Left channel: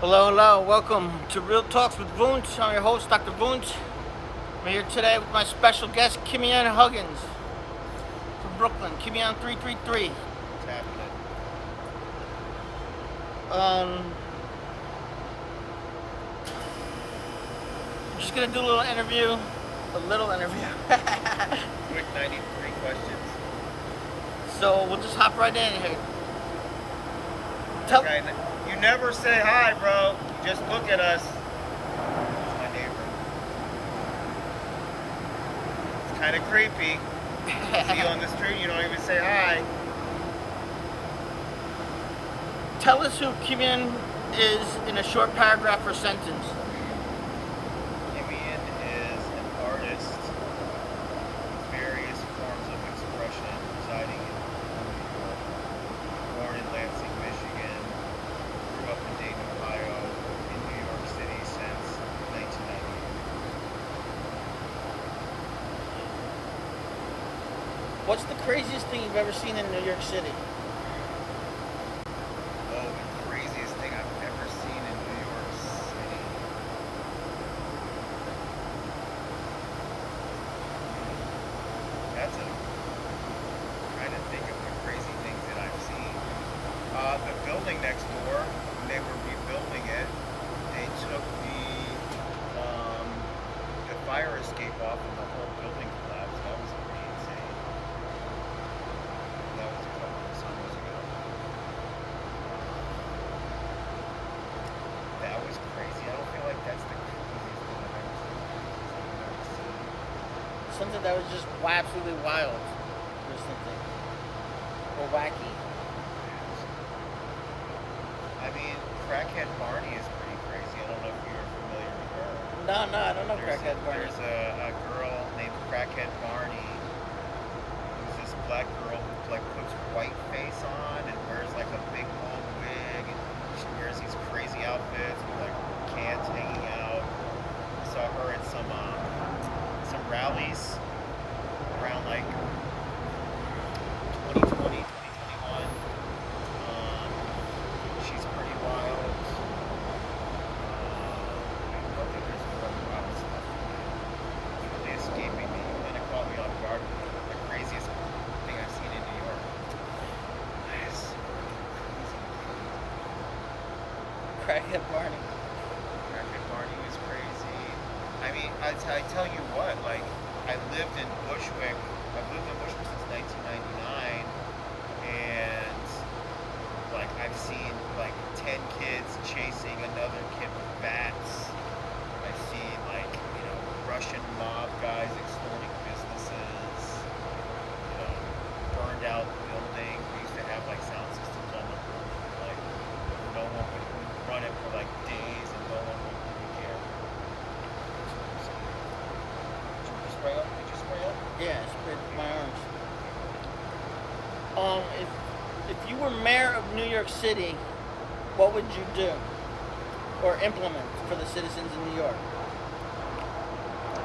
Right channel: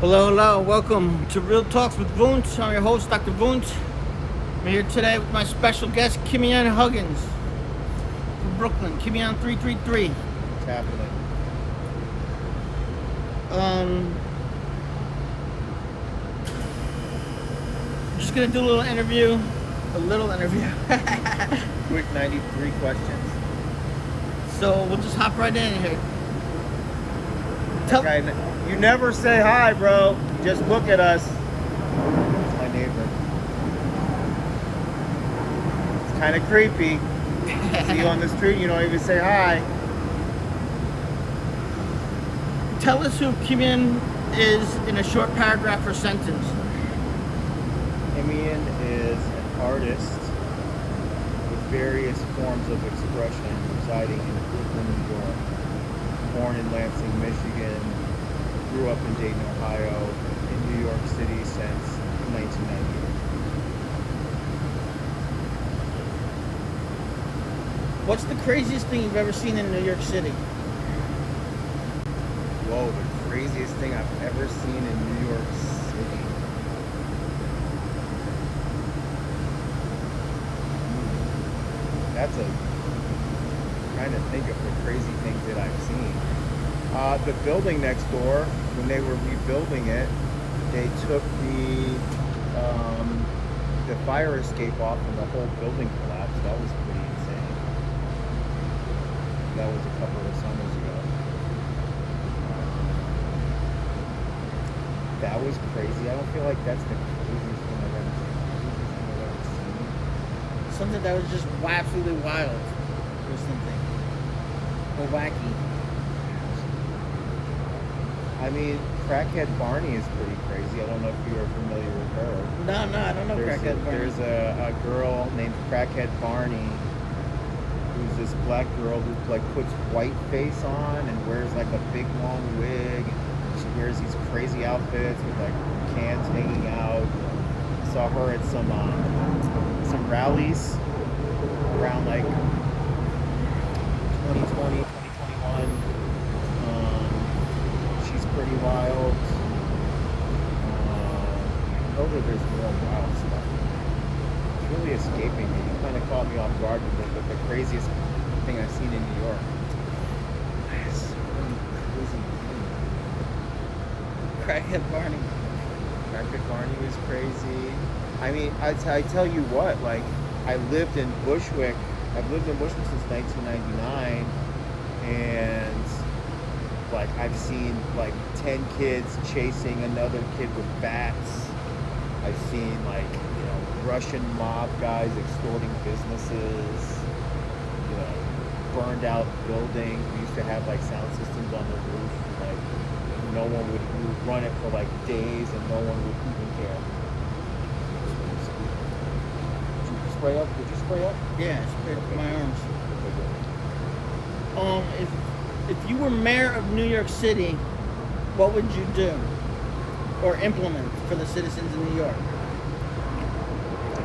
Hello, hello, welcome to Real Talks with Wundt. I'm your host, Dr. Wundt. I'm here today with my special guest, KIMYON Huggins from Brooklyn, KIMYON 333. What's happening? Just gonna do a little interview. Quick 93 questions. So we'll just hop right in here. Okay, you never say hi, bro. You just look at us. It's my neighbor. It's kind of creepy. See you on the street, you don't even say hi. Tell us who KIMYON is in a short paragraph or sentence. KIMYON is an artist with various forms of expression residing in Brooklyn, New York. Born in Lansing, Michigan, grew up in Dayton, Ohio, in New York City since 1998. What's the craziest thing you've ever seen in New York City? Whoa, the craziest thing I've ever seen in New York City. That's I'm trying to think of the crazy things that I've seen. The building next door, when they were rebuilding it, they took the fire escape off and the whole building collapsed. That was pretty insane. That was a couple of summers ago. That was crazy. I don't feel like that's the craziest thing I've ever seen. Something that was just absolutely wild or something. Or wacky. I mean, Crackhead Barney is pretty crazy. I don't know if you're familiar with her. No, I don't know Crackhead Barney. There's a girl named Crackhead Barney who's this black girl who like puts white face on and wears like a big long wig. And she wears these crazy outfits with like cans hanging out. I saw her at some rallies around like 2020, 2021. She's pretty wild. I know that there's more wild stuff in that. It's really escaping me. You kind of caught me off guard with the craziest thing I've seen in New York. So many crazy things. Crackhead Barney. Crackhead Barney was crazy. I mean, I tell you what, like, I lived in Bushwick. I've lived in Bushwick since 1999, and like I've seen like 10 kids chasing another kid with bats. I've seen like, Russian mob guys extorting businesses, burned out buildings. We used to have like sound systems on the roof, and, like we would run it for like days and no one would even care. Did you spray up? Yeah, I sprayed up Okay, my good. arms. Okay, good. If you were mayor of New York City, what would you do or implement for the citizens in New York? If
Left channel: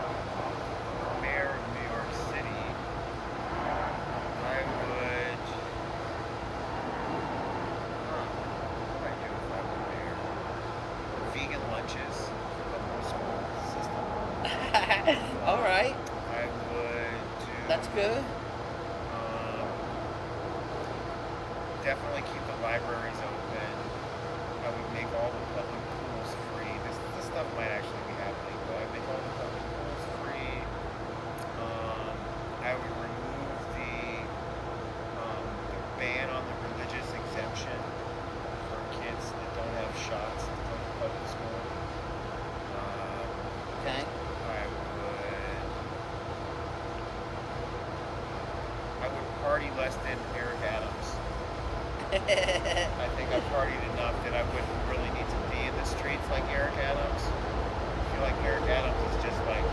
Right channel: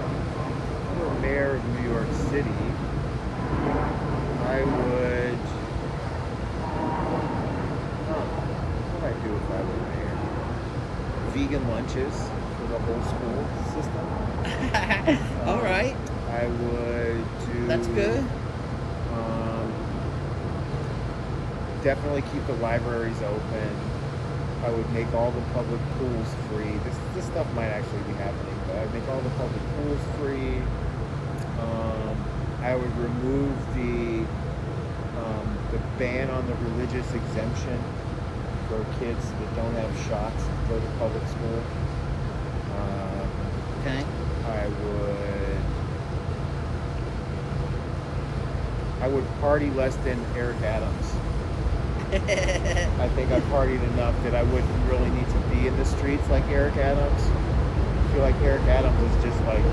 I were mayor of New York City, I would. What would I do if I were mayor? Vegan lunches for the whole school system. All right. I would do. That's good. Definitely keep the libraries open. I would make all the public pools free. This stuff might actually be happening, but I'd make all the public pools free. I would remove the ban on the religious exemption for kids that don't have shots to go to public school. Okay. I would party less than Eric Adams. I think I've partied enough that I wouldn't really need to be in the streets like Eric Adams. I feel like Eric Adams is just like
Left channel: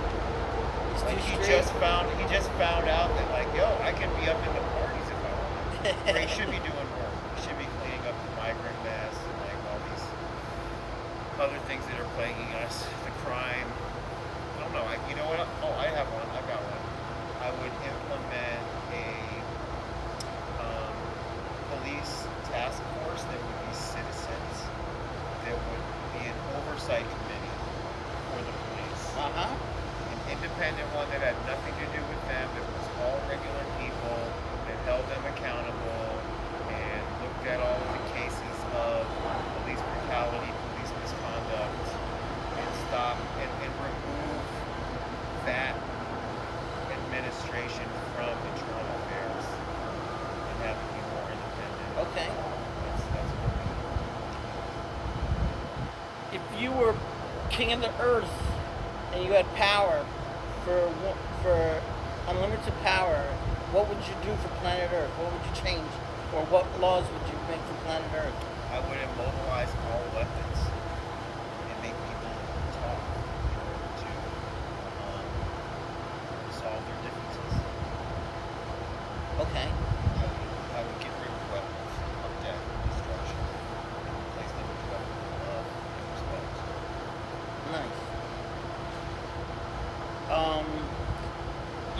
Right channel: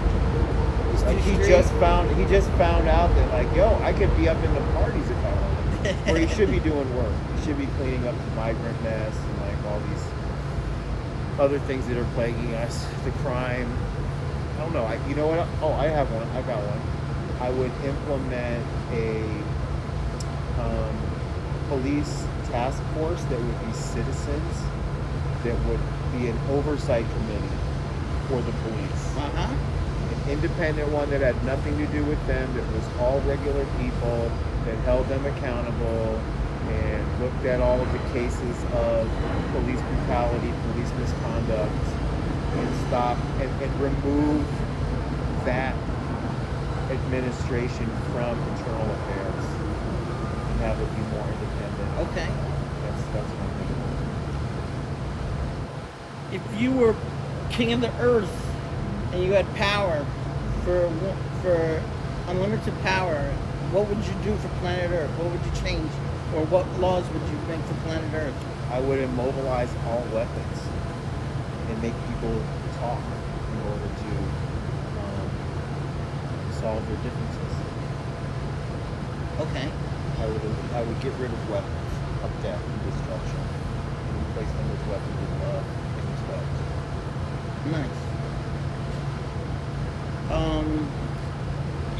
he just found out that like, yo, I could be up in the parties if I wanted. Or he should be doing work. He should be cleaning up the migrant mess and like all these other things that are plaguing us, the crime. I don't know. You know what? Oh, I have one. I've got one. I would implement a police task force that would be citizens that would be an oversight committee for the police. Uh-huh. An independent one that had nothing to do with them, that was all regular people, that held them accountable and looked at all of the cases of police brutality, police misconduct, and stop and remove that administration from internal affairs and have it be more independent. Okay. That's one thing. If you were king of the earth and you had power for unlimited power, what would you do for planet Earth? What would you change? Or what laws would you make for planet Earth? I would immobilize all weapons and make people talk in order to solve their differences. Okay. I would get rid of weapons of death and destruction and replace them with weapons of love and respect. Nice.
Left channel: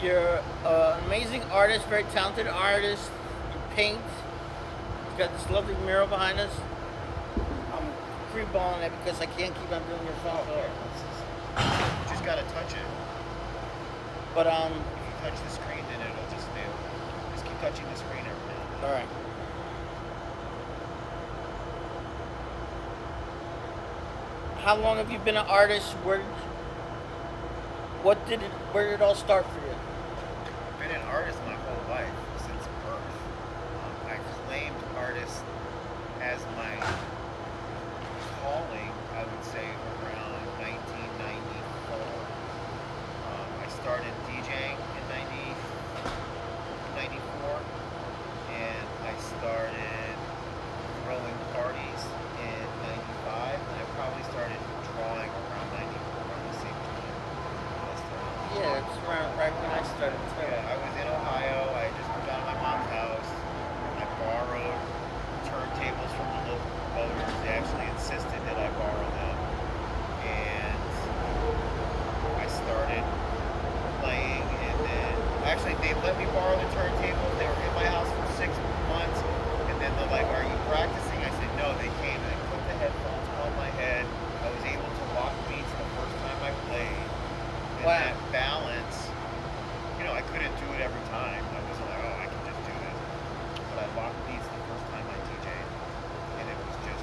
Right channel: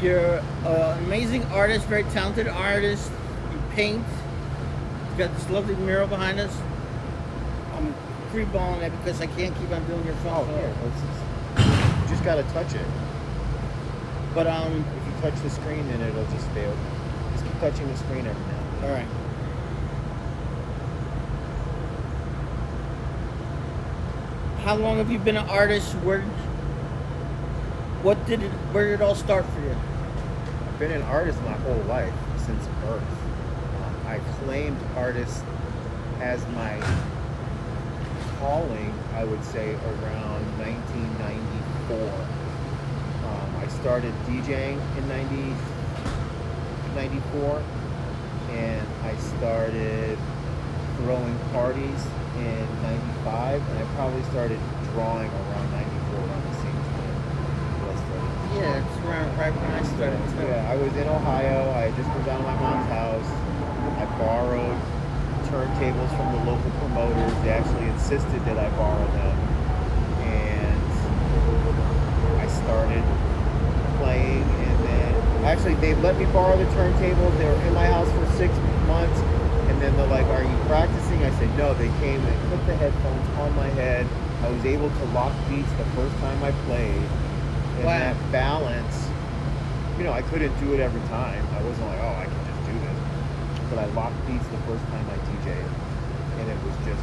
You're an amazing artist, very talented artist. You paint. You've got this lovely mural behind us. I'm freeballing it because I can't keep on doing your phone. Oh, here, you just gotta touch it. But if you touch the screen, then it'll just stay open. Just keep touching the screen every now and then. all right. How long have you been an artist? Where did it all start for you? I've been an artist my whole life, since birth. I claimed artist as my calling, I would say, around 1994. I started DJing in 94, and I started throwing parties in 95, and I probably started drawing around 94, around the same time that I started. Yeah, it's around right when I started. too. Yeah, I was in Ohio. I had just moved out of my mom's house. I borrowed turntables from the local promoters. They actually insisted that I borrow them. And I started playing, and then actually they let me borrow the turntables. They were in my house for 6 months, and then they're like, "Are you practicing?" I said, "No." They came and they put the headphones on my head. I was able to lock beats the first time I played. And Wow. that balance, I couldn't do it every time. I wasn't like, "Oh, I can just do this." But I locked beats the first time I DJ'd. And it was just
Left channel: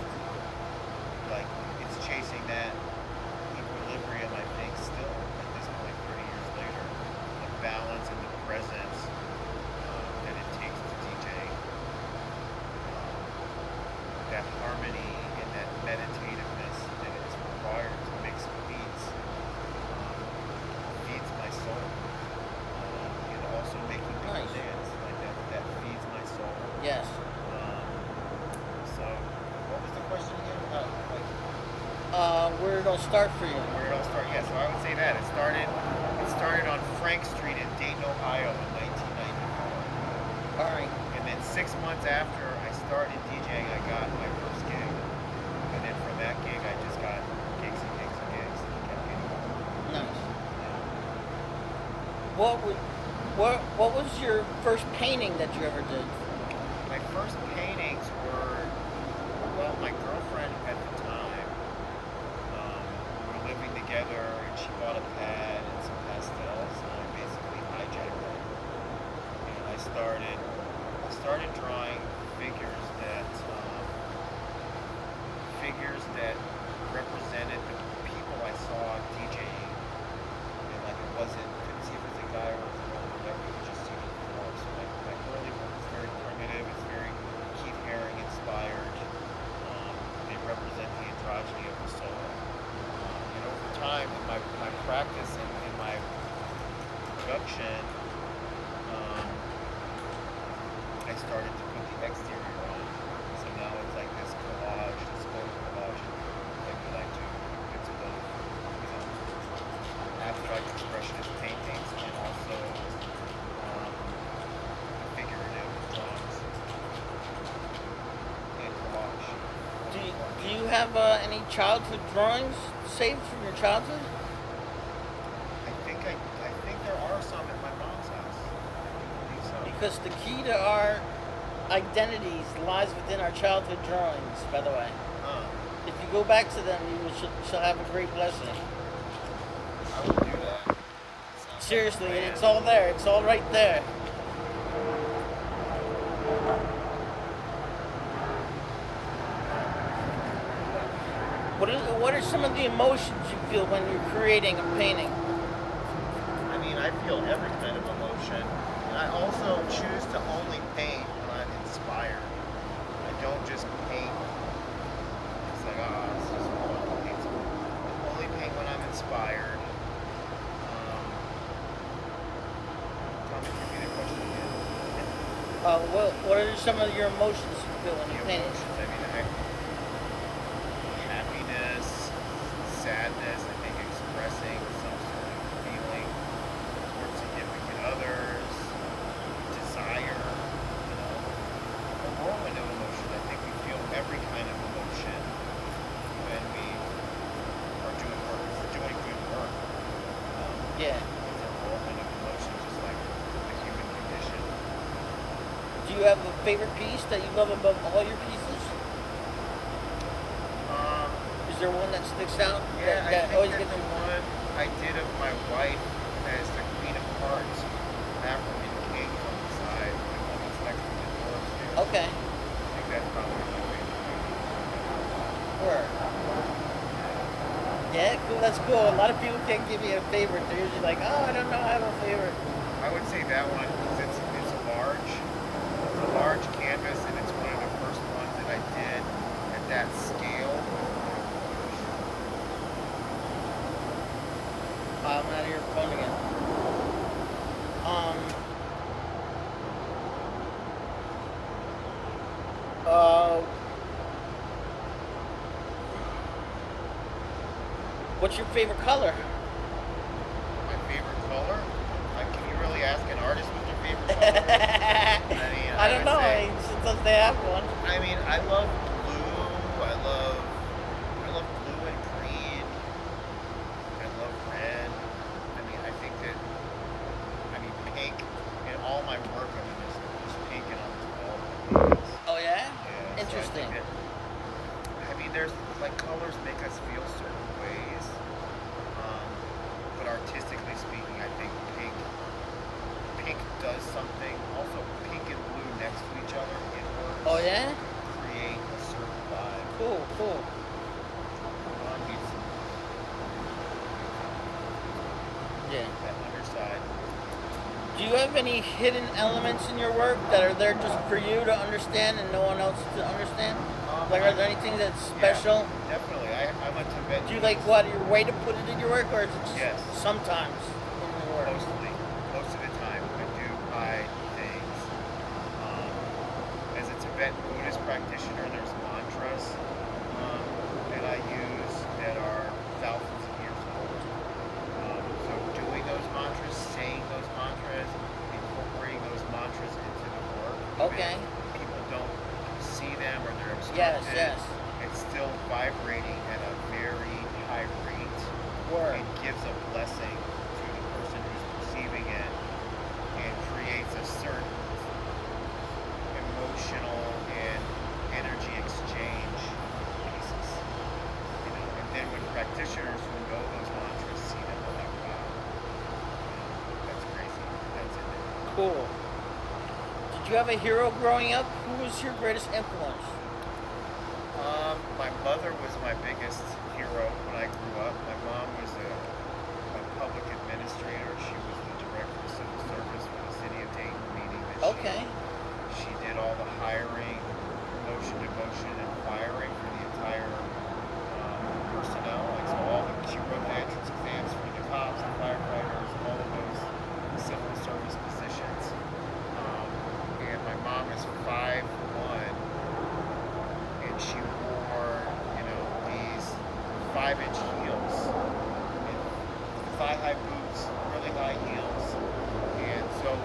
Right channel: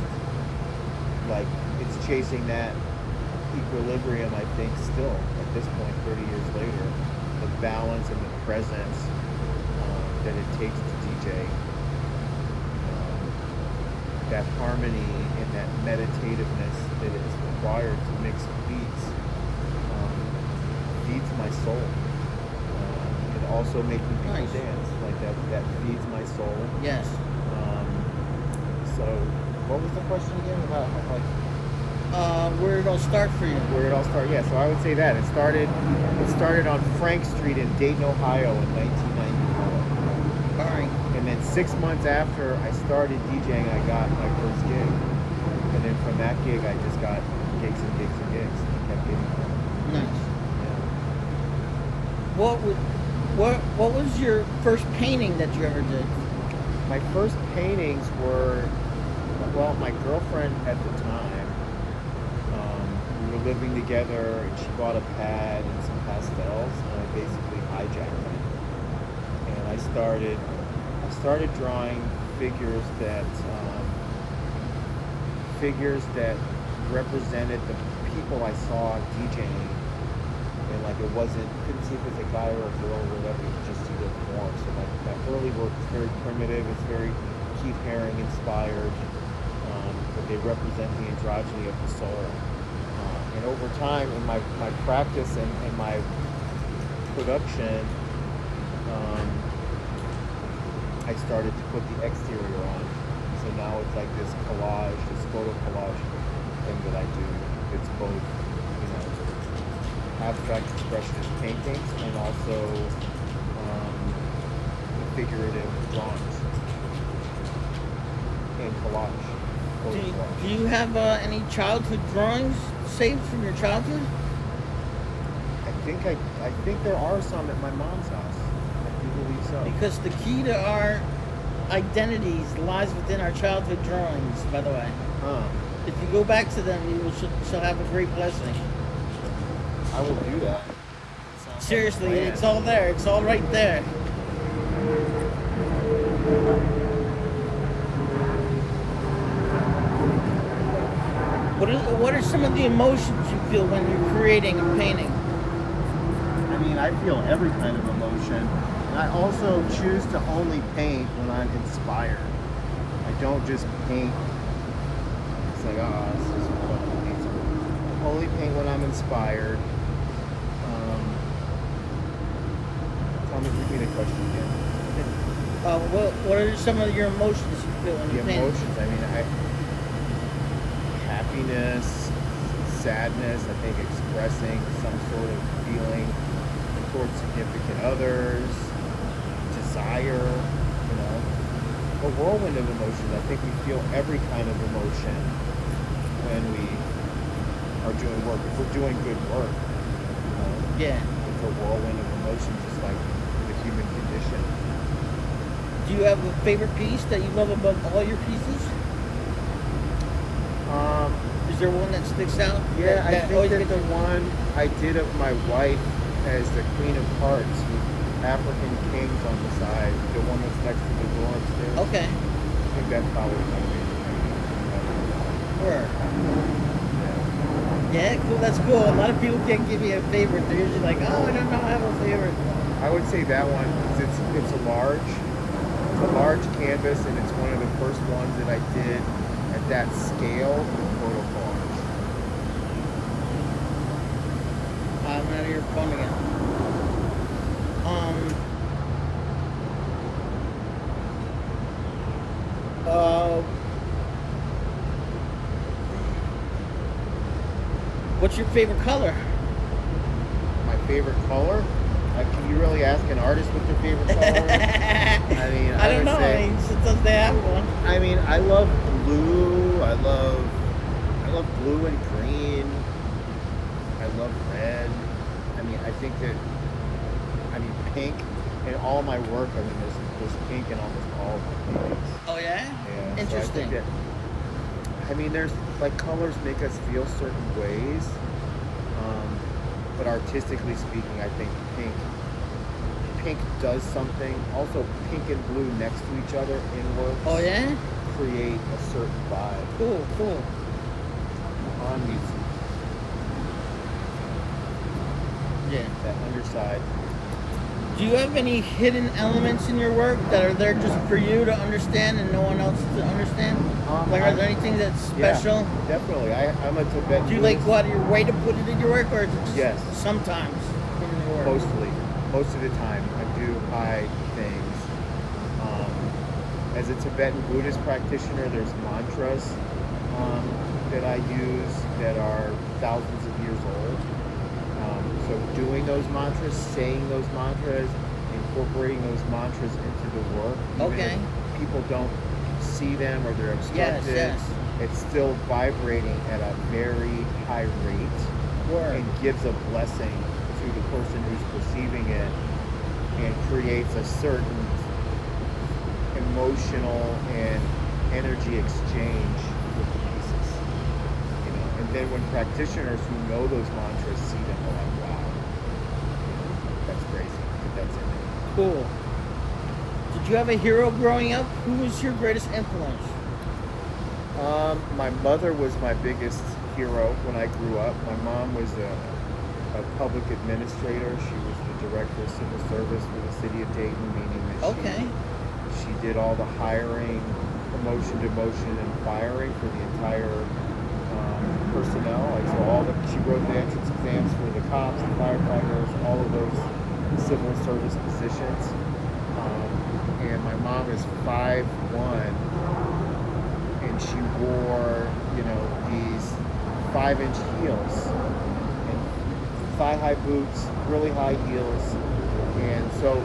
like, it's chasing that equilibrium, I think, still at this point, 30 years later. The balance and the presence that it takes to DJ. That harmony and that meditativeness that is required to mix beats feeds my soul. And also making people Nice. dance, like that feeds my soul. Yes. So what was the question again? Where did it all start for you? Where did it all start? Yeah, so I would say that it started on Frank Street in Dayton, Ohio in 1994. All right. And then 6 months after I started DJing, I got my first gig. And then from that gig, I just got gigs and gigs and gigs, and I kept getting more. Nice. Yeah. What was your first painting that you ever did? My first paintings were, well, my girlfriend at the time, we were living together, and she bought a pad and some pastels, and I basically hijacked them. And I started drawing figures that represented the people I saw DJing, and like couldn't see if it's a guy or a girl or whatever, you could just see their form. So my early work is very primitive, it's very Keith Haring inspired, but they represent the androgyny of the soul. And over time, in my practice and my production, I started to put the exterior on. So now it's like this collage, this photo collage thing that I do. It's both, abstract expressionist paintings and also the figurative drawings and collage. Do you have any childhood drawings saved from your childhood? I think there are some at my mom's house. I do believe so. Because the key to our identities lies within our childhood drawings, by the way. Huh. If you go back to them, shall have a great blessing. I will do that. Sounds Seriously, like a plan. it's all there. It's all right there. What are some of the emotions you feel when you're creating and painting? I mean, I feel every kind of emotion, and I also choose to only paint when I'm inspired. I don't just paint. It's like, it's just fun to paint something. I only paint when I'm inspired. Tell me, repeat the question again. What are some of your emotions you feel when The you paint? emotions, I mean, happiness, sadness, I think expressing some sort of feeling towards significant others, desire, a whirlwind of emotions. I think we feel every kind of emotion when we are doing work. If we're doing good work, Yeah. it's a whirlwind of emotion, just like the human condition. Do you have a favorite piece that you love above all your pieces? Is there one that sticks out? Yeah, I think always that gets the you- one I did of my wife as the Queen of Hearts with African kings on the side, the one that's next to the door upstairs. Okay. I think that's probably my favorite painting. Where? Yeah. Yeah, cool. That's cool. A lot of people can't give you a favorite. They're usually like, oh, I don't know, I have a favorite. I would say that one because it's a large canvas, and it's one of the first ones that I did at that scale with photo collage. I'm out of your phone again. What's your favorite color? My favorite color? Can you really ask an artist what their favorite color is? I mean, I don't would know. say. Sometimes they have one. I mean, I love blue. I love blue and green. I love red. I mean, I think that. I mean, pink in all my work. I mean, there's pink in almost all of my paintings. Oh yeah. Yeah. So I Interesting. think that. I mean, there's like colors make us feel certain ways, but artistically speaking, I think pink does something. Also, pink and blue next to each other in works. Oh yeah. Create a certain vibe. Cool. On meets Yeah. that underside. Do you have any hidden elements in your work that are there just for you to understand and no one else to understand? Like, are there anything that's special? Yeah, definitely. I'm a Tibetan. Do you like go out of your way to put it in your work, or is it just Yes. sometimes in your work? Most of the time, I do hide things. As a Tibetan Buddhist practitioner, there's mantras that I use that are thousands of years old. So doing those mantras, saying those mantras, incorporating those mantras into the work, even Okay. if people don't see them or they're obstructed, Yes. it's still vibrating at a very high rate. Word. And gives a blessing to the person who's perceiving it, and creates a certain emotional and energy exchange with the pieces. And then when practitioners who know those mantras see them, they're like, wow, that's crazy that that's in there. Cool. Did you have a hero growing up? Who was your greatest influence? My mother was my biggest hero when I grew up. My mom was a public administrator. She was the director of civil service for the city of Dayton, meaning that she did all the hiring, promotion, demotion, and firing for the entire personnel. Like, so she wrote the entrance exams for the cops, the firefighters, all of those civil service positions. And my mom is 5'1", and she wore, these 5-inch heels and thigh-high boots, really high heels. And so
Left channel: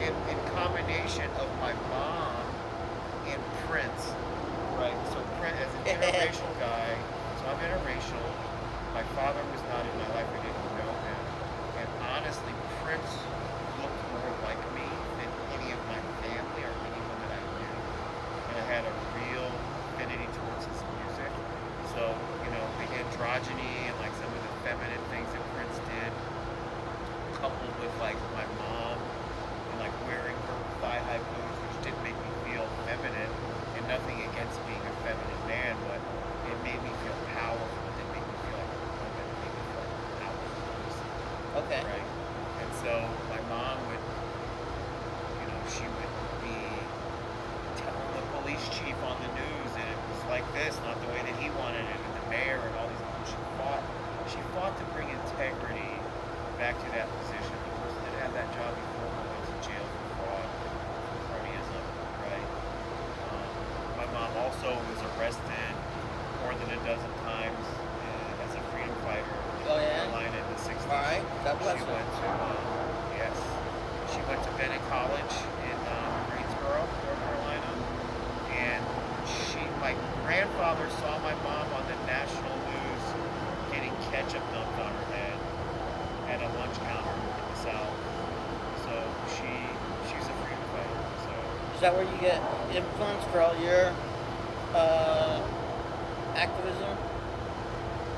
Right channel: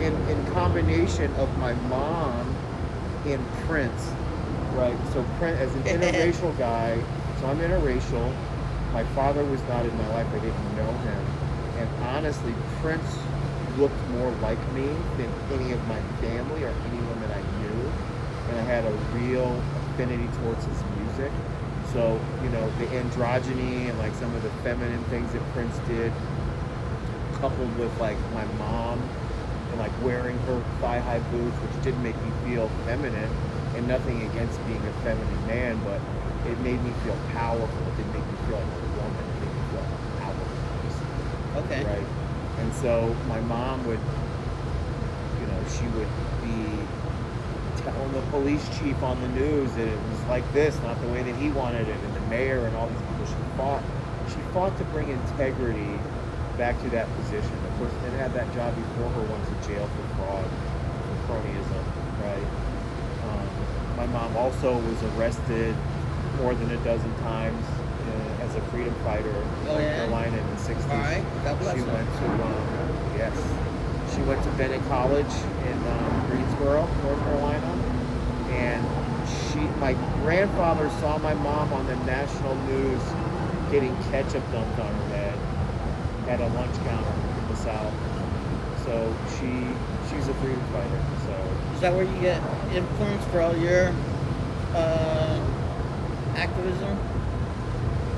in combination of my mom and Prince, right? So Prince, as an interracial guy, so I'm interracial. My father was not in my life. I didn't know him. And honestly, Prince looked more like me than any of my family or anyone that I knew. And I had a real affinity towards his music. So, the androgyny and like some of the feminine things that Prince did, coupled with like my mom and like wearing her thigh-high boots, which didn't make me feel feminine, and nothing against being a feminine man, but it made me feel powerful. It didn't make me feel like a woman. It made me feel like powerful. Okay. Right. And so my mom would, she would be telling the police chief on the news that it was like this, not the way that he wanted it, and the mayor and all these people. She fought to bring integrity back to that position. The person that had that job before her went to jail for fraud, for cronyism, right? My mom also was arrested more than a dozen times as a freedom fighter in North Carolina in the 60s. All right. God bless She her. went to, yes, she went to Bennett College in Greensboro, North Carolina, and my grandfather saw my mom on the national news getting ketchup dumped on her head at a lunch counter in the South. So she's a freedom fighter. So Is that where you get influence for all your activism?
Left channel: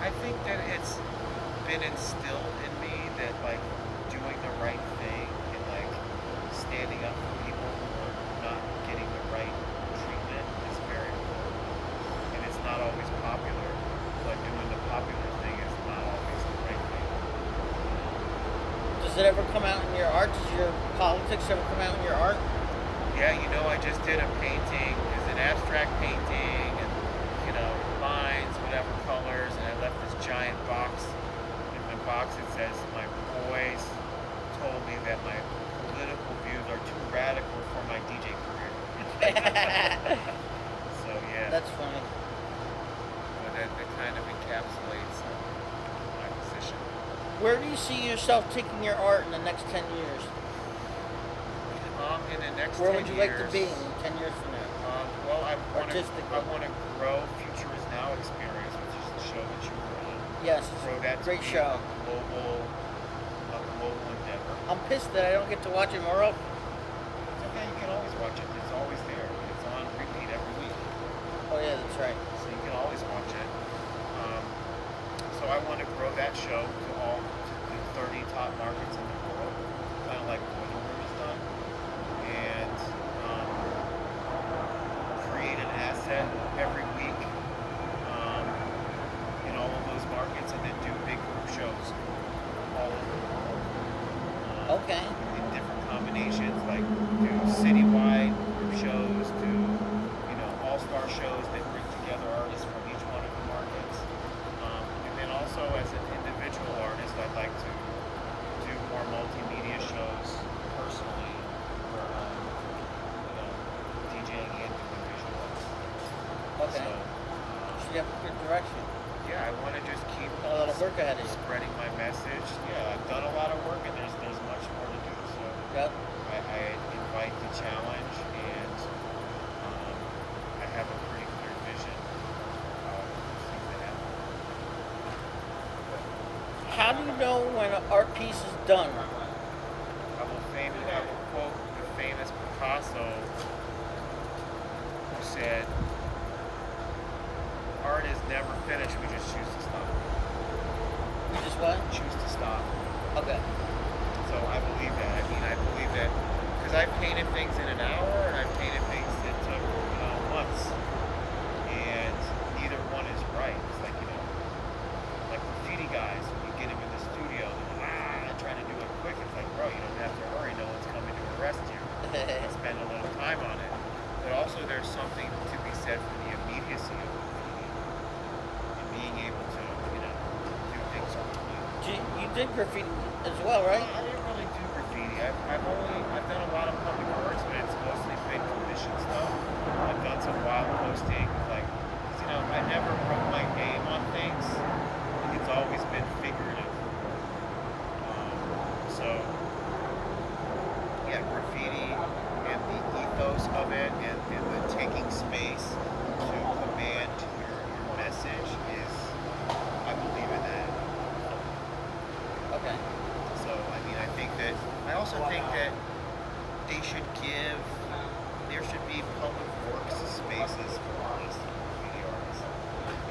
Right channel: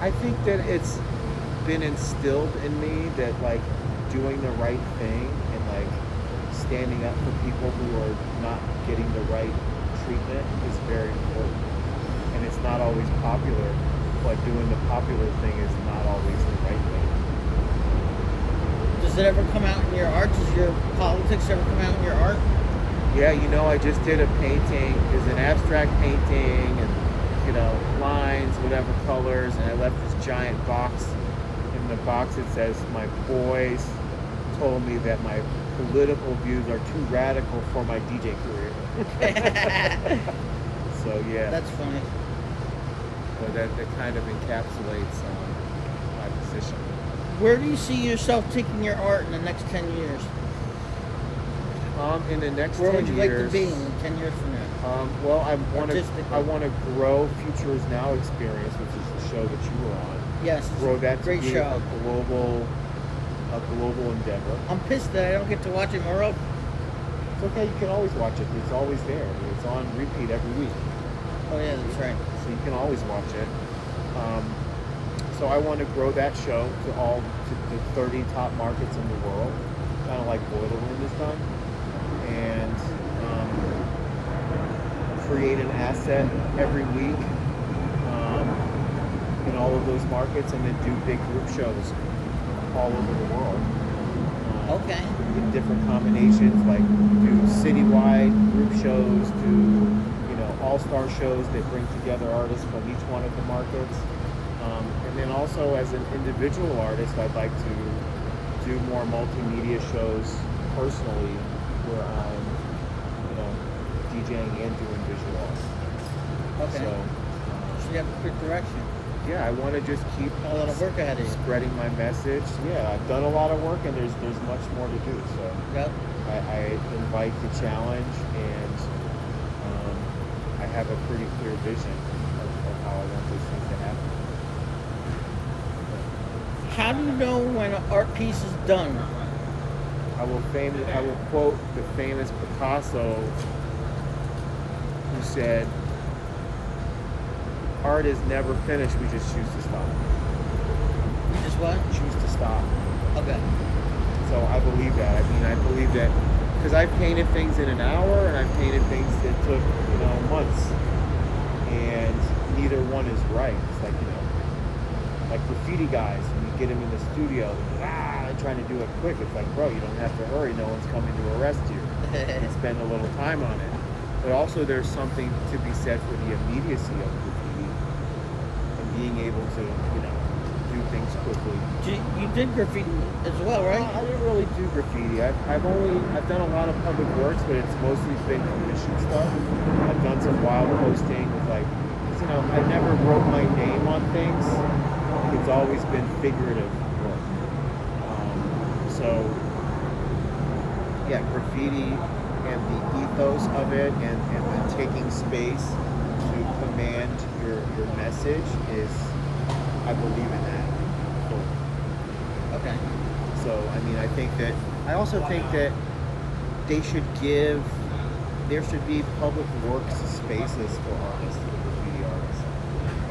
I think that it's been instilled in me that like doing the right thing and like standing up for people who are not getting the right treatment is very important. And it's not always popular, but doing the popular thing is not always the right thing. Does it ever come out in your art? Does your politics ever come out in your art? Yeah, I just did a painting. It's an abstract painting and, lines, whatever colors, and I left this giant box. In the box it says, "My boys told me that my political views are too radical for my DJ career." So yeah, That's funny. but that kind of encapsulates my position. Where do you see yourself taking your art in the next 10 years? In the next Where 10 would you years, like to be in 10 years from now? well, I want Artistically. to grow Future Is Now Experience, which is the show that you were on. Yes, it's Grow a that to great be show. a global endeavor. I'm pissed that I don't get to watch it more often. It's okay, you can always watch it. It's always there, but it's on repeat every week. Oh yeah, that's right. So you can always watch it. So I want to grow that show to the 30 top markets in the world, kind of like Boiler Room has done, and create an asset every week in all of those markets, and then do big group shows all over the world. Okay. In different combinations, like do citywide group shows, do all-star shows that bring together artists from each one of the markets, and then also as an individual artist, I'd like to do more multimedia shows personally, where I'm DJing and doing visual art. Okay. So So you have a good direction. yeah, I want to just keep A lot of work ahead of you. spreading my message. Yeah, I've done a lot of work, and there's much more to do. So Yep. I invite the challenge, and I have a pretty clear vision of how I want those things to happen. How do you know when an art piece is done? I will quote the famous Picasso, who said, "Art is never finished. We just choose to stop. You just what? Choose to stop." Okay. So I believe that. I believe that because I've painted things in an hour, and I've painted things that took months, and neither one is right. It's like like graffiti guys, when you get them in the studio, they're trying to do it quick. It's like, bro, you don't have to hurry. No one's coming to arrest you. You can spend a little time on it. But also, there's something to be said for the immediacy of graffiti and being able to do things quickly. You did graffiti as well, right? I didn't really do graffiti. I've done a lot of public works, but it's mostly been commission stuff. I've done some wild posting with I never wrote my name on things. It's always been figurative work. So yeah, graffiti and the ethos of it, and the taking space to command your message is, I believe in that fully. Okay. So, I also think that there should be public works spaces for artists, for graffiti artists.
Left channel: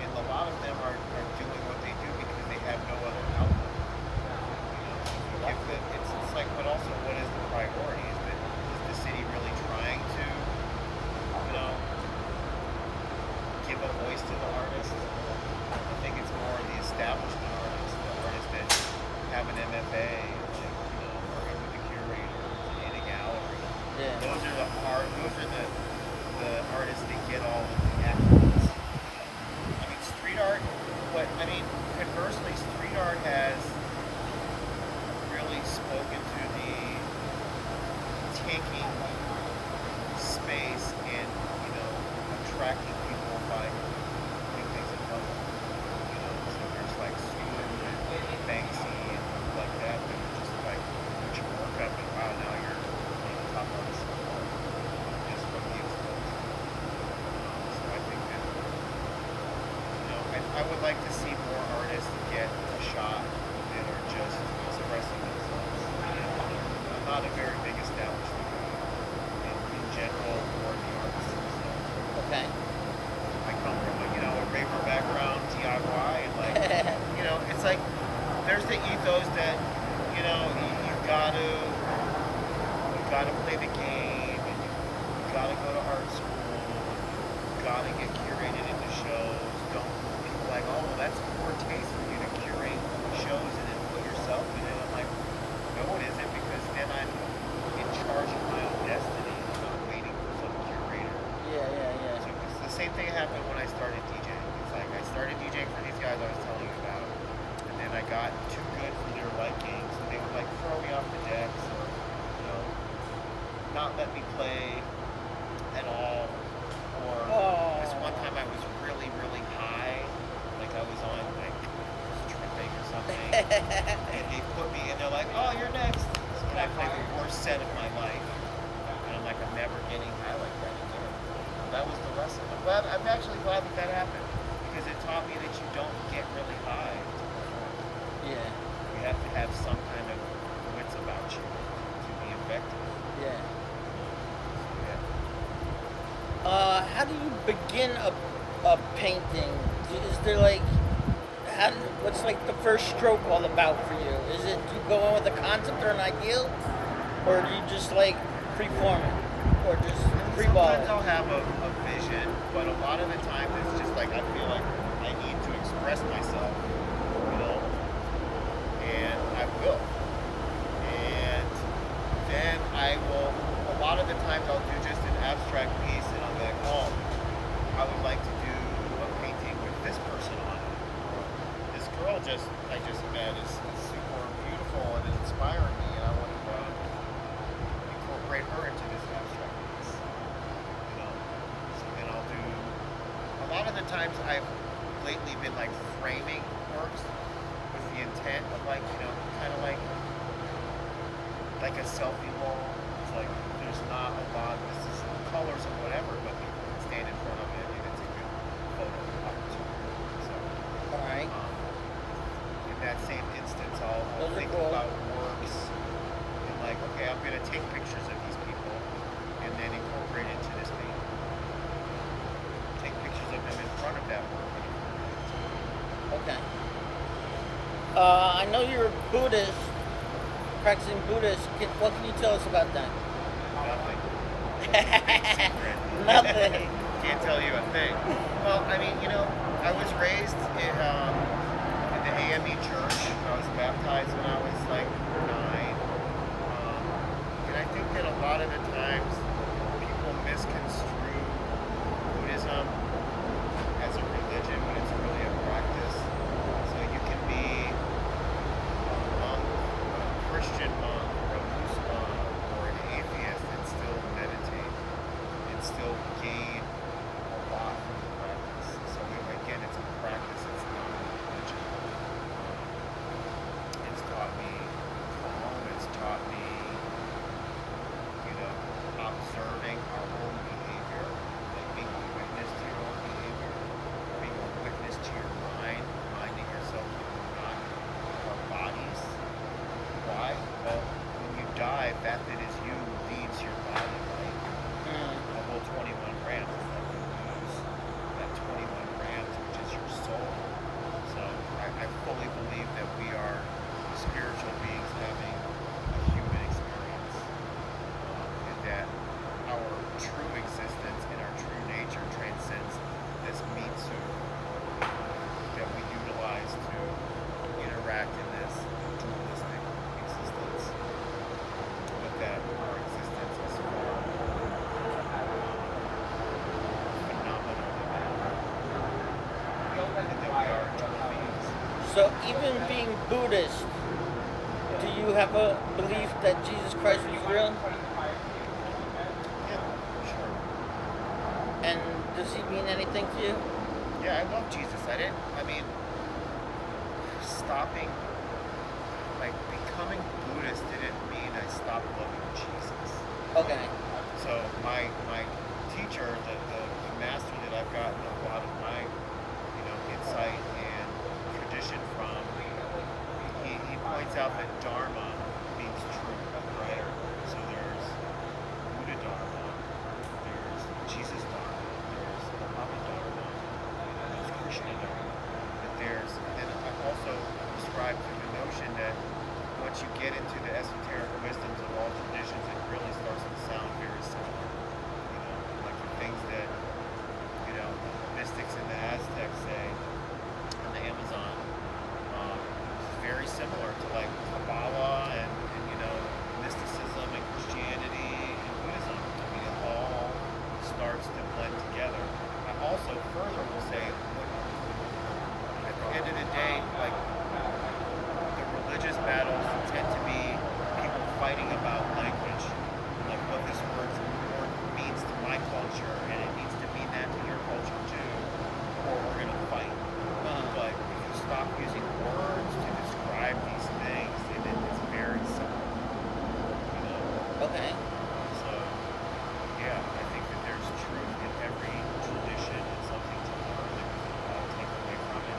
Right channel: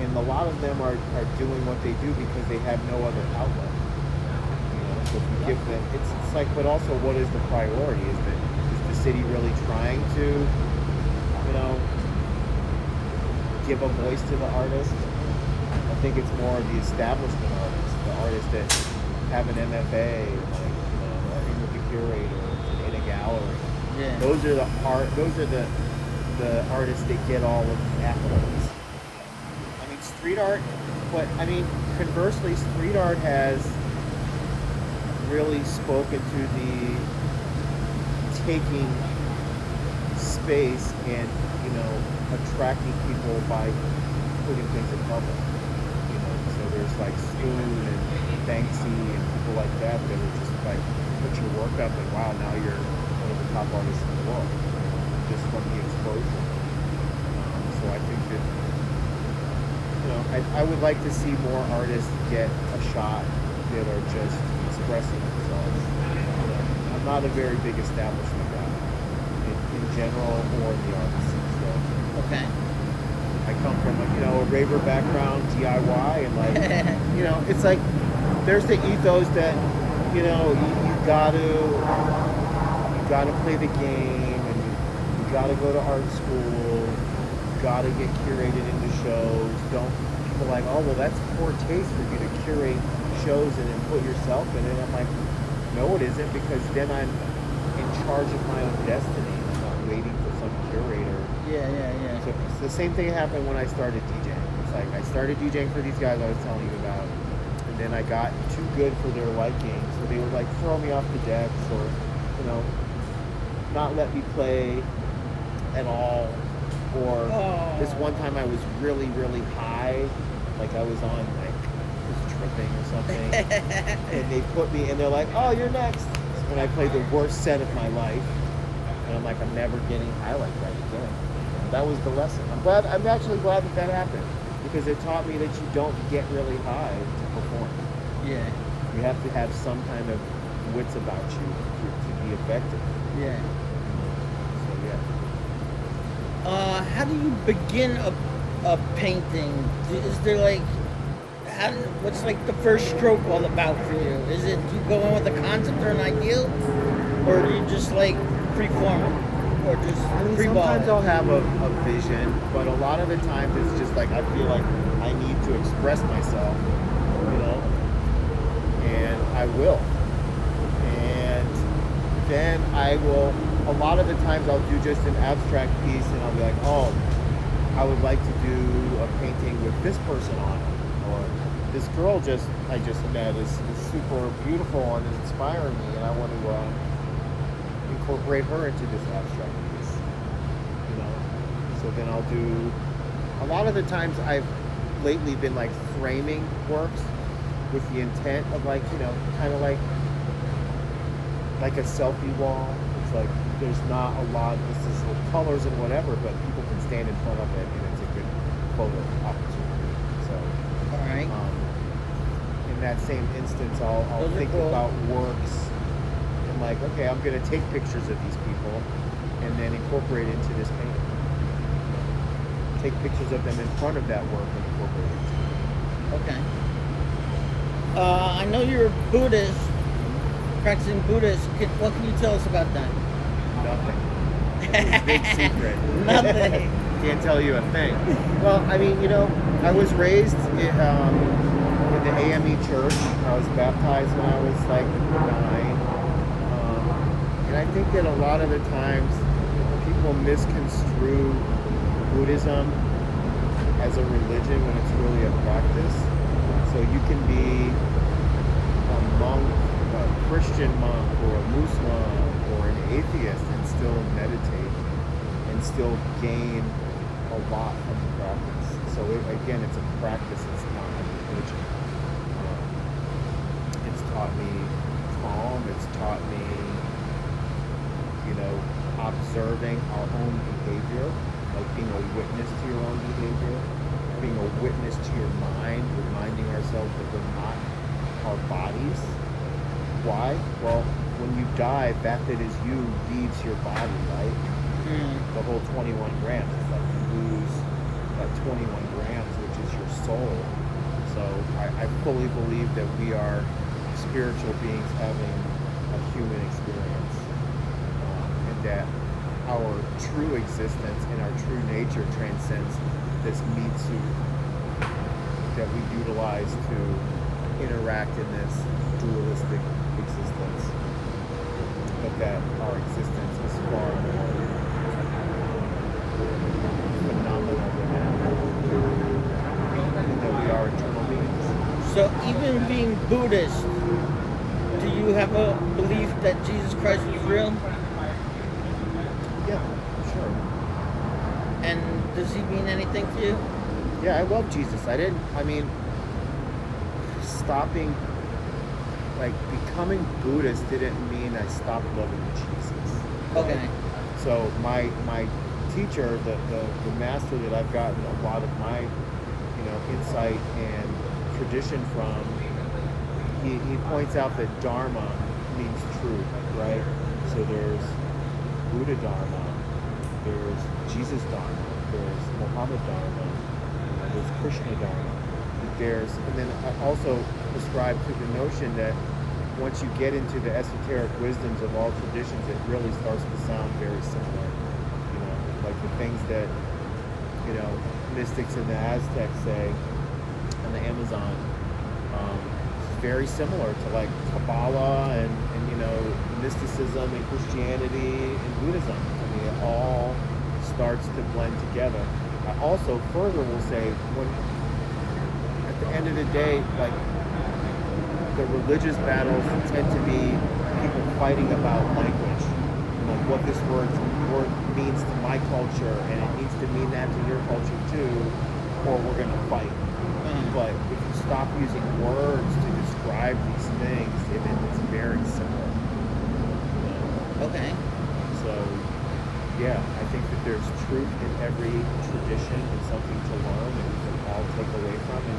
and a lot of them are doing what they do because they have no other outlet. You know, so if you give them, it's like, but also, what is the priority? Is the city really trying to, you know, give a voice to the artist? I think it's more the establishment artists, the artists that have an MFA, like, you know, are in with the curators and in a gallery. Yeah. Those are the artists that get all of the accolades. I mean, street art, but I mean, conversely, street art has really spoken to the taking space and, you know, attracting people by putting things in public. You know, so there's like Spoon and Banksy and people like that that are just like put your work up and wow, now you're one of the top artists in the world just from the exposure. So I think that, you know, I would like to see more artists get a shot that are just expressing themselves. You know, I'm not a very big establishment guy in general or in the arts. So Okay. I come from a raver background, DIY, and like, you know, it's like there's the ethos that, you know, you gotta play the game, and you gotta go to art school, and you gotta get curated into shows. Don't people like, oh well, that's poor taste for you to curate shows and then put yourself in it. I'm like, no, it isn't, because then I'm in charge of my own destiny. I'm not waiting for some curator. Yeah. So it's the same thing happened when I started DJing. It's like I started DJing for these guys I was telling you about, and then I got too good for their liking, so they would like throw me off the decks, or, you know, not let me play at all. Or this one time I was really, really high, like I was on like just tripping or something, and they put me, and they're like, "Oh, you're next," and I played the worst set of my life, and I'm like, I'm never getting high like that again. That was the lesson. I'm actually glad that happened, because it taught me that you don't get really high to perform. Yeah. You have to have some kind of wits about you to be effective. Yeah. So yeah. How do you begin a painting? Is there like, what's like the first stroke all about for you? Is it, do you go in with a concept or an ideal, or do you just like freeform it, or just I mean, sometimes I'll have a vision, but a lot of the times it's just like I feel like I need to express myself, you know, and I will. And then I will, a lot of the times I'll do just an abstract piece, and I'll be like, oh, I would like to do a painting with this person on it, or this girl I just met is super beautiful and is inspiring me, and I want to incorporate her into this abstract piece, you know. So then I'll do, a lot of the times I've lately been like framing works with the intent of like, you know, kind of like a selfie wall. It's like there's not a lot, this is colors and whatever, but people can stand in front of it and it's a good photo opportunity. So All right. in that same instance, I'll think about works and like, okay, I'm gonna take pictures of these people and then incorporate it into this painting. You know, take pictures of them in front of that work and incorporate it into it. Okay. I know you're a Buddhist, practicing Buddhist. What can you tell us about that? Nothing. It's a big secret. Nothing. Can't tell you a thing. Well, I mean, you know, I was raised in the AME church. I was baptized when I was like 9. And I think that a lot of the times people misconstrue Buddhism as a religion when it's really a practice. So you can be a monk, a Christian monk, or a Muslim, or an atheist, and still meditate and still gain a lot from the practice. So again, it's a practice, it's not a religion. It's taught me calm, it's taught me, you know, observing our own behavior, like being a witness to your own behavior, being a witness to your mind, reminding ourselves that we're not our bodies. Why? Well, when you die, that is you leaves your body, right? The whole 21 grams. It's like you lose that 21 grams, which is is your soul. So I fully believe that we are spiritual beings having a human experience, and that our true existence and our true nature transcends this meat suit that we utilize to interact in this dualistic existence, but that our existence is far more phenomenal than that, and that we are eternal beings. So even being Buddhist, do you have a belief that Jesus Christ was real? Yeah, sure. And does he mean anything to you? Yeah, I love Jesus. Stopping, like, becoming Buddhist didn't mean I stopped loving Jesus. Okay. So my teacher, the master that I've gotten a lot of my, insight and tradition from, he points out that Dharma means truth, right? So there's Buddha Dharma, there's Jesus Dharma, there's Muhammad Dharma, there's Krishna Dharma. And then I also ascribe to the notion that once you get into the esoteric wisdoms of all traditions, it really starts to sound very similar. Like the things that, mystics in the Aztecs say, and the Amazon, very similar to like Kabbalah and mysticism and Christianity and Buddhism. I mean, it all starts to blend together. I also further will say, when at the end of the day, like, the religious battles tend to be people fighting about language, like what this word means to my culture, and it needs to mean that to your culture too, or we're going to fight. But if you stop using words to describe these things, it's very similar. Okay. So, yeah, I think that there's truth in every tradition and something to learn that we can all take away from. And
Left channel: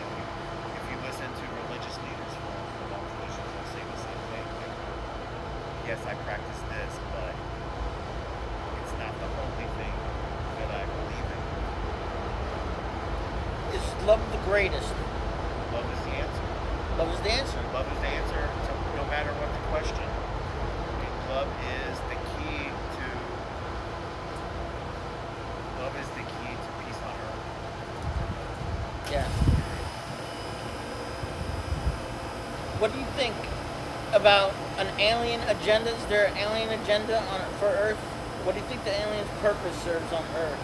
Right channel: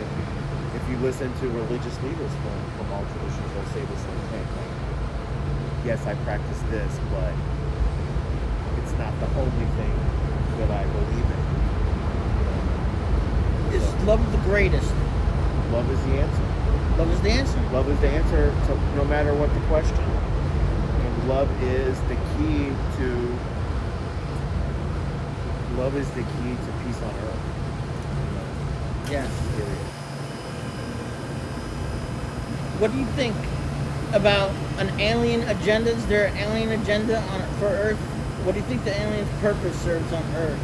if you listen to religious leaders from all traditions, they'll say the same thing. Like, yes, I practice this, but it's not the only thing that I believe in. Is love the greatest? Love is the answer. Love is the answer. Love is the answer to no matter what the question. And love is the key to peace on earth. Yeah. Period. What do you think about an alien agenda? Is there an alien agenda for Earth? What do you think the alien's purpose serves on Earth?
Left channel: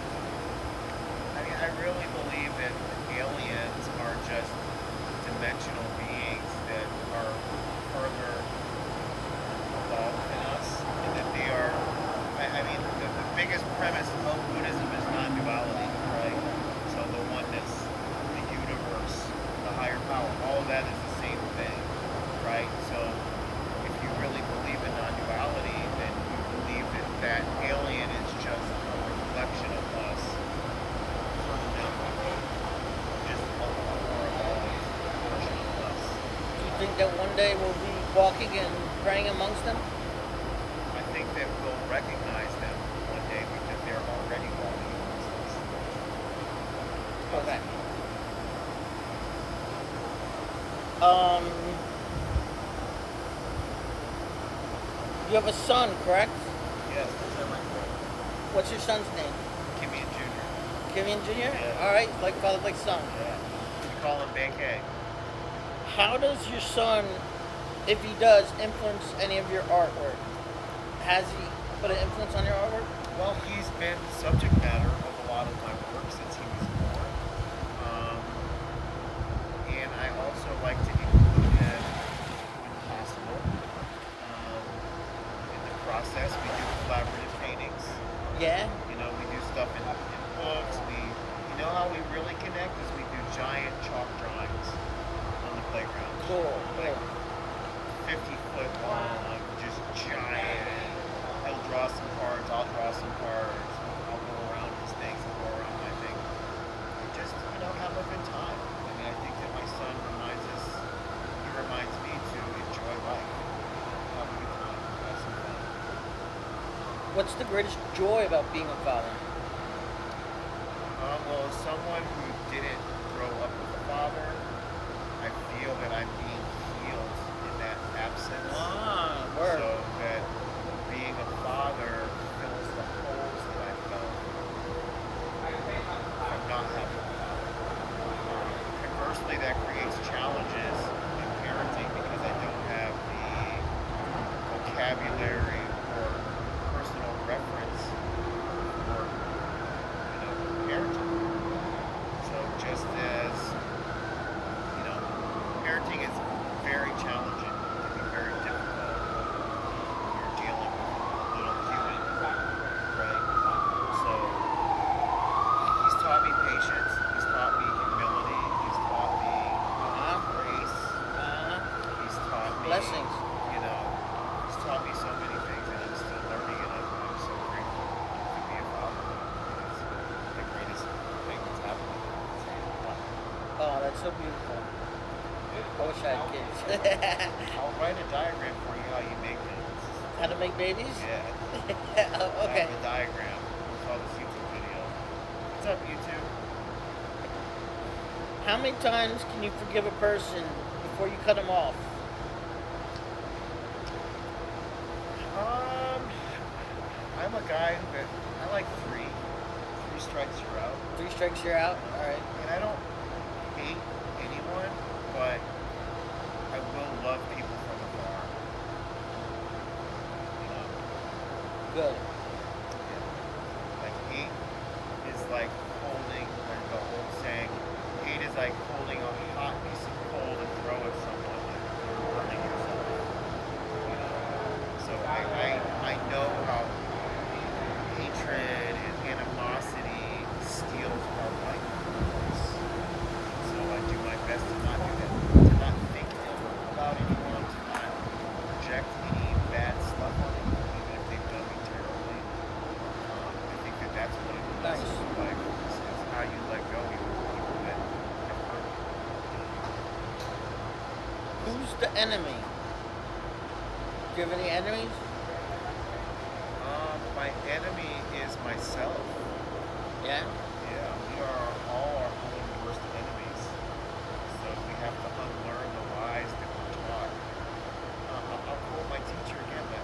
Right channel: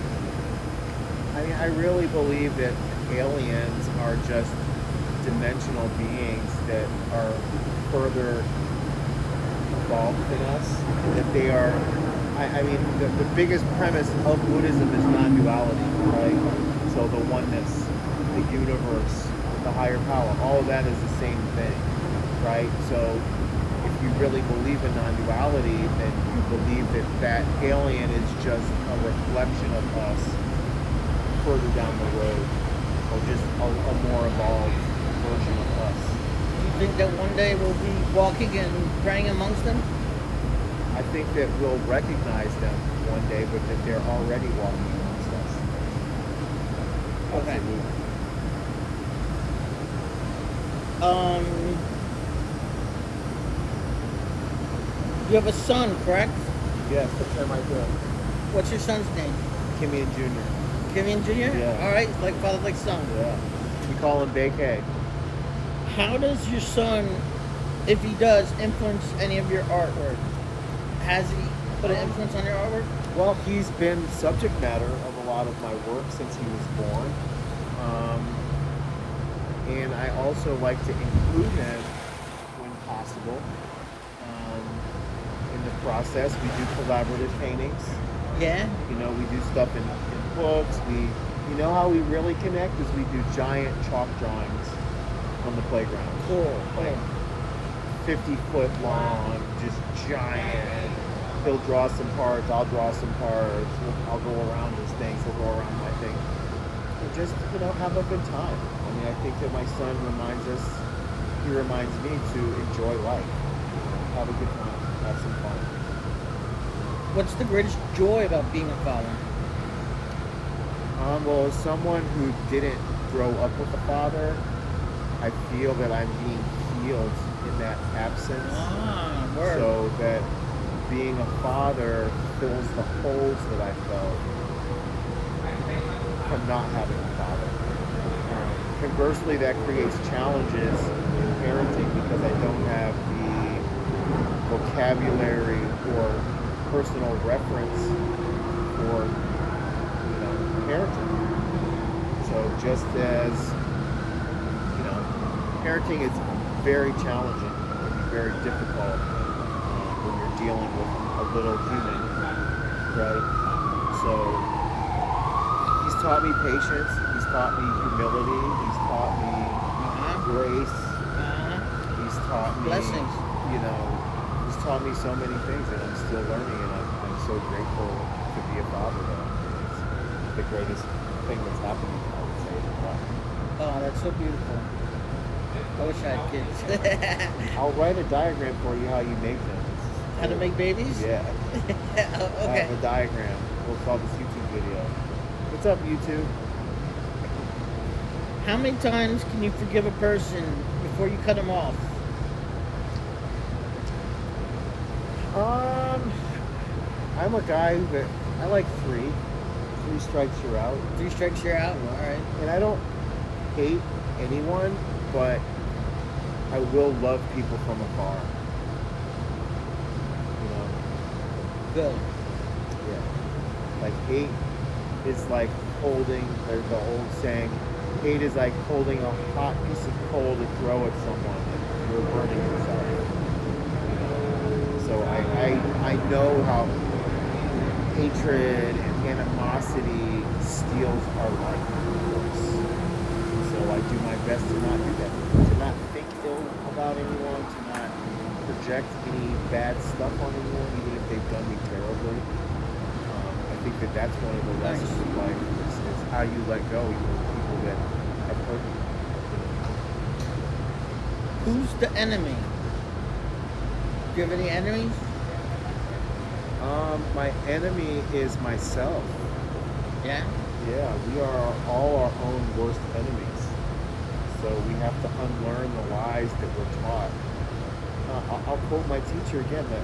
I mean, I really believe that aliens are just dimensional beings that are further evolved than us, and that they are, the biggest premise of Buddhism is non-duality, right? So the oneness, the universe, the higher power, all of that is the same thing, right? So if you really believe in non-duality, then you believe that alien is just a reflection of us further down the road, or just a more evolved version of us. Do you think that one day we'll be walking and praying amongst them? I think that we'll recognize them one day, but that they're already walking amongst us. Absolutely. You have a son, correct? Yes, that's him right there. What's your son's name? KIMYON Jr. KIMYON Jr.? Yeah. All right, like father, like son. Yeah. We call him Bake. How does your son, if he does, influence any of your artwork? Has he put an influence on your artwork? Well, he's been the subject matter of a lot of my work since he was born. And I also like to include him when possible. In the process, we do collaborative paintings. Yeah. We do stuff in books. How we really connect is we do giant chalk drawings on the playground. Cool. Like 50-foot long, just giant. He'll draw some parts, I'll draw some parts. I'll go around his things, he'll go around my thing. And just, have a good time. I think that my son reminds me to enjoy life. Have a good time, have some fun. What's the greatest joy about being a father? Well, as someone who didn't grow up with a father, I feel that I'm being healed in that absence. Ah, word. So that being a father fills the holes that I felt from not having a father. Conversely, that creates challenges in parenting because I don't have the vocabulary or personal reference for, parenting. So just as, parenting is very challenging. It can be very difficult when you're dealing with a little human, right? So he's taught me patience. He's taught me humility. He's taught me grace. He's taught me, Blessings. he's taught me so many things, and I'm still learning, and I'm so grateful to be a father, though. It's the greatest thing that's happened to me, I would say, in my life. Oh, that's so beautiful. I wish I had kids. I'll write a diagram for you how you make them. How to make babies? Yeah. Oh, I okay. have a diagram. We'll call this YouTube video. What's up, YouTube? How many times can you forgive a person before you cut them off? I'm a guy that I like three. 3 strikes, you're out. 3 strikes, you're out. All right. And I don't hate anyone, but I will love people from afar. Good. Yeah. Like hate is like holding, there's the old saying, hate is like holding a hot piece of coal to throw at someone, like you're burning yourself. So I know how hatred and animosity steals our life. So I do my best to not do that, to not think ill about anyone, to not project any bad stuff on anyone, even if they've done me terribly. I think that that's one of the lessons of life is how you let go, even with people that have hurt you. Who's the enemy? Do you have any enemies? My enemy is myself. Yeah? Yeah, we are all our own worst enemies. So we have to unlearn the lies that we're taught. I'll quote my teacher again. That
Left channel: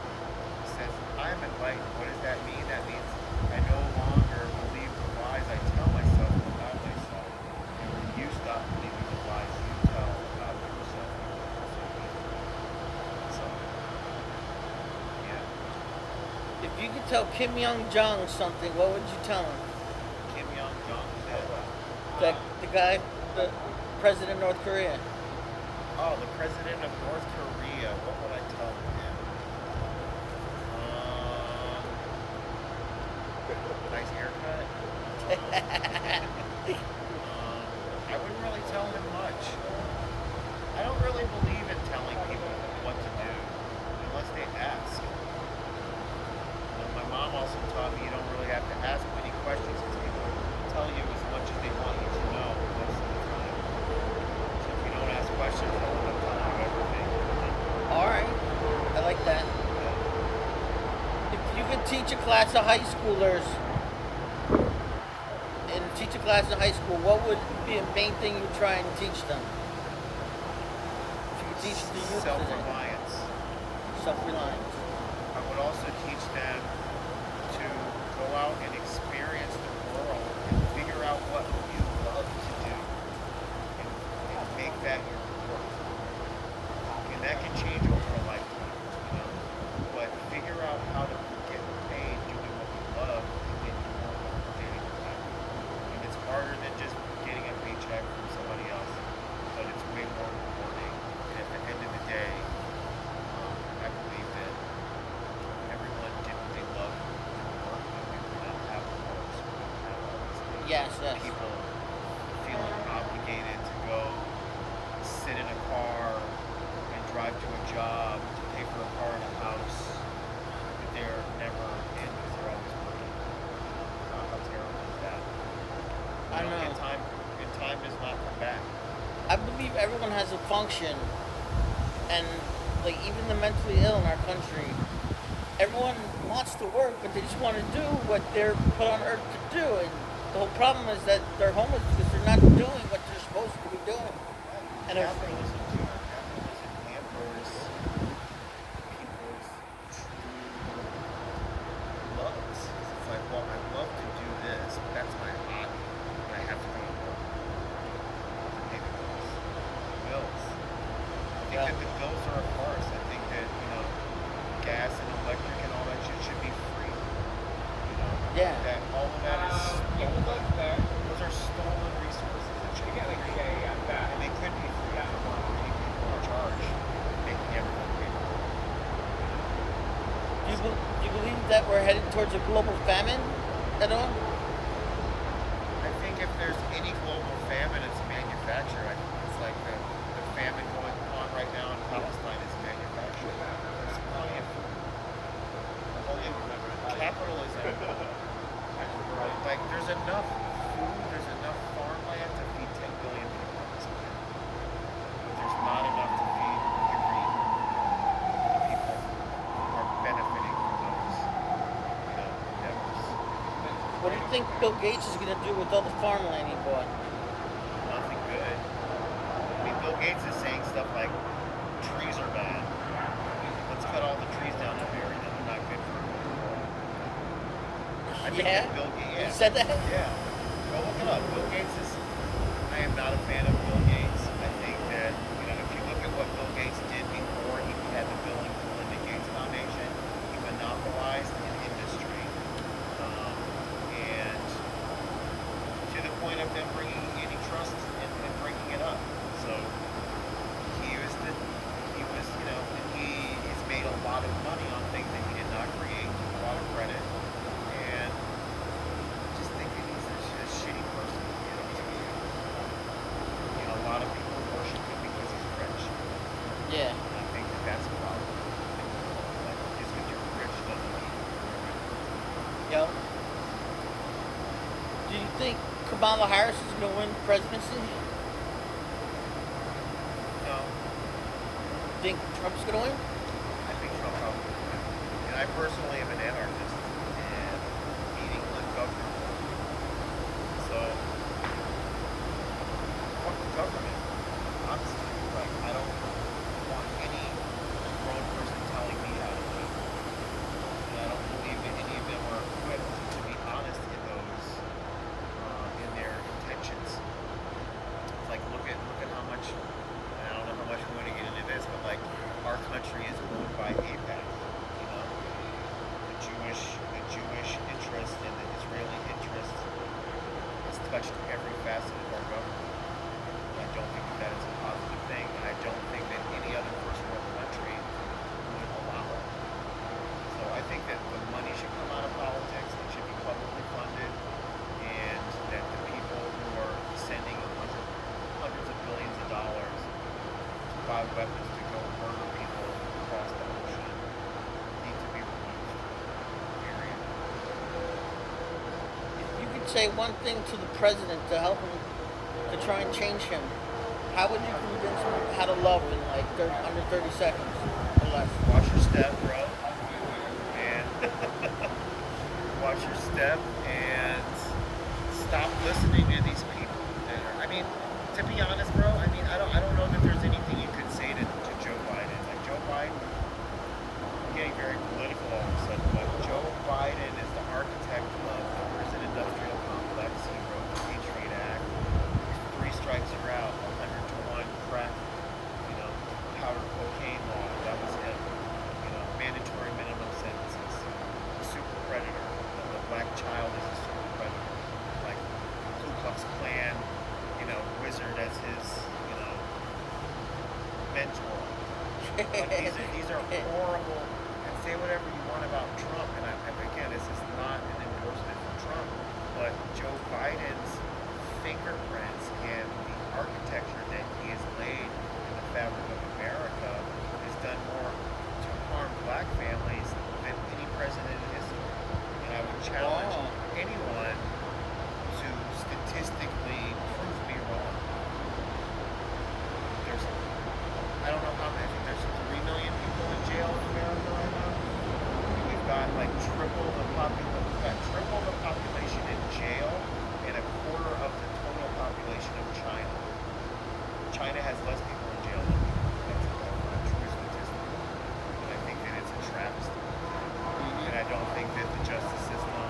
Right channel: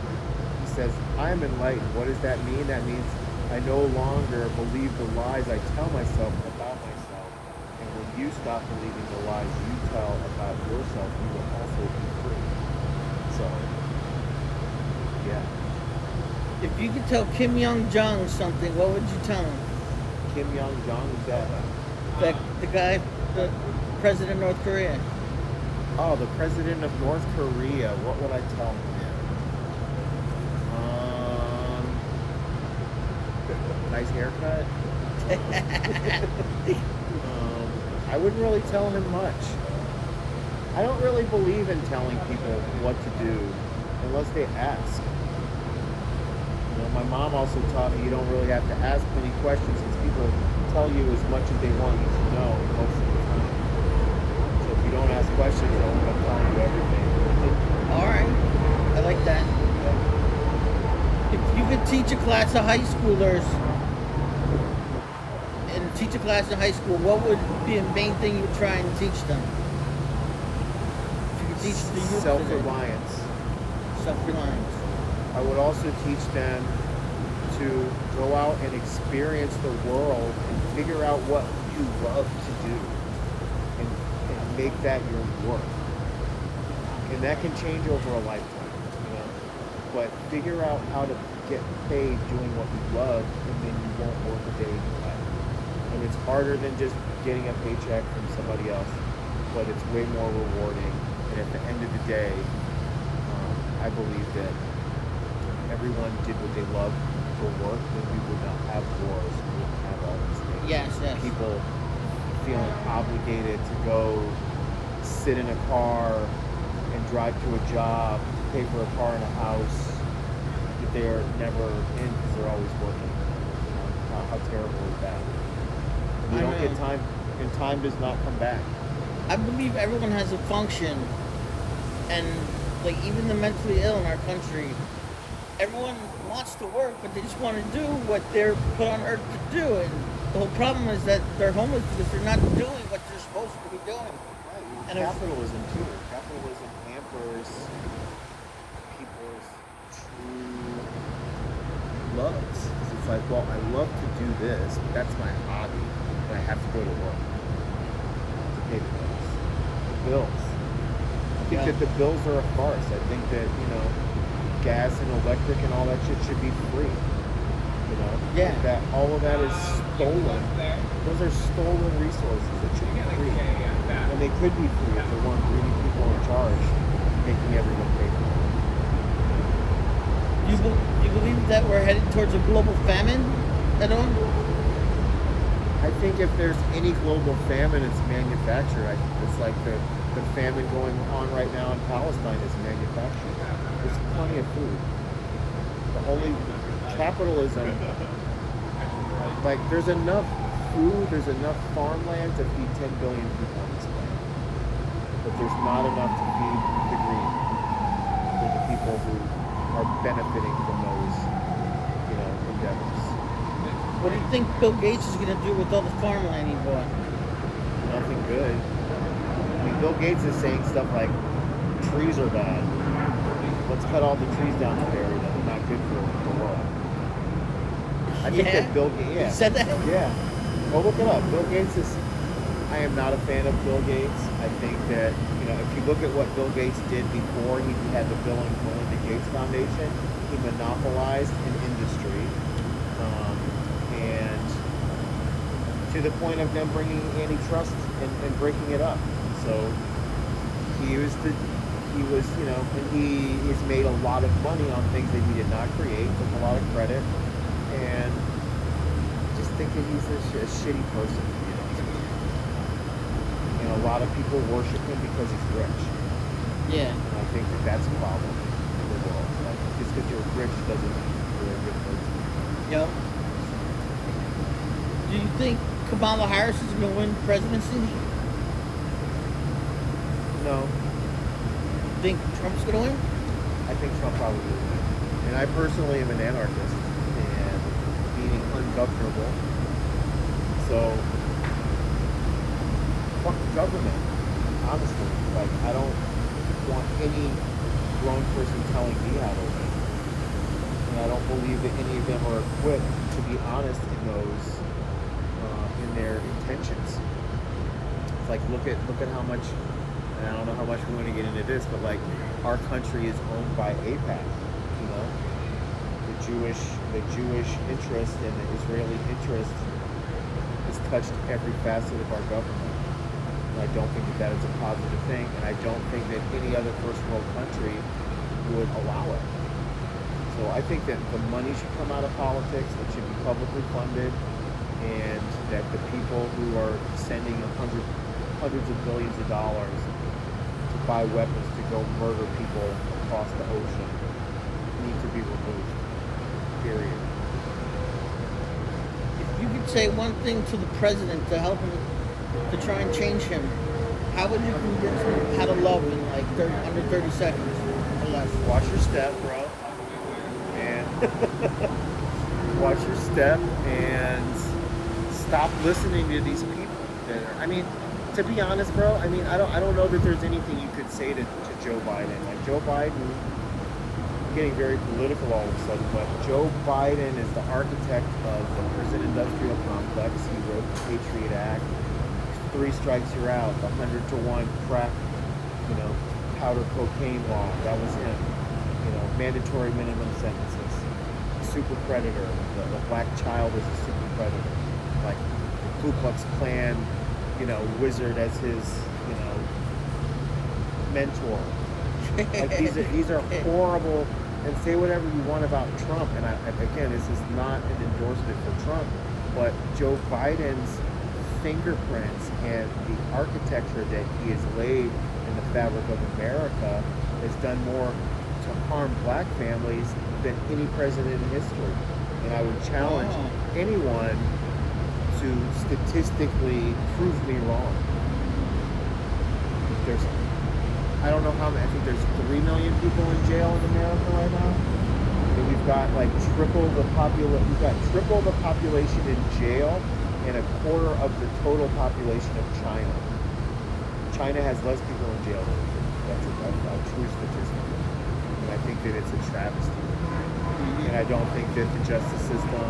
he says, "I am enlightened." What does that mean? That means I no longer believe the lies I tell myself about myself. And when you stop believing the lies you tell about yourself, you will also be free. So, yeah. If you could tell KIMYON something, what would you tell him? KIMYON is that? That the guy, the president of North Korea. Oh, the president of North Korea. What would I tell him? Nice haircut. I wouldn't really tell him much. I don't really believe in telling people what to do unless they ask. My mom also taught me you don't really have to ask many questions because people tell you as much as they want you to know most of the time. So if you don't ask questions, they'll end up telling you everything. Alright. I like that. Yeah. If you could teach a class of high schoolers what would be a main thing you're trying to teach them? If you could teach the youth today. Self-reliance. Self-reliance. I would also teach them to go out and experience the world and figure out what you love to do and make that your work. And that can change over a lifetime, But figure out how to get paid doing what you love, and then you won't work a day in your life. And it's harder than just getting a paycheck from somebody else, but it's way more rewarding. And at the end of the day, I believe that everyone did what they loved for work, then we would not have wars, we wouldn't have all these things. Yes. People feeling obligated to go sit in a car and drive to a job, to pay for a car and a house that they're never in because they're always working. How terrible is that? We don't get time, and time does not come back. I believe everyone has a function, and like even the mentally ill in our country, everyone wants to work, but they just want to do what they're put on earth to do. And The whole problem is that they're homeless because they're not doing what they're supposed to be doing. And it's- Capitalism too. Capitalism hampers people's true loves. 'Cause it's like, well, I love to do this. That's my hobby, and I have to go to work to pay the bills. The bills. I think that the bills are a farce. I think that gas and electric and all that shit should be free. Yeah. That all of that is stolen. Those are stolen resources that should be free. And they could be free if there weren't greedy people in charge making everyone pay for it. Do you believe that we're headed towards a global famine at all? I think if there's any global famine, it's manufacture. It's like the famine going on right now in Palestine is manufacturing. There's plenty of food. The only capitalism, like there's enough food, there's enough farmland to feed 10 billion people on this planet. But there's not enough to feed the green, or the people who are benefiting from those, endeavors. What do you think Bill Gates is going to do with all the farmland he bought? Nothing good. I mean, Bill Gates is saying stuff like, trees are bad. Let's cut all the trees down and bury them. They're not good for the world. I think that Bill Gates, He said that? Yeah. Go look it up. Bill Gates is, I am not a fan of Bill Gates. I think that, if you look at what Bill Gates did before he had the Bill and Melinda Gates Foundation, he monopolized an industry. And to the point of them bringing antitrust and breaking it up. So he was, and he has made a lot of money on things that he did not create, took a lot of credit, and just think that he's a shitty person, to be honest with you. And a lot of people worship him because he's rich. Yeah. And I think that that's a problem in the world. Like, just because you're rich doesn't mean you're a good person. Yep. Do you think Kamala Harris is going to win the presidency? No, Think Trump's going to win? I think Trump probably will win. And I personally am an anarchist and being ungovernable. So, fuck the government. Honestly, like, I don't want any grown person telling me how to lead. And I don't believe that any of them are equipped to be honest in those, in their intentions. It's like, look at how much. I don't know how much we want to get into this, but like our country is owned by AIPAC, the Jewish interest and the Israeli interest has touched every facet of our government. And I don't think that is a positive thing, and I don't think that any other first world country would allow it. So I think that the money should come out of politics, it should be publicly funded, and that the people who are sending hundreds of billions of dollars buy weapons to go murder people across the ocean need to be removed. Period. If you could say one thing to the president to help him, to try and change him, how would you convince him how to love in like under 30 seconds or less? Watch your step, bro. And watch your step and stop listening to these people. To be honest, bro, I don't know that there's anything you could say to Joe Biden. Like, Joe Biden, I'm getting very political all of a sudden, but Joe Biden is the architect of the prison industrial complex. He wrote the Patriot Act, 3 strikes you're out, the 100-to-1 crack, powder cocaine law, that was him. Mandatory minimum sentences, super predator, the black child is a super predator. Like, the Ku Klux Klan, wizard as his, mentor. Like, these are horrible. And say whatever you want about Trump. And again, this is not an endorsement for Trump, but Joe Biden's fingerprints and the architecture that he has laid in the fabric of America has done more to harm black families than any president in history. And I would challenge anyone to statistically prove me wrong. I don't know how many, I think there's 3 million people in jail in America right now. And we've got like triple the population in jail, and and a quarter of the total population of China. China has less people in jail than we do. That's a true statistic. And I think that it's a travesty. And I don't think that the justice system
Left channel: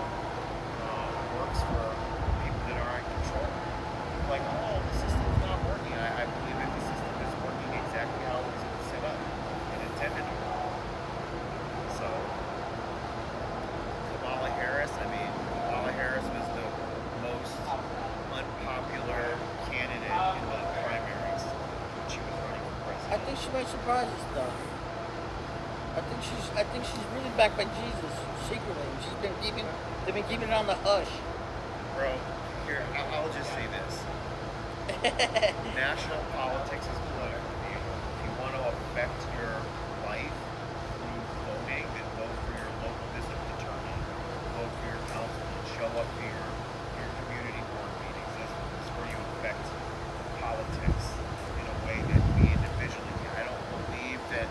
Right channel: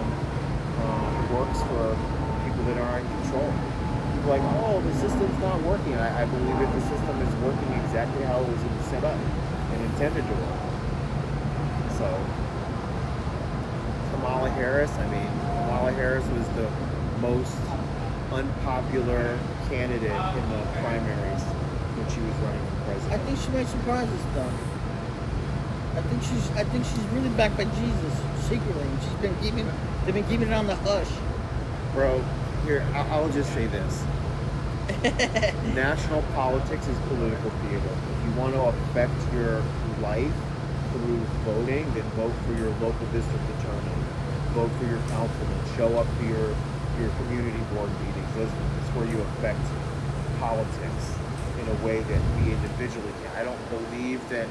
works for people that are in control. People are like, oh, the system's not working. I believe that the system is working exactly how it was set up and intended to work. So, Kamala Harris was the most unpopular candidate in the primaries when she was running for I president. think she might surprise us though. I think she's really backed by Jesus secretly. And they've been keeping it on the hush. Bro, here, I'll just say this. National politics is political theater. If you want to affect your life through voting, then vote for your local district attorney. Vote for your councilman. Show up to your community board meetings. That's where you affect politics in a way that we individually can. I don't believe that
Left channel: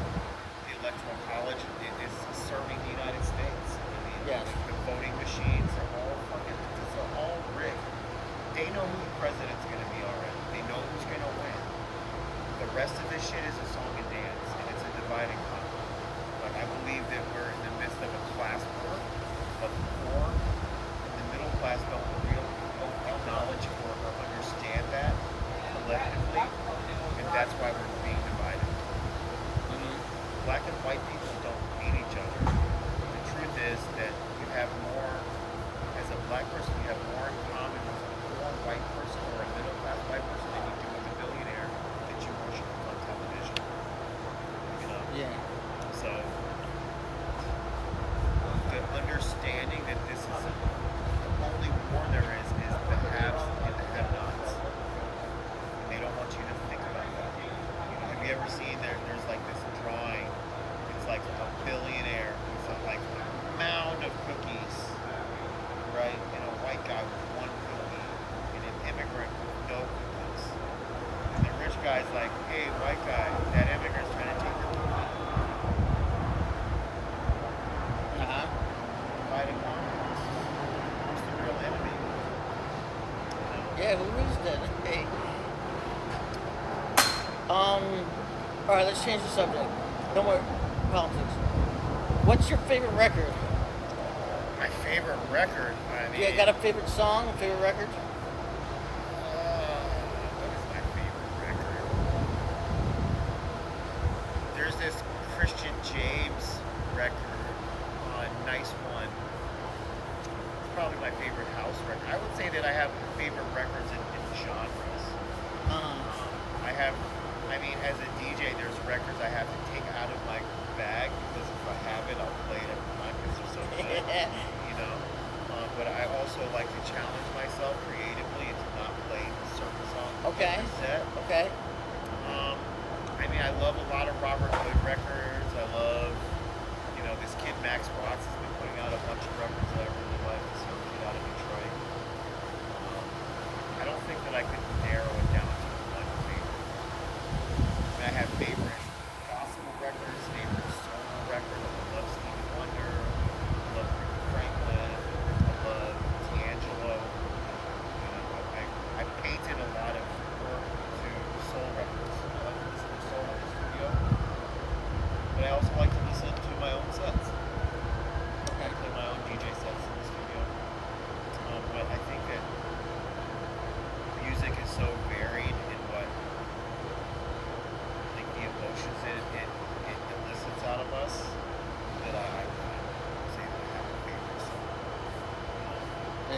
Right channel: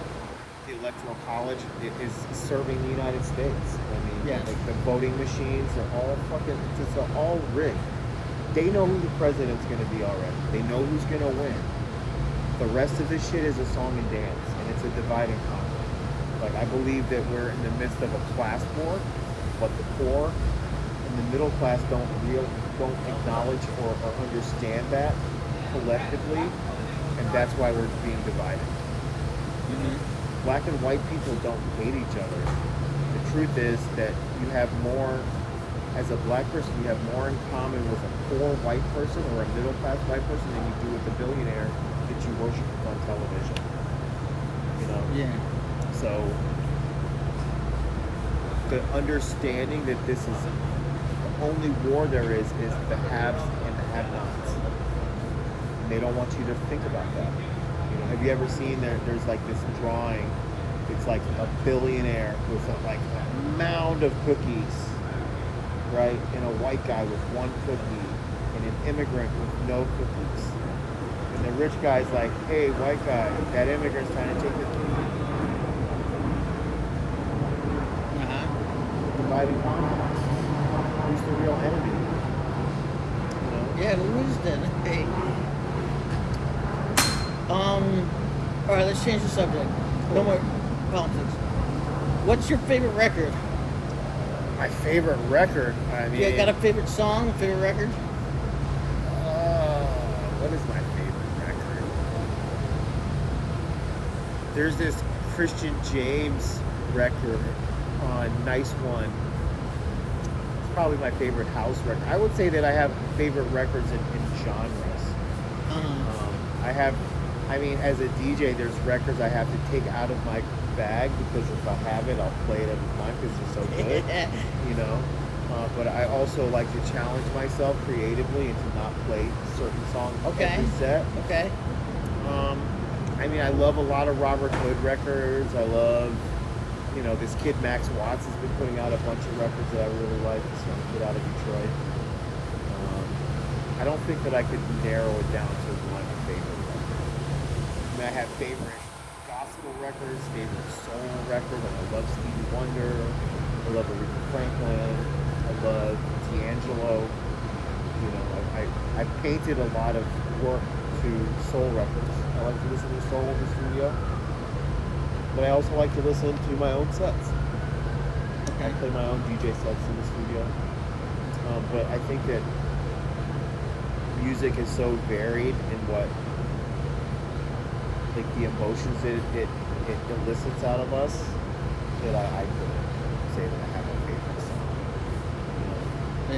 the Electoral College is serving the United States. I mean, Yes. like the voting machines are all fucking, it's all rigged. They know who the president's going to be already. They know who's going to win. The rest of this shit is a song and dance, and it's a divide and conquer. Like, I believe that we're in the midst of a class war, but the poor and the middle class don't acknowledge or understand that collectively, and that's why we're being divided. Black and white people don't hate each other. The truth is that you have more, as a black person, you have more in common with a poor white person or a middle class white person than you do with a billionaire that you worship on television. You know? Yeah. So, the understanding that this is the only war there is the haves and the have-nots. And they don't want you to think about that. You know, have you ever seen there's like this drawing? It's like a billionaire with like a mound of cookies, right? And a white guy with one cookie, and an immigrant with no cookies. And the rich guy's like, hey, white guy, that immigrant's trying to take your cookie. Divide and conquer. Who's the real enemy? You know? Yeah, who is that? All right, let's change the subject. No more politics. What's your favorite record? My favorite record? I mean... Yeah, got a favorite song, a favorite record? What is my favorite record? There's this Christian James record on Nice One. It's probably my favorite house record. I would say that I have favorite records in genres. I mean, as a DJ, there's records I have to take out of my bag because if I have it, I'll play it every time because they're so good, you know. But I also like to challenge myself creatively and to not play certain songs every set. Okay. I mean, I love a lot of Robert Hood records. I love, you know, this kid Max Watts has been putting out a bunch of records that I really like. This young kid out of Detroit. I don't think that I could narrow it down to one favorite. I mean, I have favorite gospel records, favorite soul records. I love Stevie Wonder. I love Aretha Franklin. I love D'Angelo. You know, I painted a lot of work to soul records. I like to listen to soul in the studio, but I also like to listen to my own sets. I'll play my own DJ sets in the studio. But I think that music is so varied in what, like the emotions that it elicits out of us, that I couldn't say that I have a favorite song. You know?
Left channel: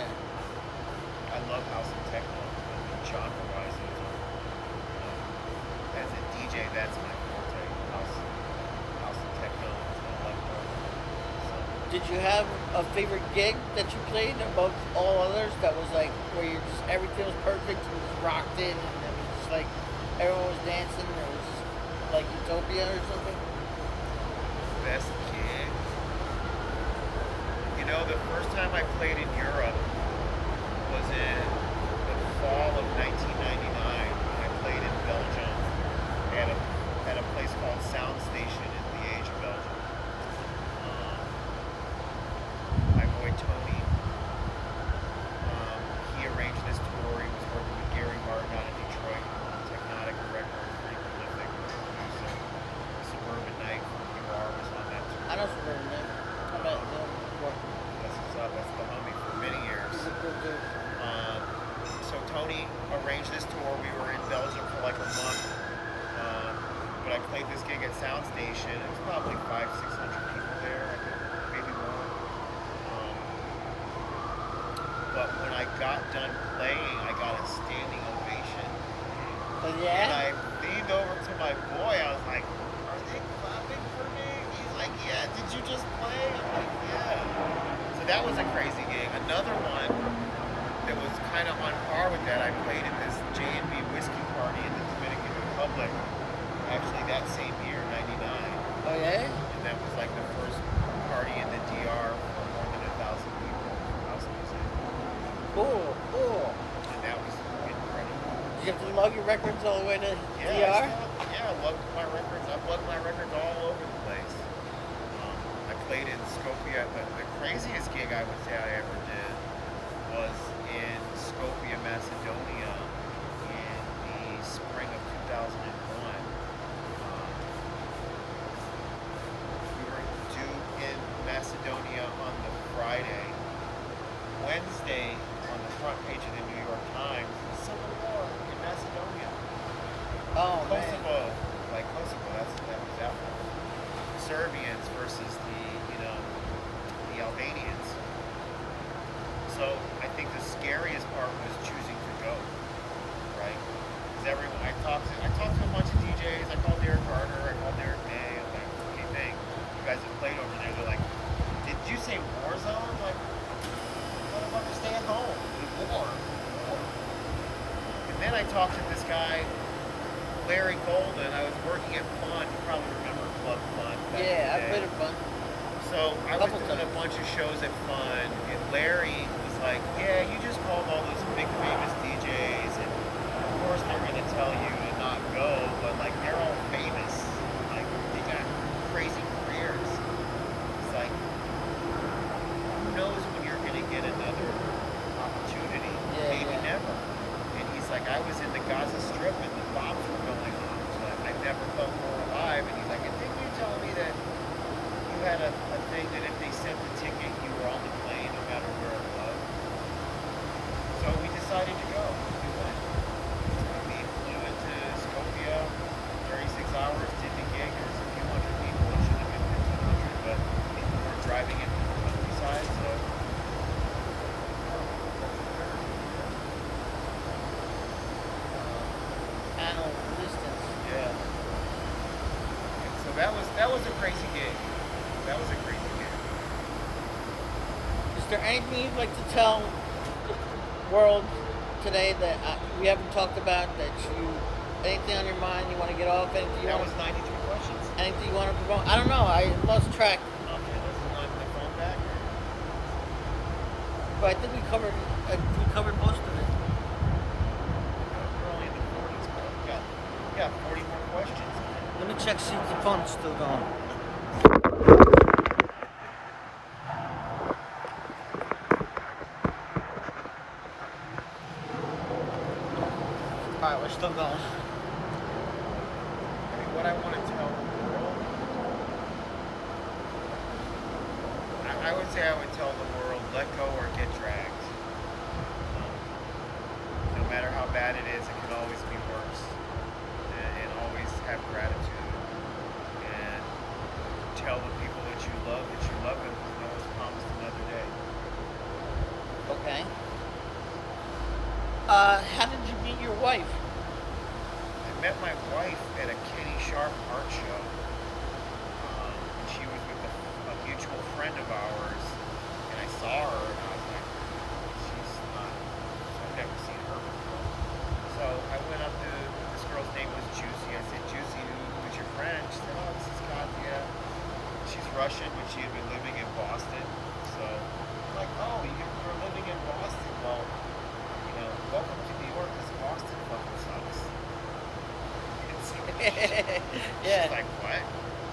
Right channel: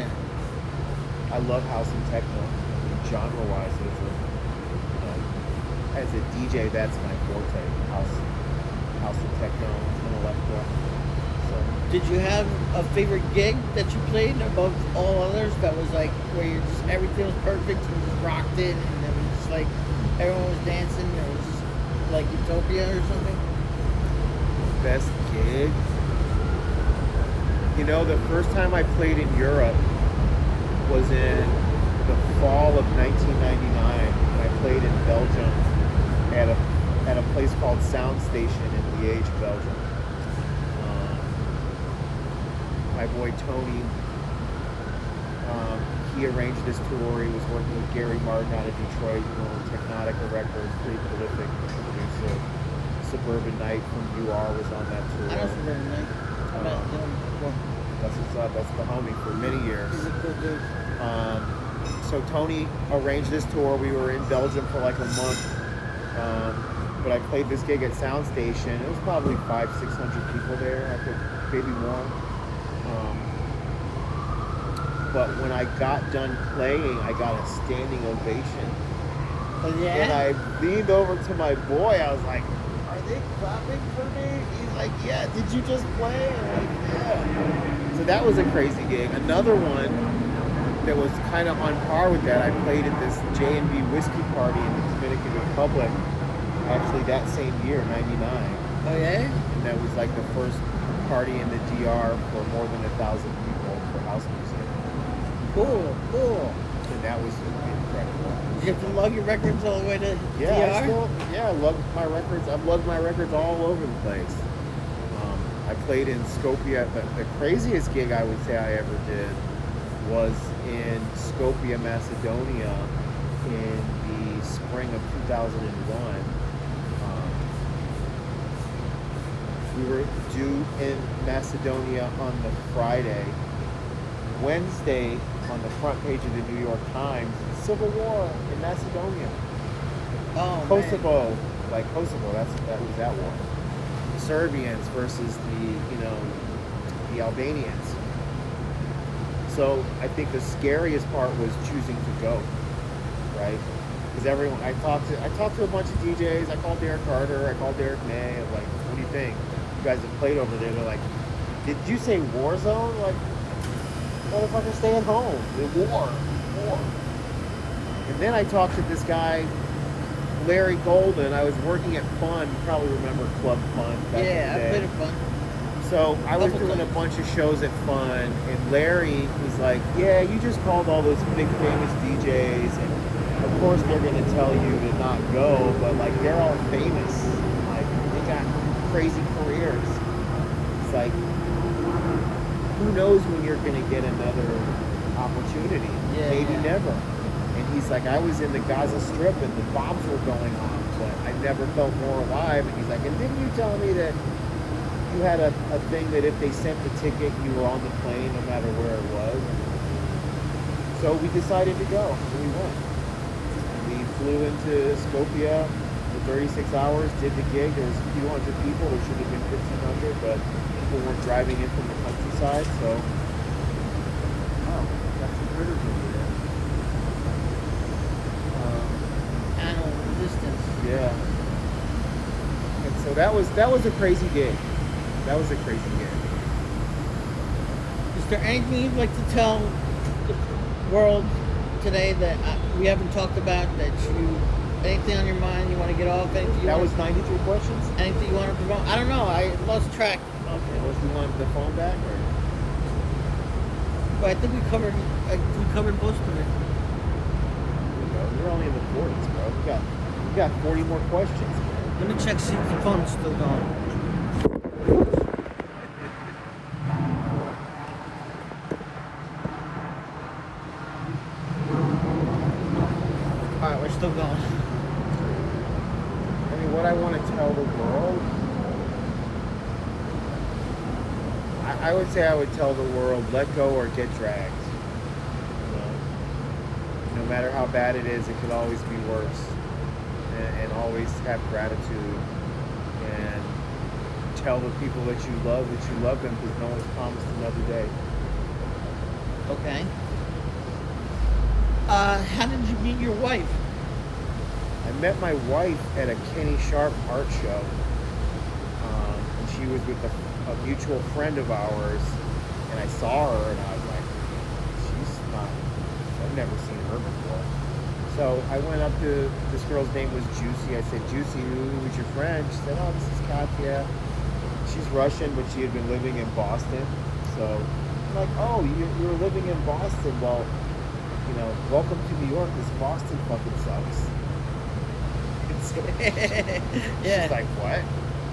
Yeah. I love house and techno. I mean, genre-wise, those are, you know, as a DJ, that's my forte. House and techno and electro. So. Did you have a favorite gig that you played above all others that was like where you just everything was perfect and you just rocked it and it was just like everyone was dancing and it was just like Utopia or something? Best gig? You know, the first time I played in Europe was in the fall of 1999, and I played in Belgium at a place called Sound Station in Liège, Belgium. My boy Tony, he arranged this tour. He was working with Gary Martin out of Detroit, who owned Technotica Records, pretty prolific producer. Suburban Night from UR was on that tour. I know Suburban Night. That's what's up. That's the homie for many years. He's a good dude. So Tony arranged this tour. We were in Belgium for like a month. But I played this gig at Sound Station. It was probably 500-600 people there. I could maybe more. But when I got done playing, I got a standing ovation. Oh, yeah? And I leaned over to my boy. I was like, "Are they clapping for me?" He's like, "Yeah, did you just play?" I'm like, "Yeah." So that was a crazy gig. Another one that was kind of on par with that, I played at this J&B whiskey party in the Dominican Republic, actually that same year, 99. Oh, yeah? And that was like the first party in the DR for more than 1,000 people for house music. Cool. And that was incredible. You get to lug your records all the way to I lug my records. I've lugged my records all over the place. I played in Skopje. The craziest gig I would say I ever did was in Skopje, Macedonia in the spring of 2001. We were due in Macedonia on the Friday. Wednesday, on the front page of the New York Times, Civil War in Macedonia. Oh, Kosovo, man. Like Kosovo, that was that war. The Serbians versus the Albanians. So I think the scariest part was choosing to go, right? Because everyone, I talked to a bunch of DJs. I called Derek Carter. I called Derek May. I was like, "What do you think? You guys have played over there." They're like, "Did you say war zone?" Like, motherfucker, stay at home. War. And then I talked to this guy, Larry Golden. I was working at Fun. You probably remember Club Fun back in the day. I've been at Fun. So I was doing a bunch of shows at Fun, and Larry was like, "Yeah, you just called all those big famous DJs, and of course they're gonna tell you to not go, but like they're all famous. Like they got crazy careers. It's like, who knows when you're going to get another opportunity? Maybe never." And he's like, "I was in the Gaza Strip and the bombs were going off, but I never felt more alive." And he's like, "And didn't you tell me that you had a thing that if they sent the ticket, you were on the plane no matter where it was?" So we decided to go, and we went. We flew into Skopje for 36 hours, did the gig. There was a few hundred people. There should have been 1,500, but people weren't driving in from the countryside, so. Oh, got some critters over there. Animal resistance. Yeah. And so that was a crazy gig. That was a crazy gig. Is there anything you'd like to tell the world today that we haven't talked about, anything on your mind you want to get off? That was 93 questions? Anything you want to promote? I don't know. I lost track. Okay, let's do one the phone back, or? But I think we covered most of it. We're only in the 40s, bro. We got 40 more questions, man. Let me check, see if the phone's still going. Alright, we're still going. I mean, what I want to tell the world, I would say I would tell the world, let go or get dragged. No matter how bad it is, it could always be worse. And always have gratitude. And tell the people that you love them, because no one's promised another day. Okay. How did you meet your wife? I met my wife at a Kenny Sharp art show. And she was with a mutual friend of ours, and I saw her and I was like, I've never seen her before. So I went up to, this girl's name was Juicy. I said, "Juicy, who is your friend?" She said, "Oh, this is Katya. She's Russian, but she had been living in Boston." So I'm like, "Oh, you're living in Boston. Well, welcome to New York. This Boston fucking sucks." And so she's like, "What?"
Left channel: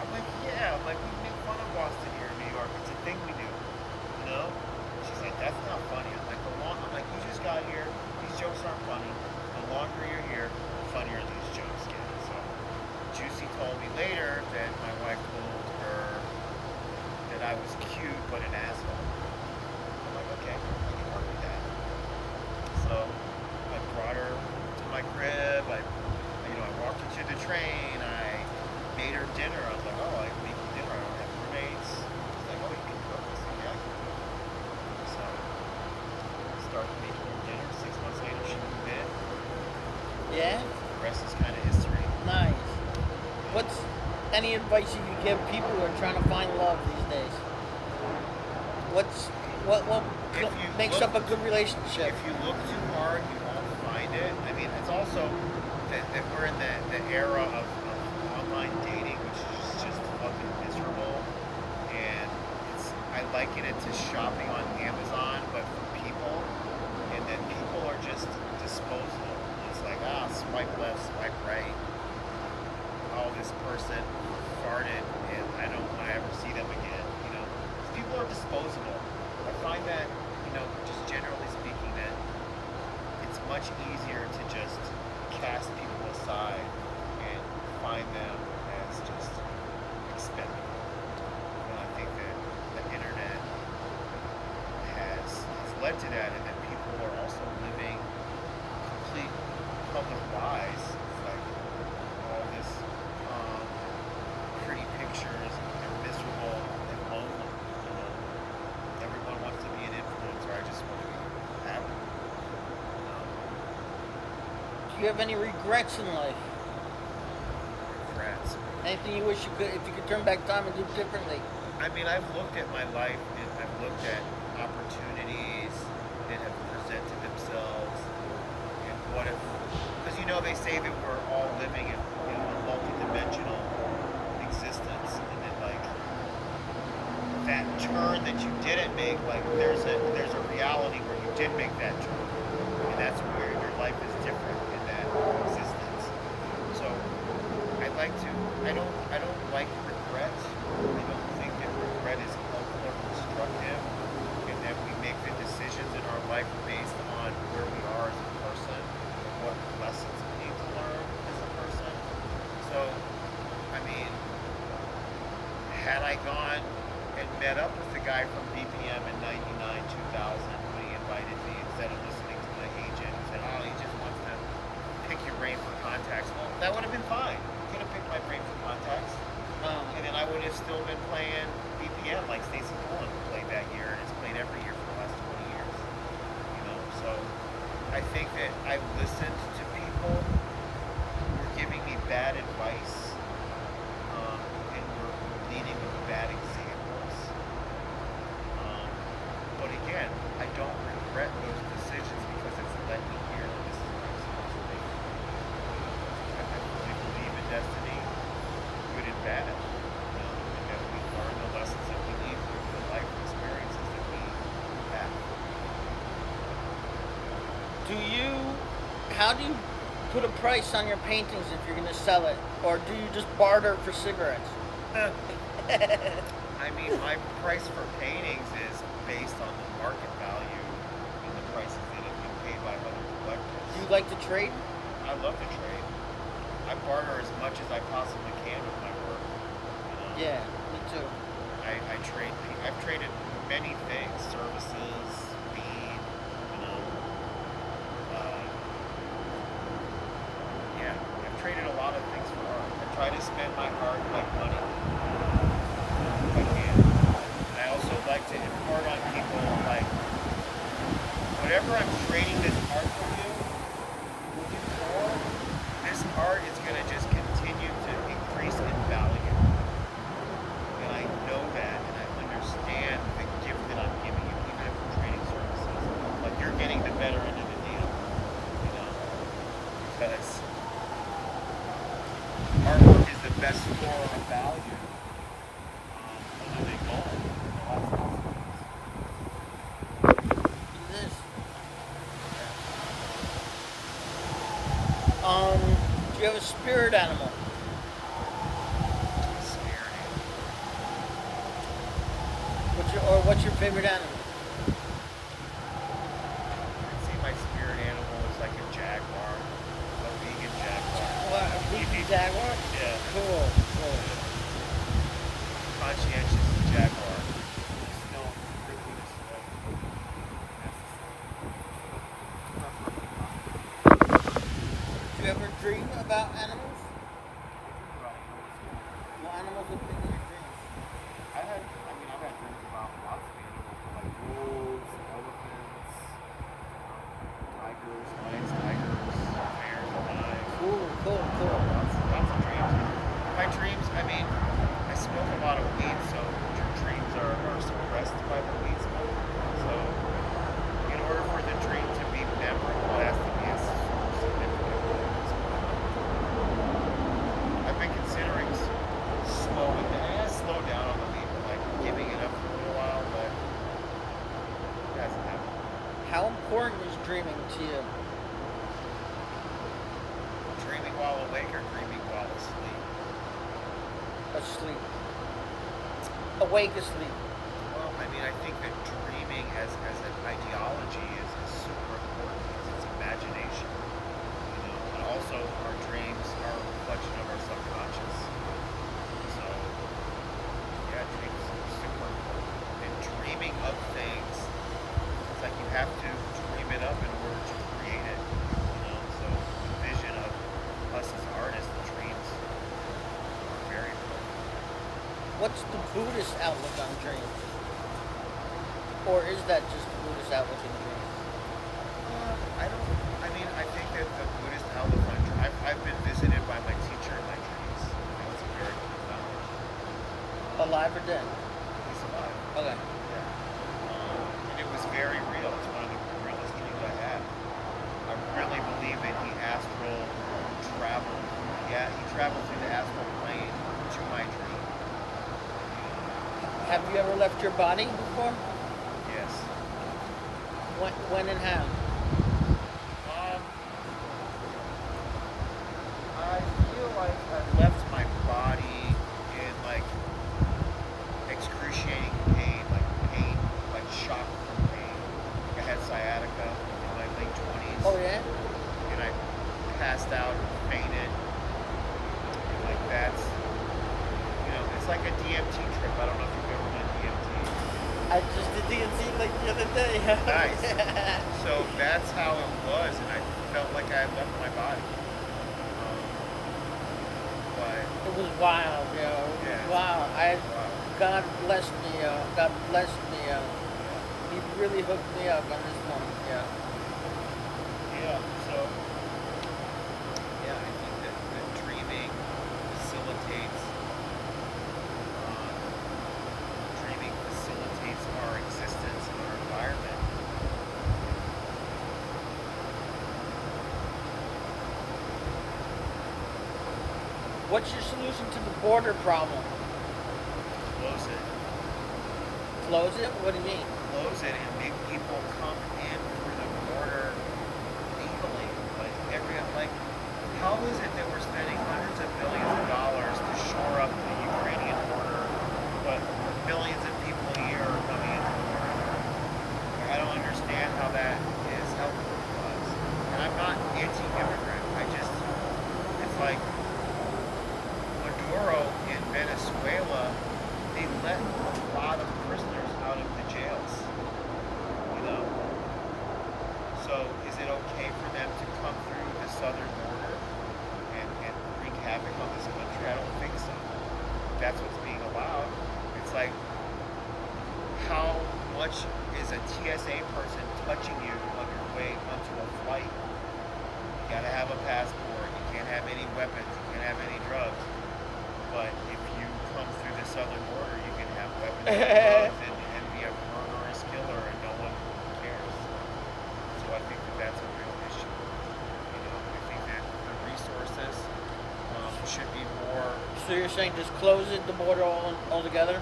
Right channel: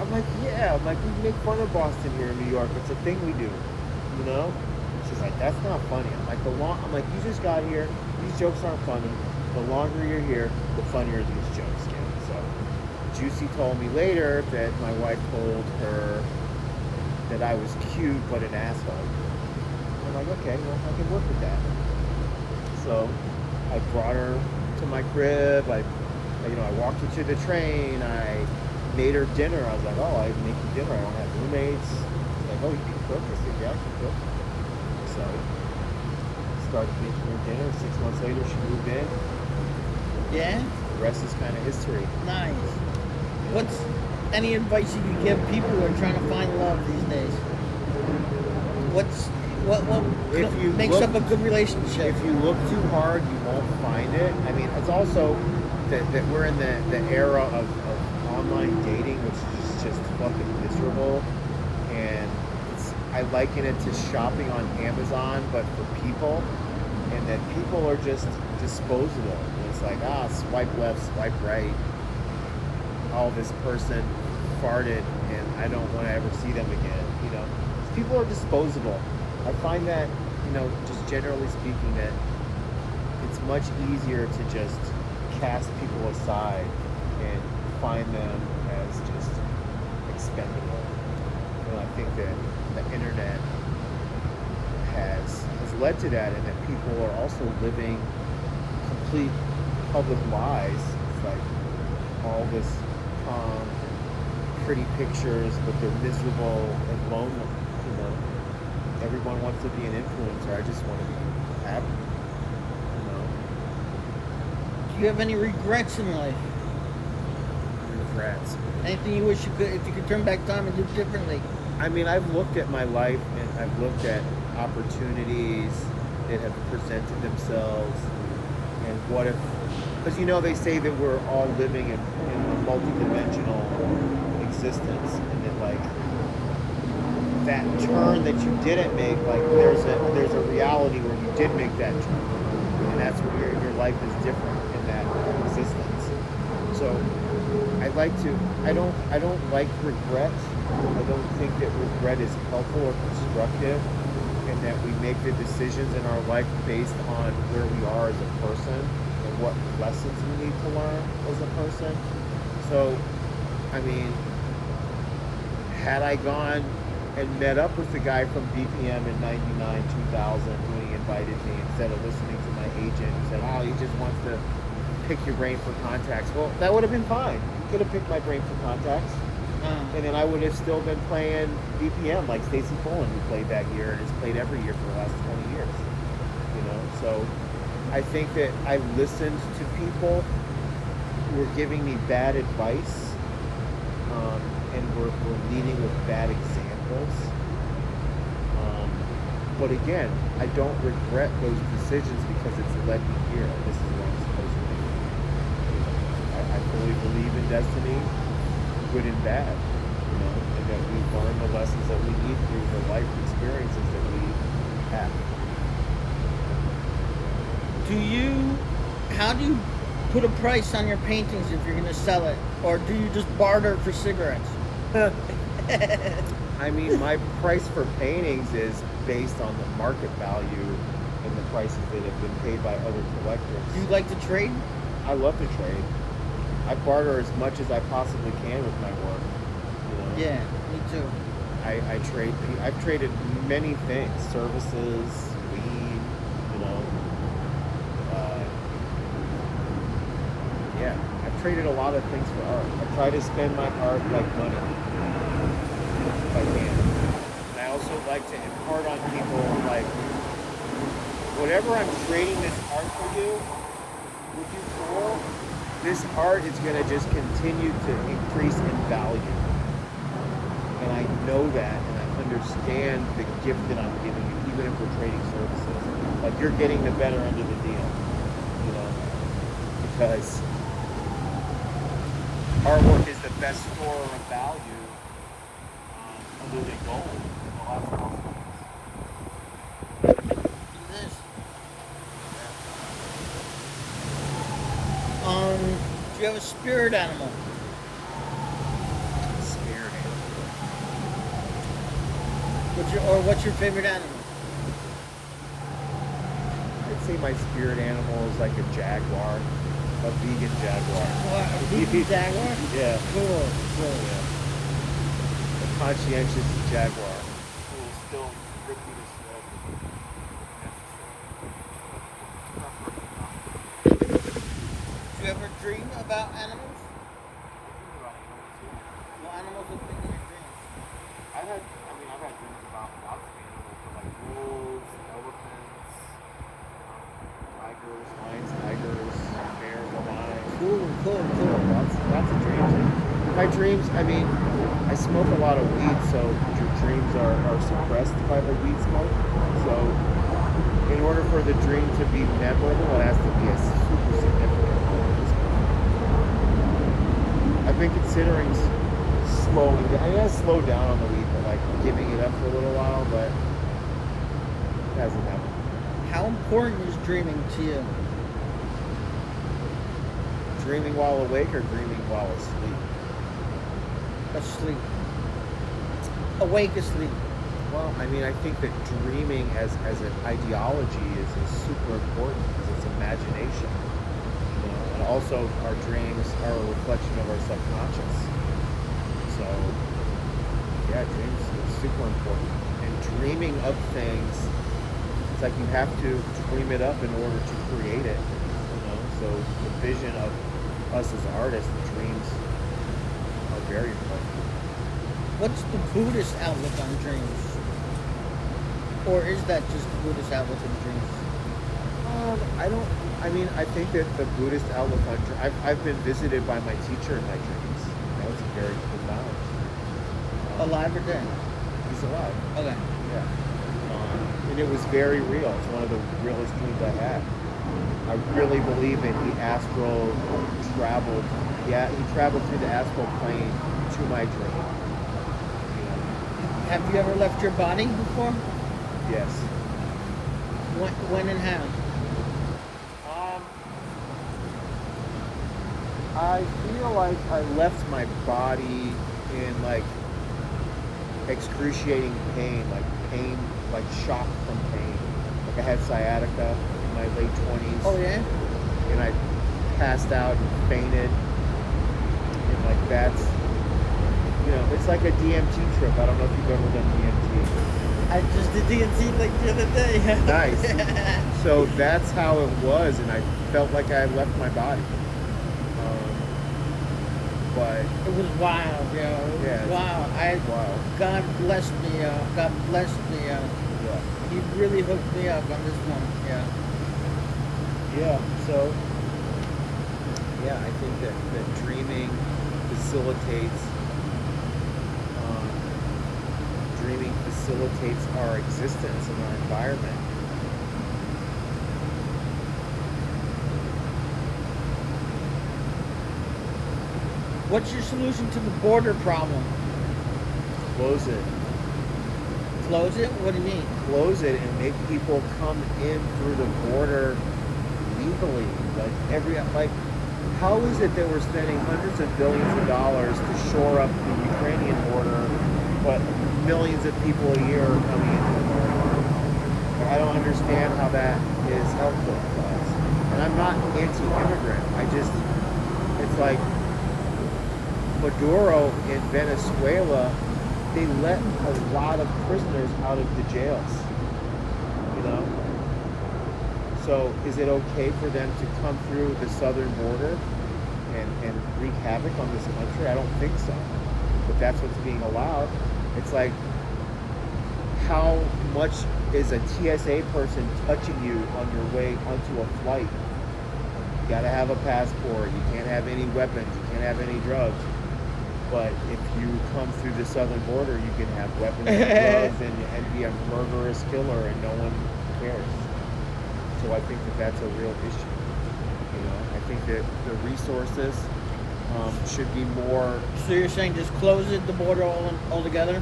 I'm like, "Yeah." I'm like, "We make fun of Boston here in New York. It's a thing we do, you know?" she's like, that's not funny. I'm like, I'm like, you just got here. These jokes aren't funny. The longer you're here, the funnier these jokes get. So Juicy told me later that my wife told her that I was cute but an asshole. I'm like, okay, well, I can work with that. So I brought her to my crib. I walked her to the train. I made her dinner. I was like, oh, I make you dinner. I don't have roommates. She's like, oh, you can cook. I said, yeah, I can cook. So I started making her dinner. 6 months later, she moved in. Yeah? The rest is kind of history. Nice. Yeah. What's any advice you can give people who are trying to find love these days? What If you makes up a good relationship? If you look too hard, you won't find it. I mean, it's also that we're in the era of online dating, which is just fucking miserable. And I liken it to shopping on Amazon, but for people. And that people are just disposable. It's like, swipe left, swipe right. Oh, this person farted, and I don't want to ever see them again. People are disposable. I find that, just generally speaking, that it's much easier to just cast people aside and find them as just expendable. I think that the internet has led to that, and that people are also living complete public lies. It's like all this and pretty pictures, but they're miserable and lonely. Everyone wants to be an influencer. I just want to be happy. Do you have any regrets in life? Regrets. Anything you wish if you could turn back time and do differently? I mean, I've looked at my life and I've looked at opportunities that have presented themselves, and what if, because they say that we're all living in a multi-dimensional existence, and that like that turn that you didn't make, like there's a reality where you did make that turn, and that's where your life is different in that existence. So I don't like regret. I don't think that regret is helpful or constructive, and that we make the decisions in our life based on where we are as a person and what lessons we need to learn as a person. So, I mean, had I gone and met up with the guy from BPM in 99, 2000 when he invited me, instead of listening to my agent who said, oh, he just wants to pick your brain for contacts. Well, that would have been fine. He could have picked my brain for contacts. And then I would have still been playing BPM like Stacey Pullen, who played that year and has played every year for the last 20 years. So I think that I listened to people who were giving me bad advice, and were leading with bad examples. But again, I don't regret those decisions because it's led me here. This is where I'm supposed to be. I fully believe in destiny, good and bad, and that we learn the lessons that we need through the life experiences that we have. How do you put a price on your paintings if you're going to sell it? Or do you just barter for cigarettes? I mean, my price for paintings is based on the market value and the prices that have been paid by other collectors. Do you like to trade? I love to trade. I barter as much as I possibly can with my work. Yeah, me too. I've traded many things, services, weed, yeah, I've traded a lot of things for art. I try to spend my art like money, if I can. And I also like to impart on people, like, whatever I'm trading this art for you for, this art is going to just continue to increase in value. And I know that, and I understand the gift that I'm giving you, even if we're trading services. Like, you're getting the better end of the deal, because artwork is the best store of value, other than gold. It is. Do you have a spirit animal? Spirit animal. What's your favorite animal? say my spirit animal is like a jaguar, a vegan jaguar. Vegan jaguar? Yeah. Cool. Yeah. A conscientious jaguar who will still rip you to shreds if necessary. Preferably not. Do you ever dream about animals? I dream about animals, yeah. What animals have been in your dreams? I've had dreams about lots of animals, but like wolves, elephants, tigers, lions, bears, lions. Cool. Lots of dreams. My dreams, I smoke a lot of weed, so your dreams are suppressed by the weed smoke. So in order for the dream to be memorable, it has to be a super significant one. I've been considering slowing down. I gotta slow down on the weed, but like giving it up for a little while, but it hasn't happened. How important is dreaming to you? Dreaming while awake or dreaming while asleep? Asleep. Awake, asleep. Well, I think that dreaming as an ideology is super important because it's imagination, and also our dreams are a reflection of our subconscious. So, yeah, dreams are super important. And dreaming of things, it's like you have to dream it up in order to create it, So the vision of us as artists, the dreams are very important. What's the Buddhist outlook on dreams? Or is that just the Buddhist outlook on dreams? I think that the Buddhist outlook on dreams, I've been visited by my teacher in my dreams. That was very profound. Alive or dead? He's alive. Okay. Yeah. And it was very real. It's one of the realest dreams I had. I really believe in the astral travel. Yeah, he traveled through the astral plane to my dream. Have you ever left your body before? Yes. When and how? I feel like I left my body in like excruciating pain, like shock from pain. Like I had sciatica in my late 20s. Oh yeah? And I passed out and fainted. And like that's, it's like a DMT trip. I don't know if you've ever done DMT. I just did DMT like the other day. Nice. So that's how it was, and I felt like I left my body. But it was wild, Yeah. Wow. Wow. God blessed me. God blessed me. Yeah. He really hooked me up on this one. Yeah. Yeah. So yeah, I think that dreaming facilitates our existence in our environment. What's your solution to the border problem? Close it. Close it? What do you mean? Close it and make people come in through the border legally. How is it that we're spending hundreds of billions of dollars to shore up the Ukrainian border, but millions of people a year are coming into the border? I don't understand how that is helpful to us. And I'm not anti-immigrant. It's like Maduro in Venezuela, they let a lot of prisoners out of the jails, So is it okay for them to come through the southern border and wreak havoc on this country? I don't think so. But that's what's being allowed. It's like, how much is a TSA person touching you on your way onto a flight? You gotta have a passport. You can't have any weapons. You can't have any drugs. But if you come through the southern border, you can have weapons and drugs and be a murderous killer and no one cares. So I think that that's a real issue. I think that the resources should be more. So you're saying just close it, the border altogether?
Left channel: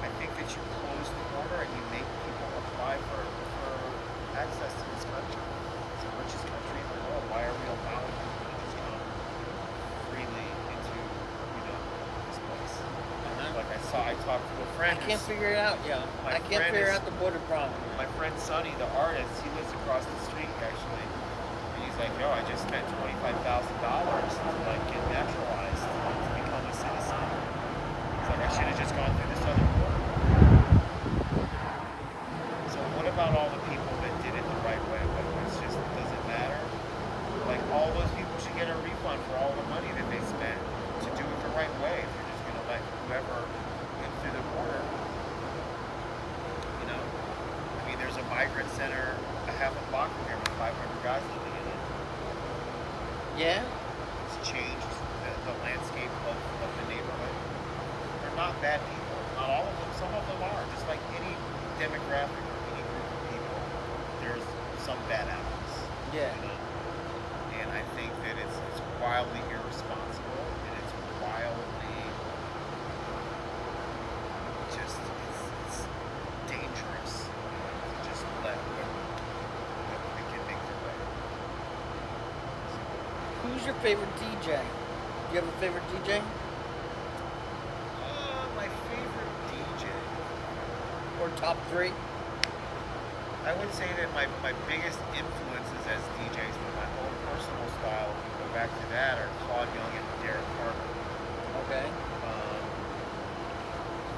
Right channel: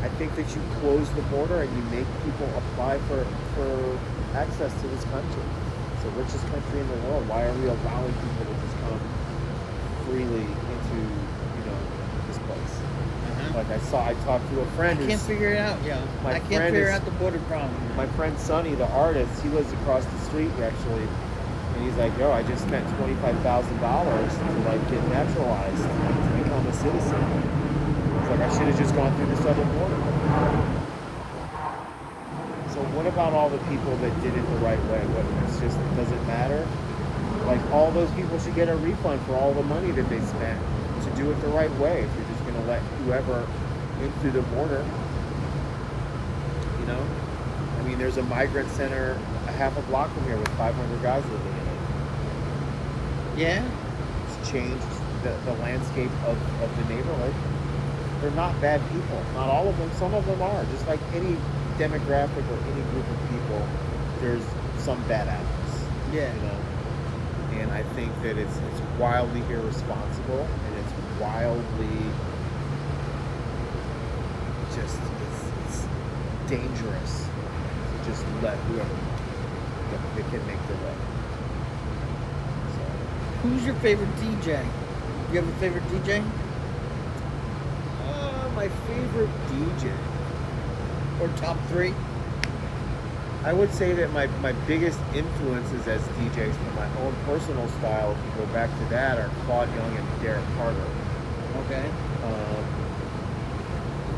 I think that you close the border and you make people apply for access to this country. It's the richest country in the world. Why are we allowing people to just come freely into, this place? Like I talked to a friend I can't who's figure it out. Yeah, My I can't friend figure is- out the border problem. my friend Sonny, the artist. He lives across the street actually, and he's like, "Yo, I just spent $25,000 to like get naturalized to become a citizen." He's like, "I should have just gone through this other border." So what about all the people that did it the right way? What it's just does it matter? Like all those people should get a refund for all the money that they spent to do it the right way. If you're just gonna let whoever in through the border, you know. I mean, there's a migrant center a half a block from here with 500 guys living in it. Yeah. It's changed the landscape of the neighborhood. They're not bad people. Not all of them. Some of them are. Just like any demographic or any group of people, there's some bad apples. Yeah. You know. And I think that it's wildly irresponsible and it's wildly just it's dangerous to just let whoever that can make their way. So, Who's your favorite DJ? You have a favorite DJ? my favorite DJ. Or top 3? I would say that my biggest influences as DJs for my own personal style, if you go back to that, are Claude Young and Derek Carter. Okay.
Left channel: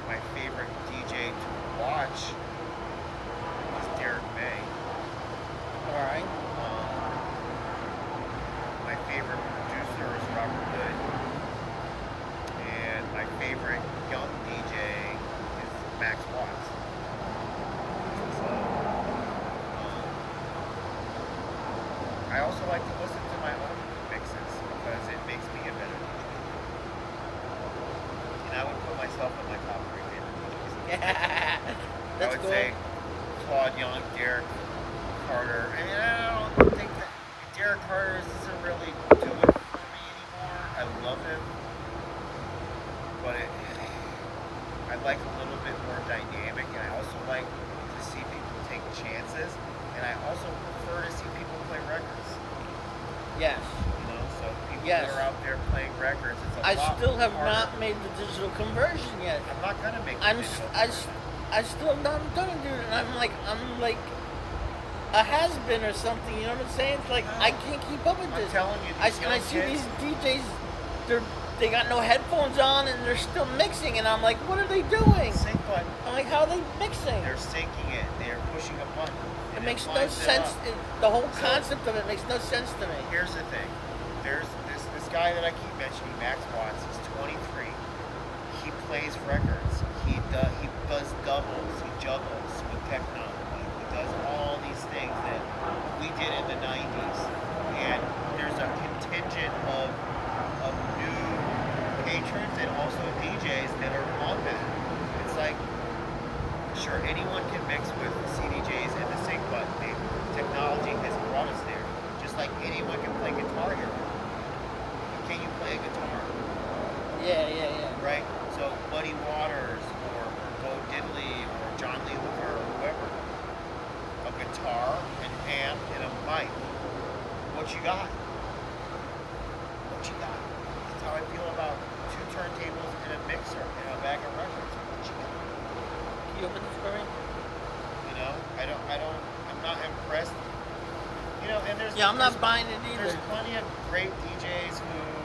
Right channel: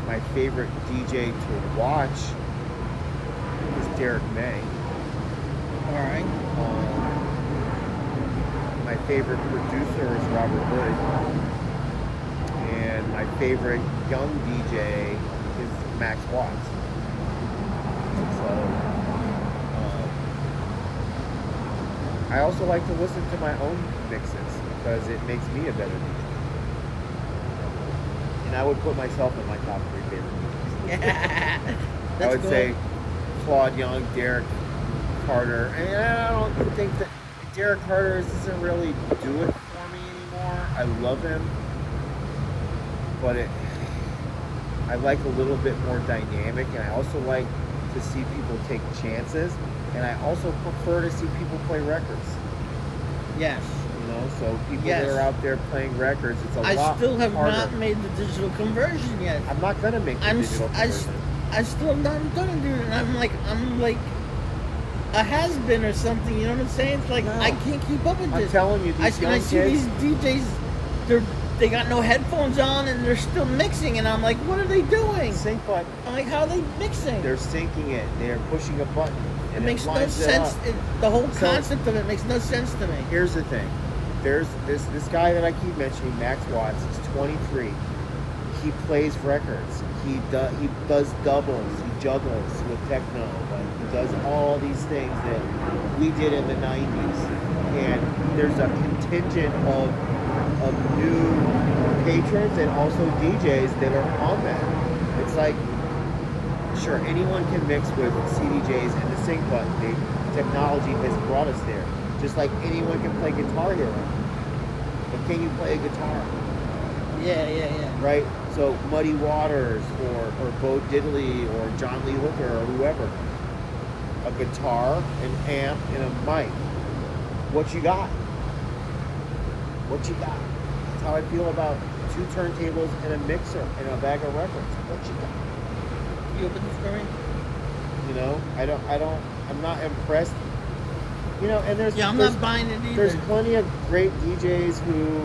My favorite DJ to watch is Derek May. Alright. My favorite producer is Robert Hood. And my favorite young DJ is Max Watts. So, I also like to listen to my own mixes because it makes me a better DJ. And I would put myself in my top 3 favorite DJs. I would say Claude Young, Derek Carter. And I don't think that Derek Carter doesn't really do it for me anymore. I love him. But I like a little bit more dynamic, and I also like to see people take chances, and I also prefer to see people play records. Yes. You know, so people Yes. that are out there playing records, it's a I lot still have harder. not made the digital conversion yet. I'm not gonna make the digital conversion. I still not gonna do it. And I'm like a has-been or something. You know what I'm saying? It's like No. I can't keep up with I'm this. telling you, these young I see kids. these DJs. They got no headphones on and they're still mixing, and I'm like, what are they doing? Sync button. I'm like, how are they mixing? They're syncing it. They're pushing a button, It and it makes no lines it sense. up. The whole So- concept of it makes no sense to me. Here's the thing. There's this guy that I keep mentioning, Max Watts. He's 23. He plays records. He does doubles. He juggles with techno. Like he does all these things that we did in the 90s. And there's a contingent of new patrons and also DJs that are on that. It's like, sure, anyone can mix with CDJs and the sync button. The technology has brought us there. Just like anyone can play Guitar Hero. But can you play a guitar? Yeah. Right? So Muddy Waters or Bo Diddley or John Lee Hooker or whoever. A guitar, an amp, and a mic. What you got? What you got? That's how I feel about 2 turntables and a mixer and a bag of records. What you got? You open the story? You know, I'm not impressed. You know, and there's Yeah, I'm not buying it either. There's plenty of great DJs who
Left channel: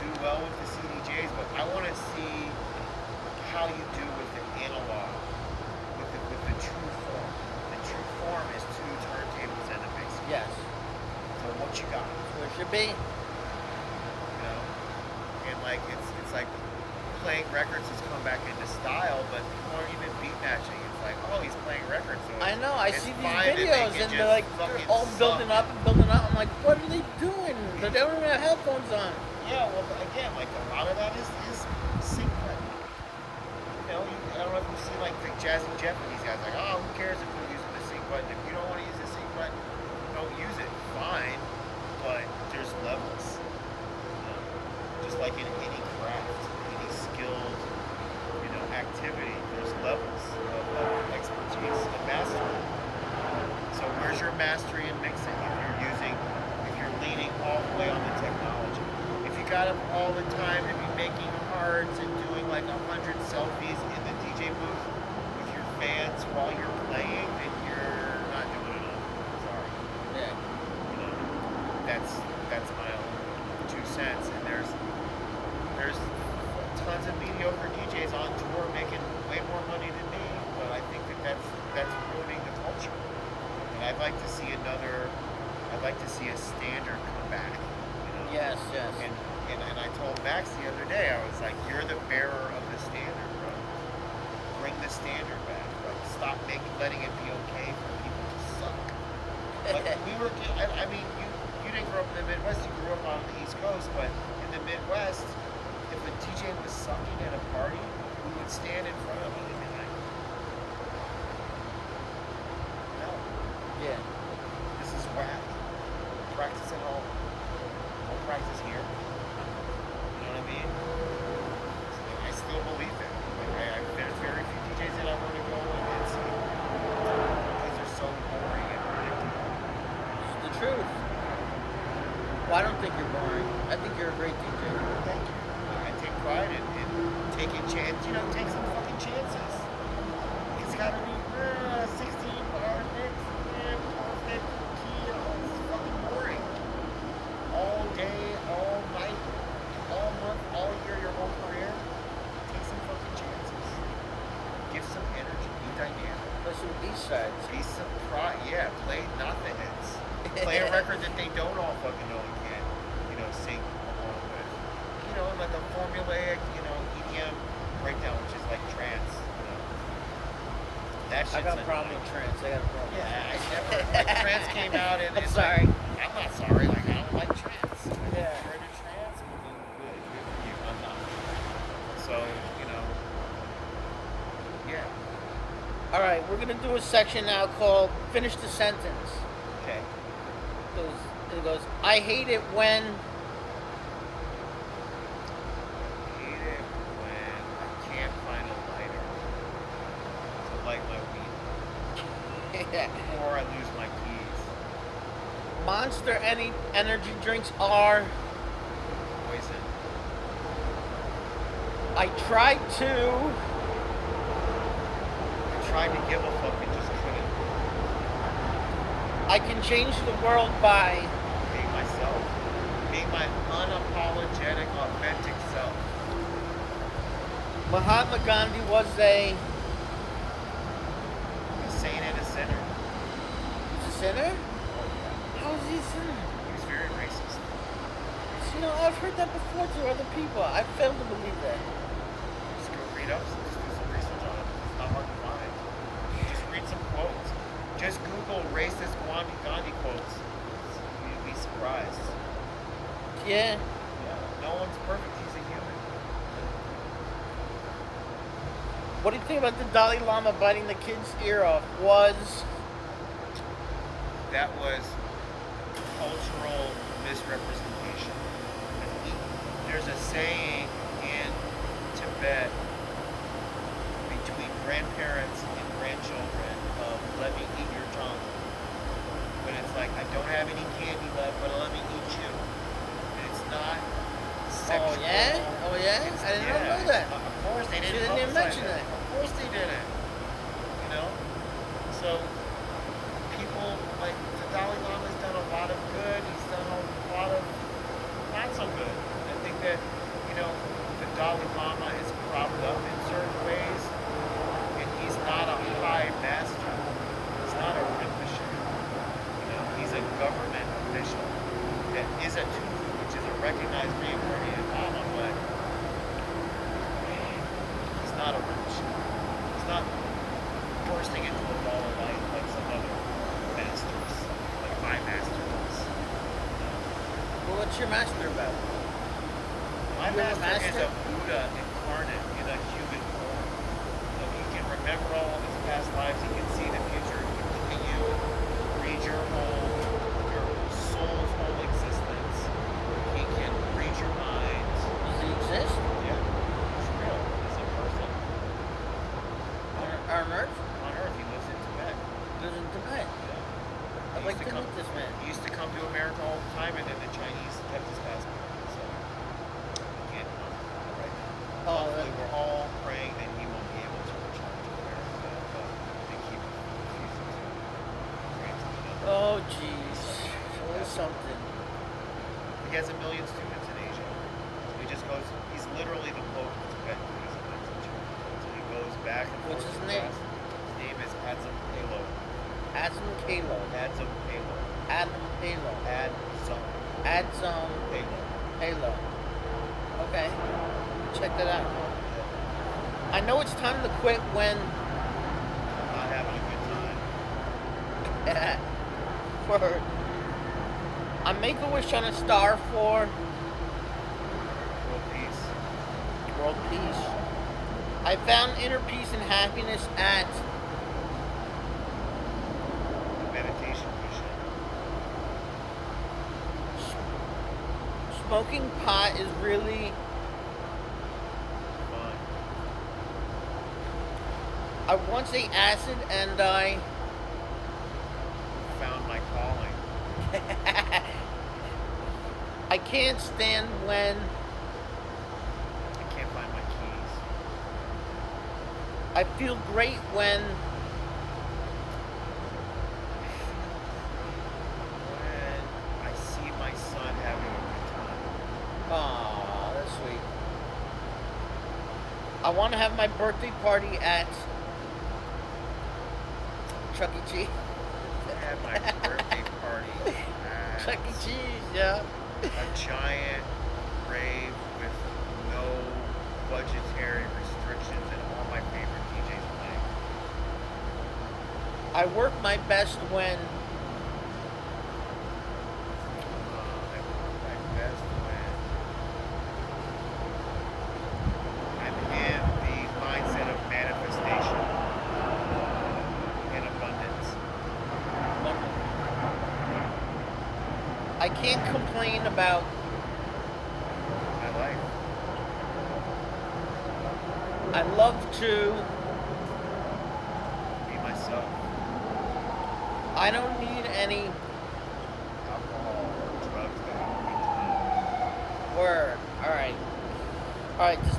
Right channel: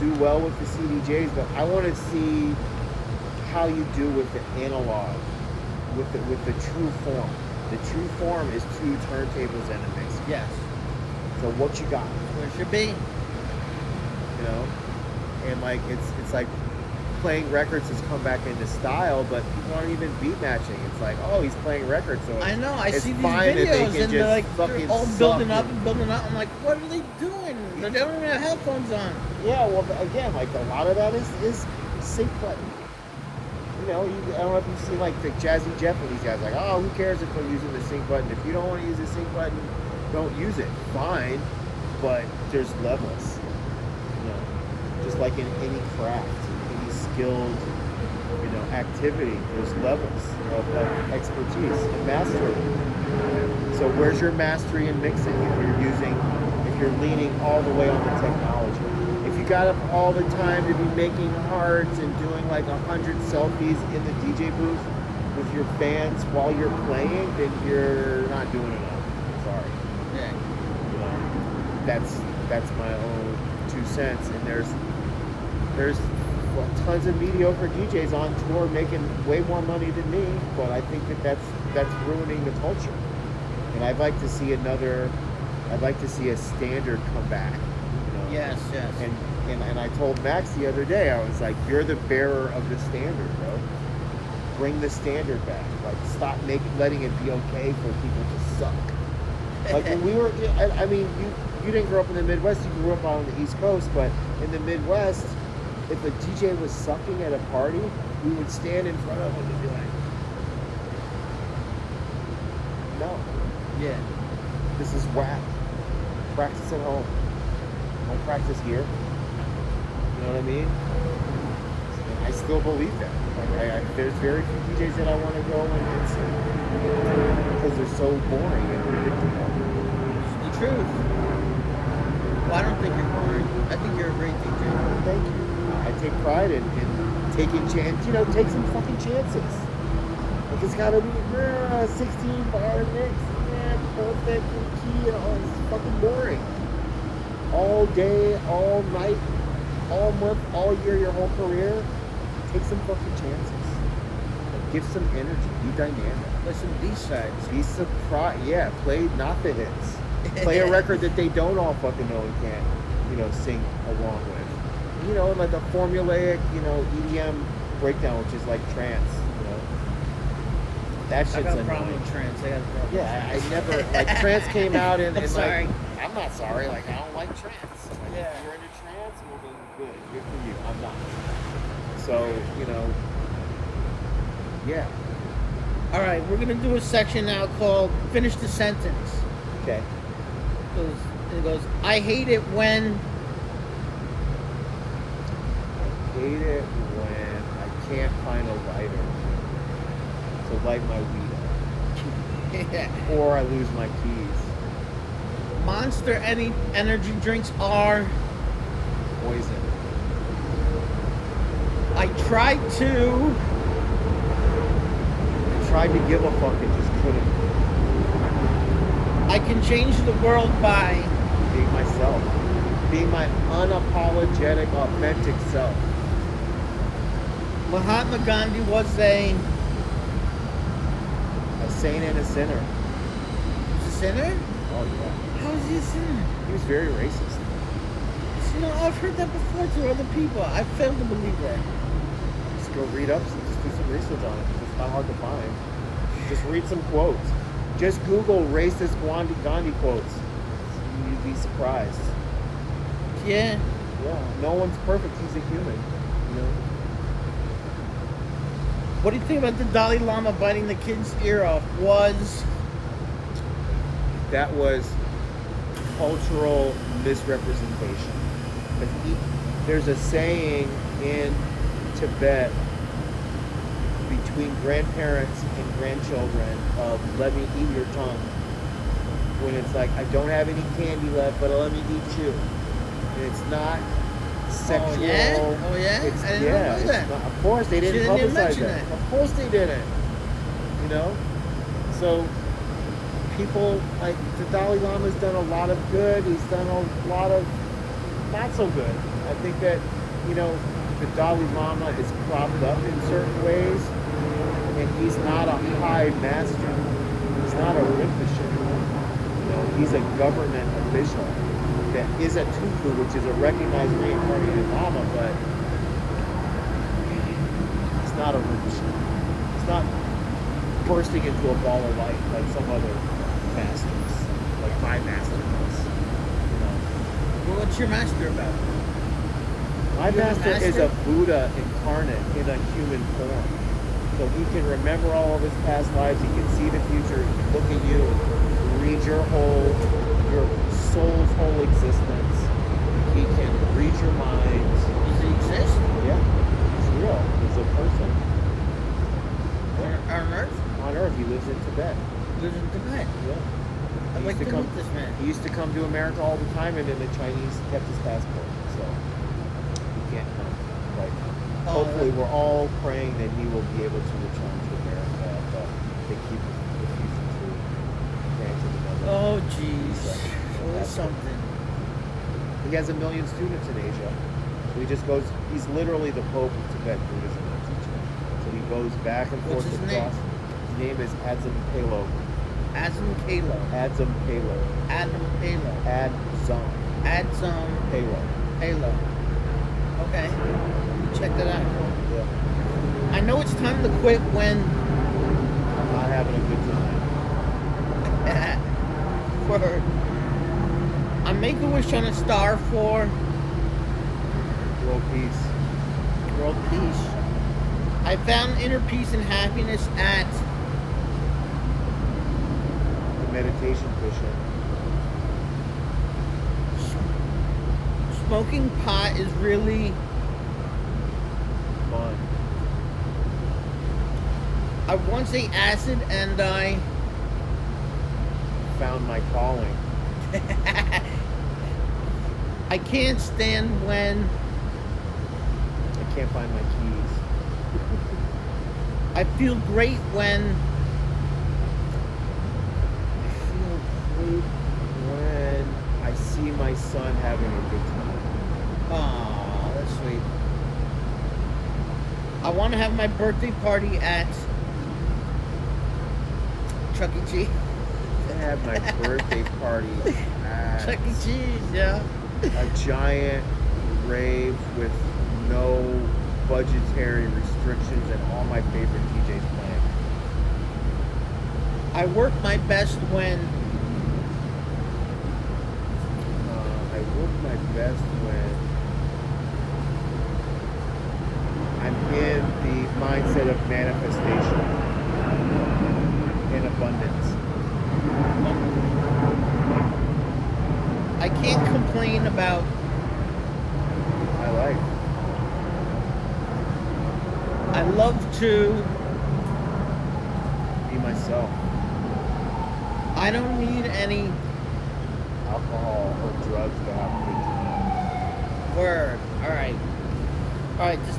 do well with the CDJs, but I want to see how you do with the analog, with the true form. The true form is 2 turntables and a mixer. Yes. So what you got? Where it should be. You know, and like it's like playing records has come back into style, but people aren't even beat matching. It's like, oh, he's playing records, so I know. I it's see these fine videos that they can and they're just like fucking all suck building up and- and building up. I'm like, what are they doing? They don't even have headphones on. Yeah, well, again, like a lot of that is sync button. You know, I don't know if you've seen like the Jazzy Jeff and these guys, like, oh, who cares if I'm using the sync button? If you don't want to use the sync button, don't use it. Fine, but there's levels. You know, just like in any craft, any skilled, activity, there's levels of expertise and mastery. So where's your mastery in mixing? If you're leaning all the way on the technology. If you got up all the time to be making hearts and doing like 100 selfies in the DJ booth with your fans while you're playing, then you're not doing enough. Sorry. Yeah. You know, that's my own 2 cents. And there's tons of mediocre DJs on tour making way more money than me, but I think that's ruining the culture. And I'd like to see a standard come back. You know. Yes. And I told Max the other day, I was like, you're the bearer of the standard, bro. Bring the standard back. Like, stop letting it be okay for people to suck. Like when we were, I mean, you didn't grow up in the Midwest. You grew up on the East Coast, but in the Midwest, if a DJ was sucking at a party, we would stand in front of him and be like, no, Yeah. this is whack. Practice at home. Don't practice here. You know what I mean? And I still believe that. Like there's very few DJs that I want to go and see because they're so boring and predictable. It's the truth. Well, I don't think you're boring. I think you're a great DJ. Thank you. I take pride in taking take some fucking chances. Like it's gotta be 16 bar mix, perfect key, it's fucking boring. All day, all night, all month, all year, your whole career. Take some fucking chances. Like, give some energy. Be dynamic. There's some B-sides. Be surprised. Yeah, play not the hits. Play a record that they don't all fucking know and can't, sing along with. And like a formulaic, EDM breakdown, which is like trance, That shit's I got a problem annoying. with trance. I got a problem. Yeah, I never, like, trance came out and like, sorry. I'm not sorry, like, I don't like trance. Like, Yeah. if you're into trance, well then good for you. I'm not. So, yeah. All right, we're going to do a section now called Finish the Sentence. Okay. It goes, I hate it when... I hate it when I can't find a lighter to light my weed up. Yeah. Or I lose my keys. Monster energy drinks are... Poison. I tried to... I tried to give a fuck and just couldn't. I can change the world by... Being myself. Being my unapologetic, authentic self. Mahatma Gandhi was a saint and a sinner. He's a sinner? Oh, yeah. How is he a sinner? He was very racist. I've heard that before to other people. I fail to believe that. Just go read up, just do some research on it. It's not hard to find. Just read some quotes. Just Google racist Gandhi quotes. You'd be surprised. Yeah. Yeah. No one's perfect. He's a human. What do you think about the Dalai Lama biting the kid's ear off? That was cultural misrepresentation. There's a saying in Tibet between grandparents and grandchildren of "let me eat your tongue," when it's like, I don't have any candy left, but let me eat you. And it's not sexual. Oh yeah? It's, I didn't know that. It's not, of course they didn't She didn't publicize mention that. it. Of course they didn't. So people like the Dalai Lama's done a lot of good. He's done a lot of not so good. I think that the Dalai Lama is propped up in certain ways, and he's not a high master. He's not a Rinpoche. He's a government official that is a Tufu, which is a recognized reincarnated Lama, but he's not a Rinpoche. He's not bursting into a ball of light like some other masters, like my master was. Well, what's your master about? My You're a master is a master? Buddha incarnate in a human form. So he can remember all of his past lives, he can see the future, he can look at you and read your soul's whole existence. He can read your mind. Does he exist? Yeah, he's real. He's a person. On Earth? On Earth, he lives in Tibet. Lives in Tibet. Yeah. I'd like to meet this man. He used to come to America all the time, and then the Chinese kept his passport. So Hopefully, we're all praying that he will be able to return to America, but they keep refusing to grant him another Oh, visa. jeez. And Or something. he has 1 million students in Asia. So he just goes, he's literally the Pope of Tibet Buddhism, my teacher. So he goes back and forth What's his across. His name is Adzam Palo. Adzam Palo. Adzam Palo. Adam Palo. Adzam Adzam Palo. Palo. Okay. Check that out. Yeah. I know it's time to quit when I'm not having a good time. for I make a wish on a star for World peace. world peace. I found inner peace and happiness at The meditation cushion. smoking pot is really Fun. I once ate acid and I Found my calling. I can't stand when I can't find my keys. I feel great when I feel great when I see my son having a good time. aw, that's sweet. I want to have my birthday party at Chuck E. Cheese. I had my birthday party at Chuck E. Cheese, yeah. a giant rave with no budgetary restrictions and all my favorite DJs playing. I work my best when I work my best when I'm in the mindset of manifestation in abundance. I can't complain about My life. I love to Be myself. I don't need any Alcohol or drugs to have a good time. word. Alright, this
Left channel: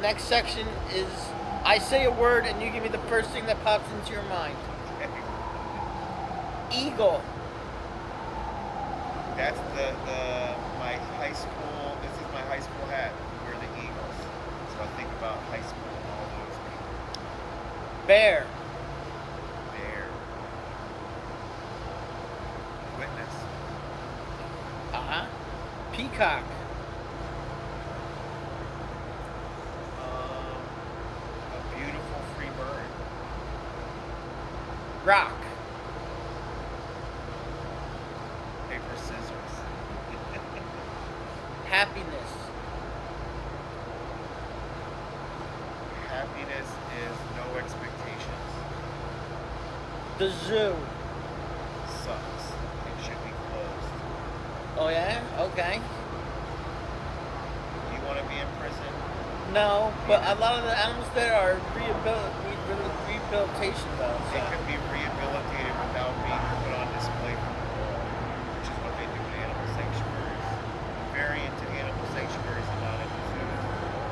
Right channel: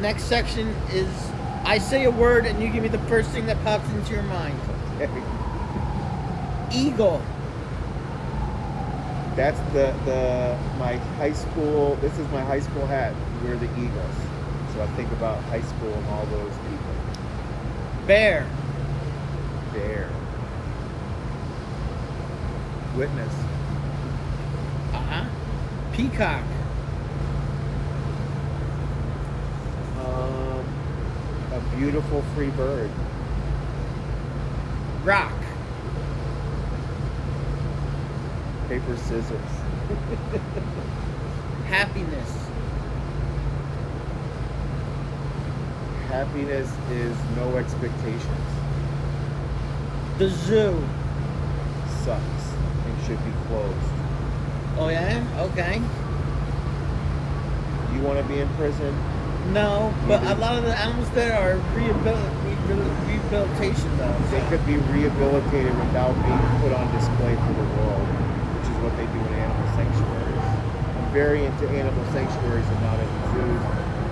next section is I say a word and you give me the first thing that pops into your mind. Okay. Eagle. That's my high school. This is my high school hat. We're the Eagles. So I think about high school and all those people. Bear. Bear. Witness. Uh-huh. Peacock. A beautiful free bird. Rock. Paper, scissors. Happiness. Happiness is no expectations. The zoo. Sucks and should be closed. Oh yeah? Okay. You want to be in prison? No, but Neither. a lot of the animals there are rehabilitation dogs. They could be rehabilitated without being put on display for the world, which is what they do in animal sanctuaries. I'm very into animal sanctuaries and not into zoos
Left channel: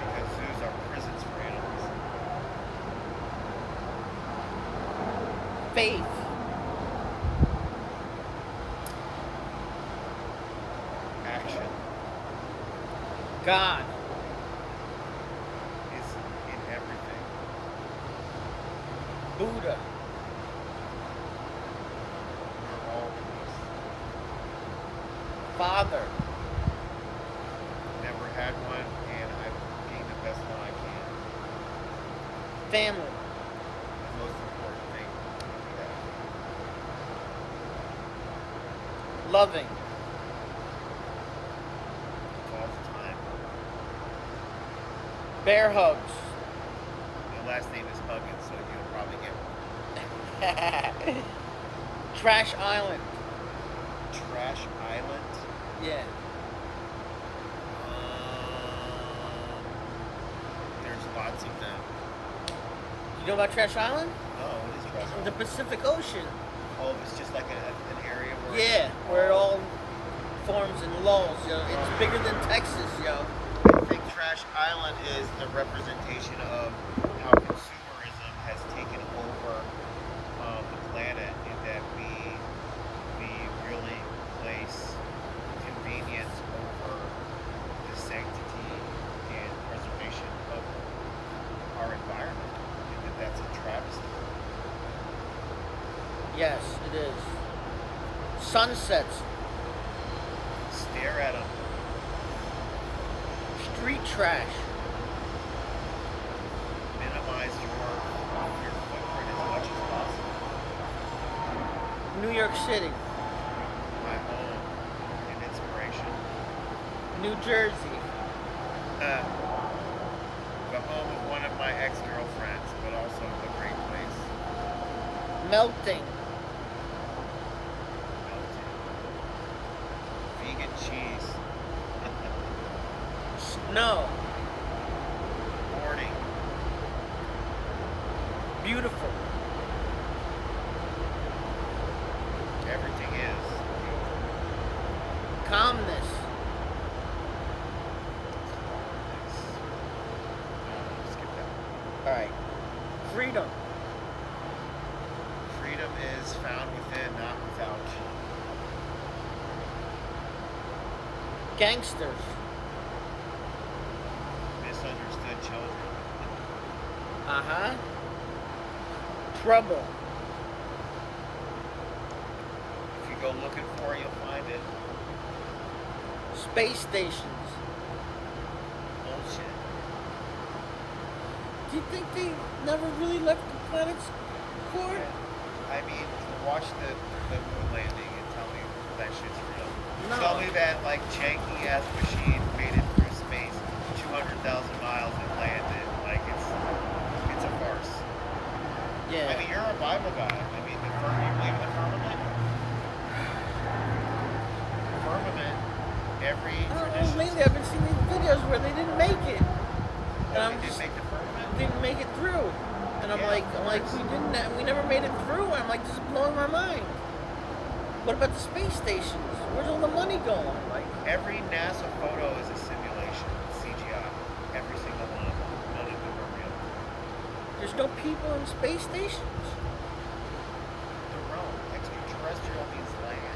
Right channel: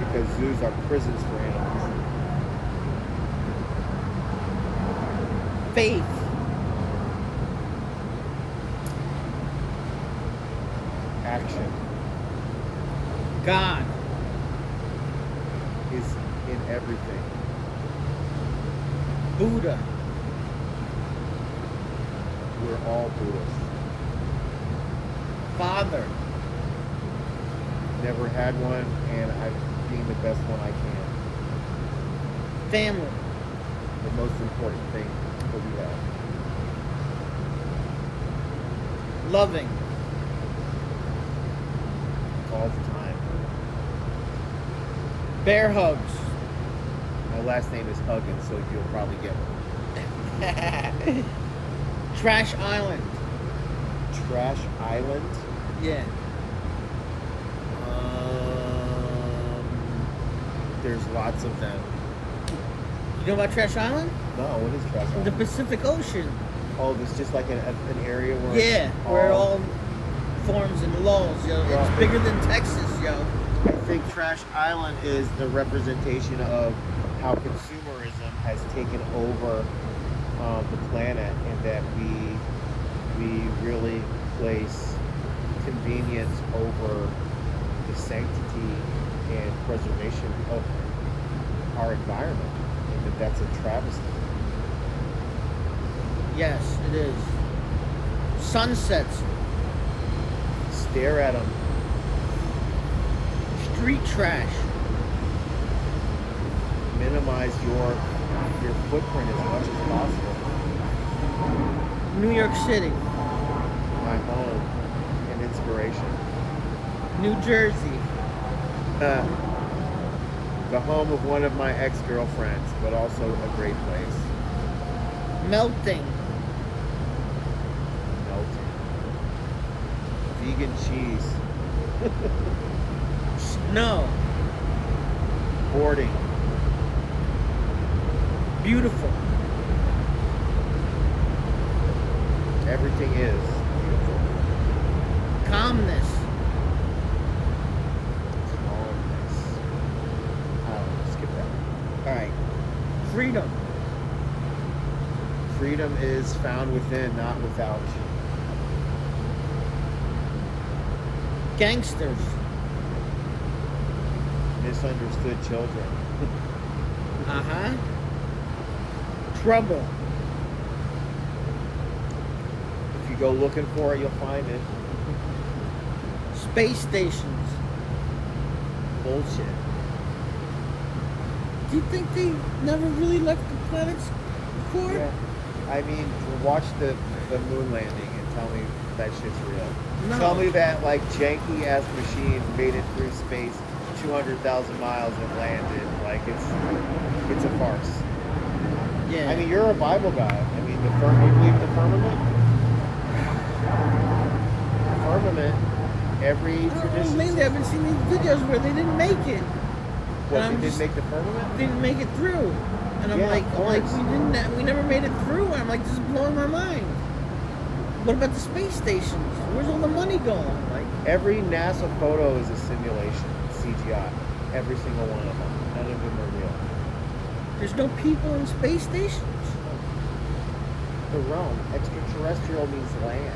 because zoos are prisons for animals. Faith. Action God. is in everything. Buddha. We're all Buddhists. Father. Never had one, and I'm being the best one I can. Family. The most important thing that we have. Loving. All the time. Bear hugs. My last name is Huggins, so you'll probably get one. Trash Island. Trash Island. Yeah. There's lots of them. You know about Trash Island? No, what is Trash The Island? Pacific Ocean. Oh, it's just like an area where Yeah, it's where it all forms and lulls, yo. Well, It's bigger than Texas, yo. I think Trash Island is the representation of how consumerism has taken over the planet, and that we really place convenience over the sanctity and preservation of our environment, and that's a travesty. Yes, it is. Sunsets, Stare at them. street trash. Minimize your footprint as much as possible. New York City, My home and inspiration. New Jersey, The home of one of my ex-girlfriends, but also a great place. melting, Melting. Vegan cheese. snow, Boarding. beautiful, Everything is beautiful. calmness, All of this. I don't know, skip that. all right, freedom, Freedom is found within, not without. gangsters, Misunderstood children. uh-huh, trouble, If you go looking for it, you'll find it. space stations. Bullshit. Do you think they never really left the planet's core? Yeah. I mean, watch the moon landing and tell me that shit's real. No. Tell me that like janky ass machine made it through space 200,000 miles and landed. Like it's a farce. Yeah. I mean, you're a Bible guy. I mean, you believe in the firmament? Firmament. Every I don't know, tradition. maybe I've been seeing these videos where they didn't make it. What, I'm they didn't just- make the firmament? Didn't make it through. And I'm Yeah, like, of I'm like, course. we never made it through. And I'm like, this is blowing my mind. What about the space stations? Where's all the money going? Like, Every NASA photo is a simulation, CGI. Every single one of them. None of them are real. there's no people in space stations. The realm, extraterrestrial means land.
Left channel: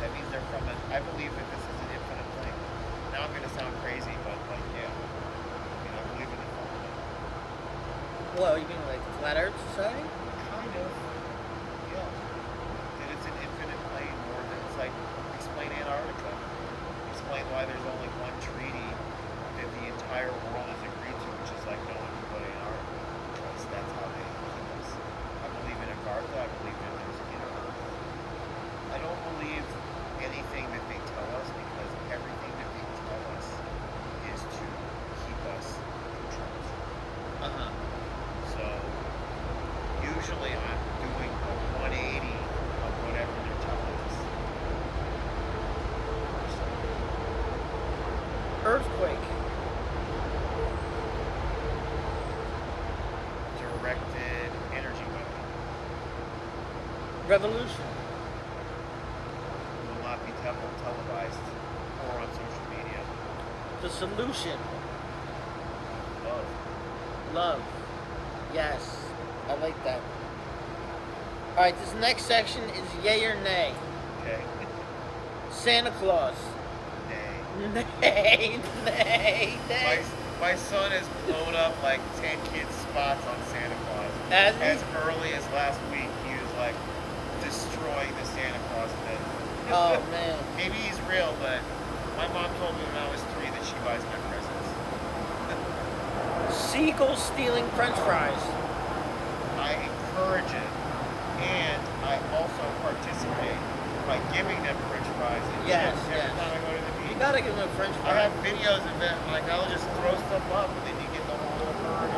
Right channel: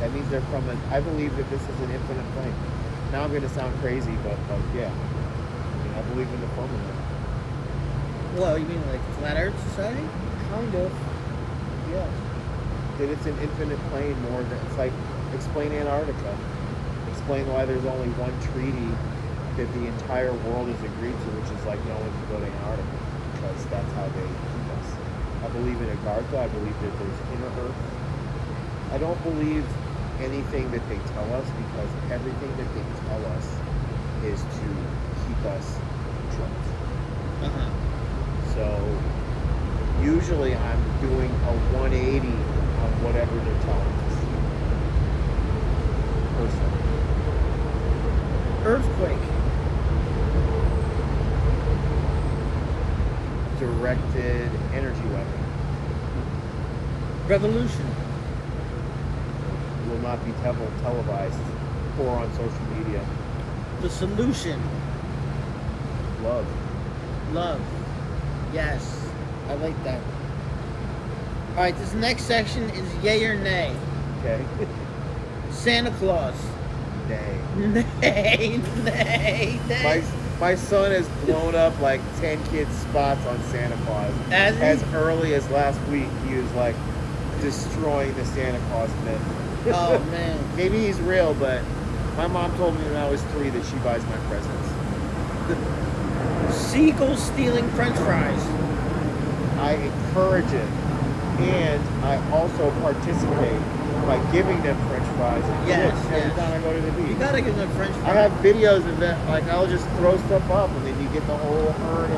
That means they're from an. I believe that this is an infinite plane. Now I'm going to sound crazy, but like, yeah. I mean, I believe in the firmament. Well, you mean like Flat Earth Society? Kind of. Yeah. That it's an infinite plane more than. It's like, explain Antarctica. Explain why there's only one treaty that the entire world has agreed to, which is like no one can go to Antarctica. Because that's how they keep us. I believe in Agartha. I believe that there's inner Earth. I don't believe anything that they tell us, because everything that they tell us is to keep us controlled. Uh-huh. So usually I'm doing a 180 of whatever they're telling us. Personally. Earthquake. Directed energy weapon. Revolution. Will not be televised or on social media. The solution. Love. Love. Yes. I like that. Alright, this next section is yay or nay. Okay. Santa Claus. Nay. Nay, nay, nay. My son has blown up like 10 kids' spots on Santa Claus. As early as last week, he was like destroying the Santa Claus myth. Oh, man. Maybe he's real, but my mom told me when I was 3 that she buys my presents. Seagulls stealing french fries. I encourage it, and I also participate by giving them french fries and Yes, chips every yes. time I go to the You beach. gotta give them french I fries. have videos of that, like I'll just throw stuff up, and then you get the whole herd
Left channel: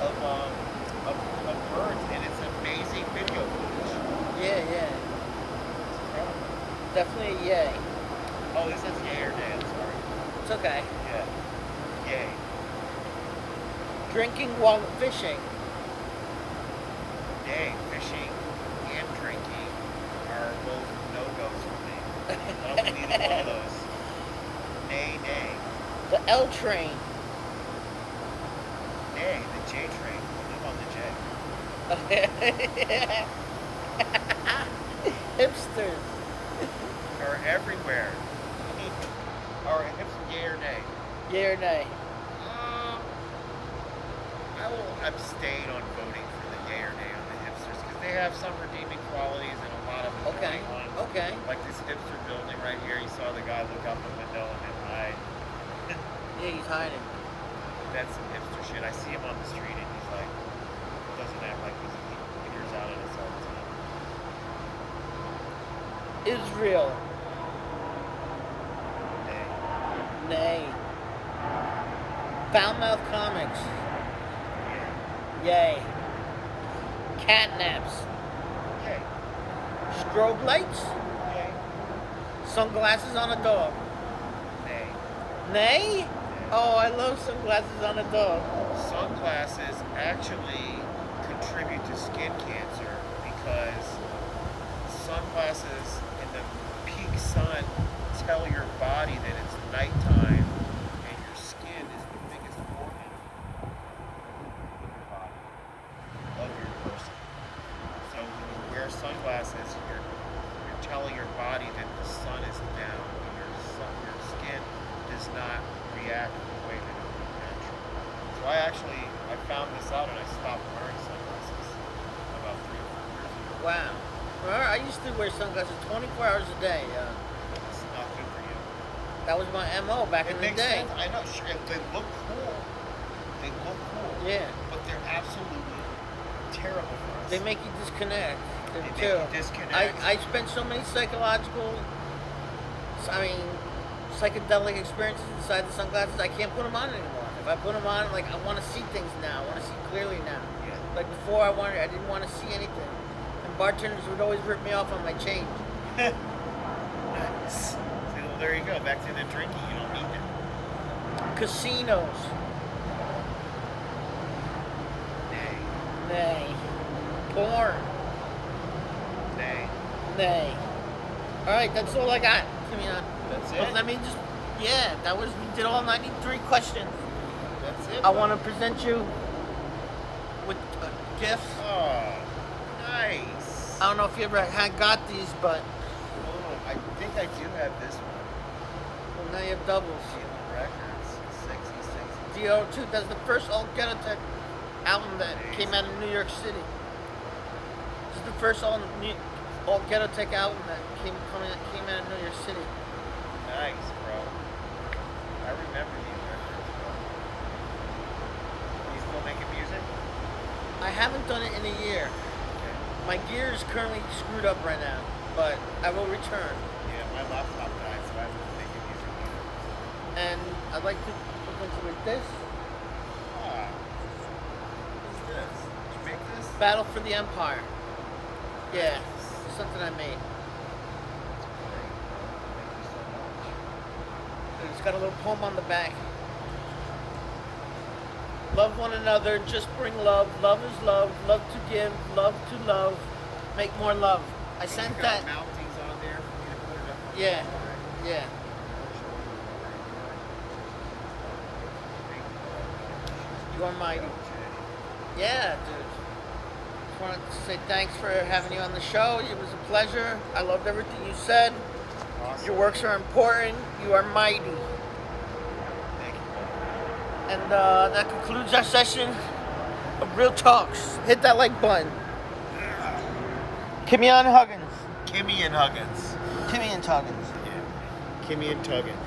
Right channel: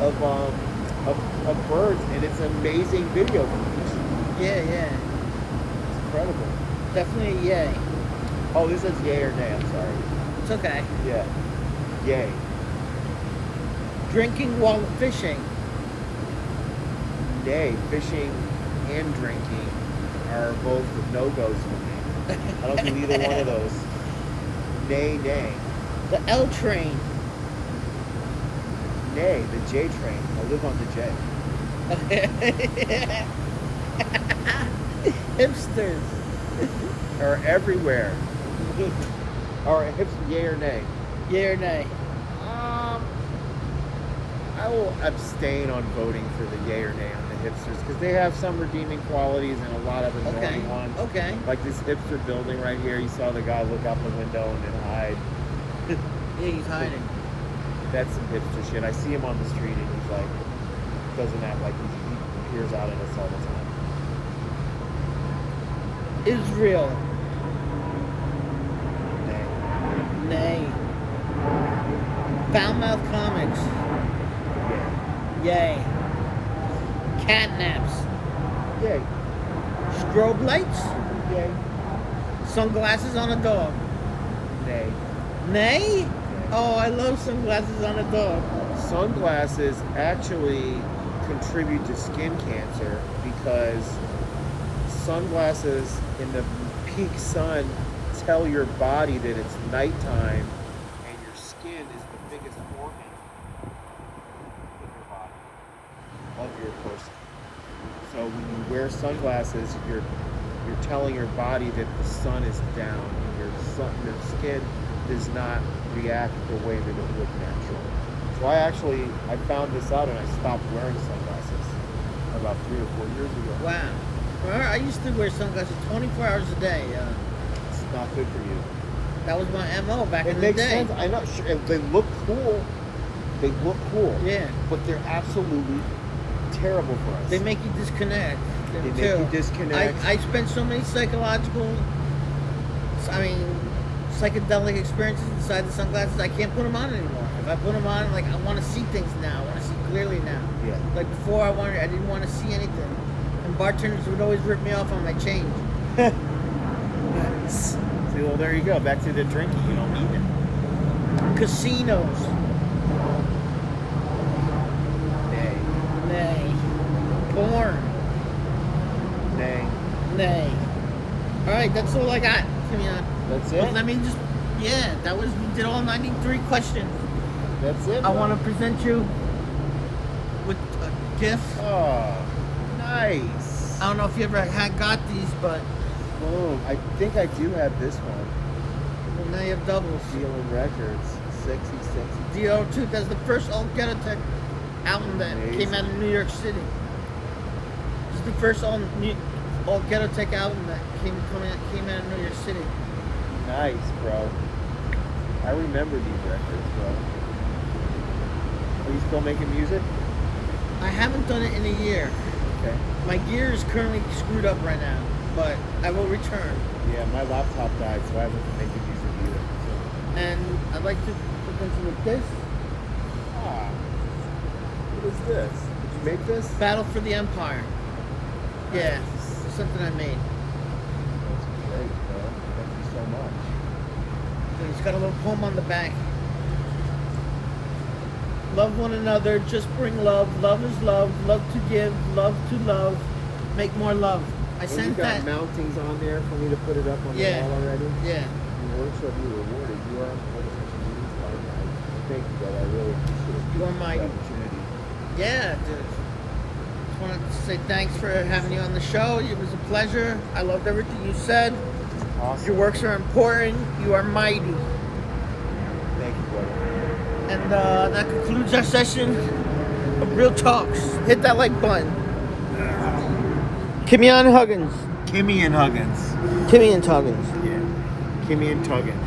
of birds, and it's amazing video footage. Yeah, yeah. It's incredible. Definitely yay. Oh, this is yay or nay. I'm sorry. It's okay. Yeah, yay. Drinking while fishing. Nay. Fishing and drinking are both no-goes for me. I don't do either one of those. Nay, nay. The L train. Nay, the J train. I live on the J. Hipsters. Are everywhere. Or yay or nay? Yay or nay? I will abstain on voting for the yay or nay on the hipsters because they have some redeeming qualities and a lot of annoying ones. Okay. Like this hipster building right here, you saw the guy look out the window and then hide. Yeah, he's hiding. That's some hipster shit. I see him on the street and he's like, doesn't act like he peers out at us all the time. Israel. Nay. Nay. Foul-mouthed comments. Yay. Yay. Catnaps. Yay. Strobe lights. Yay. Sunglasses on a dog. Nay. Nay? Nay. Oh, I love sunglasses on a dog. Sunglasses actually contribute to skin cancer because sunglasses in the peak sun tell your body that it's nighttime and your skin is the biggest organ in your body of your person. So when you wear sunglasses, you're telling your body that the sun is down and your skin does not react the way that it would naturally. So I found this out and I stopped wearing sunglasses about 3 or 4 years ago. Wow. Well, I used to wear sunglasses 24 hours a day. It's not good for you. That was my MO back in It the day. makes sense. I'm not sure. They look cool. Yeah. But they're absolutely terrible for us. They make you disconnect. They make you disconnect. I spent so many psychedelic experiences inside the sunglasses. I can't put them on anymore. If I put them on, like I want to see things now. I want to see clearly now. Yeah. Like before, I didn't want to see anything. And bartenders would always rip me off on my change. Nice. See, well, there you go. Back to the drinking. You don't need it. Casinos. Nay. Nay. Porn. Nay. Nay. All right, that's all I got. That's it? Let me just, we did all 93 questions. That's it? I want to present you with a gift. Oh, nice. I don't know if you ever got these, but Oh, I think I do have this one. now you have doubles. Dealing Records. Sexy. DO2, that's the first All Ghetto Tech album that came out of New York City. This is the first All Ghetto Tech album that came out of New York City. Nice, bro. I remember these records, bro. Are you still making music? I haven't done it in a year. Okay. My gear is currently screwed up right now, but I will return. Yeah, my laptop died, so I haven't been making music either. And I'd like to present you with this. Ah. What is this? Did you make this? Battle for the Empire. Yeah, Nice. something I made. That's great, bro. Thank you so much. And it's got a little poem on the back. Love one another, just bring love. Love is love. Love to give, love to love. Make more love. I And you sent got that. mountings on there for me to put it up on the wall already? Yeah. Your work shall be rewarded. You are an opportunity partner. Thank you, brother. I really appreciate You are my. the opportunity. Yeah, dude. Just wanted to say thanks for having me on the show. It was a pleasure. I loved everything you said. Awesome. Your works are important. You are mighty. Thank you, brother. And that concludes our session of Real Talks. Hit that like button. KIMYON Huggins. KIMYON Huggins. KIMYON Huggins. Yeah. KIMYON Huggins.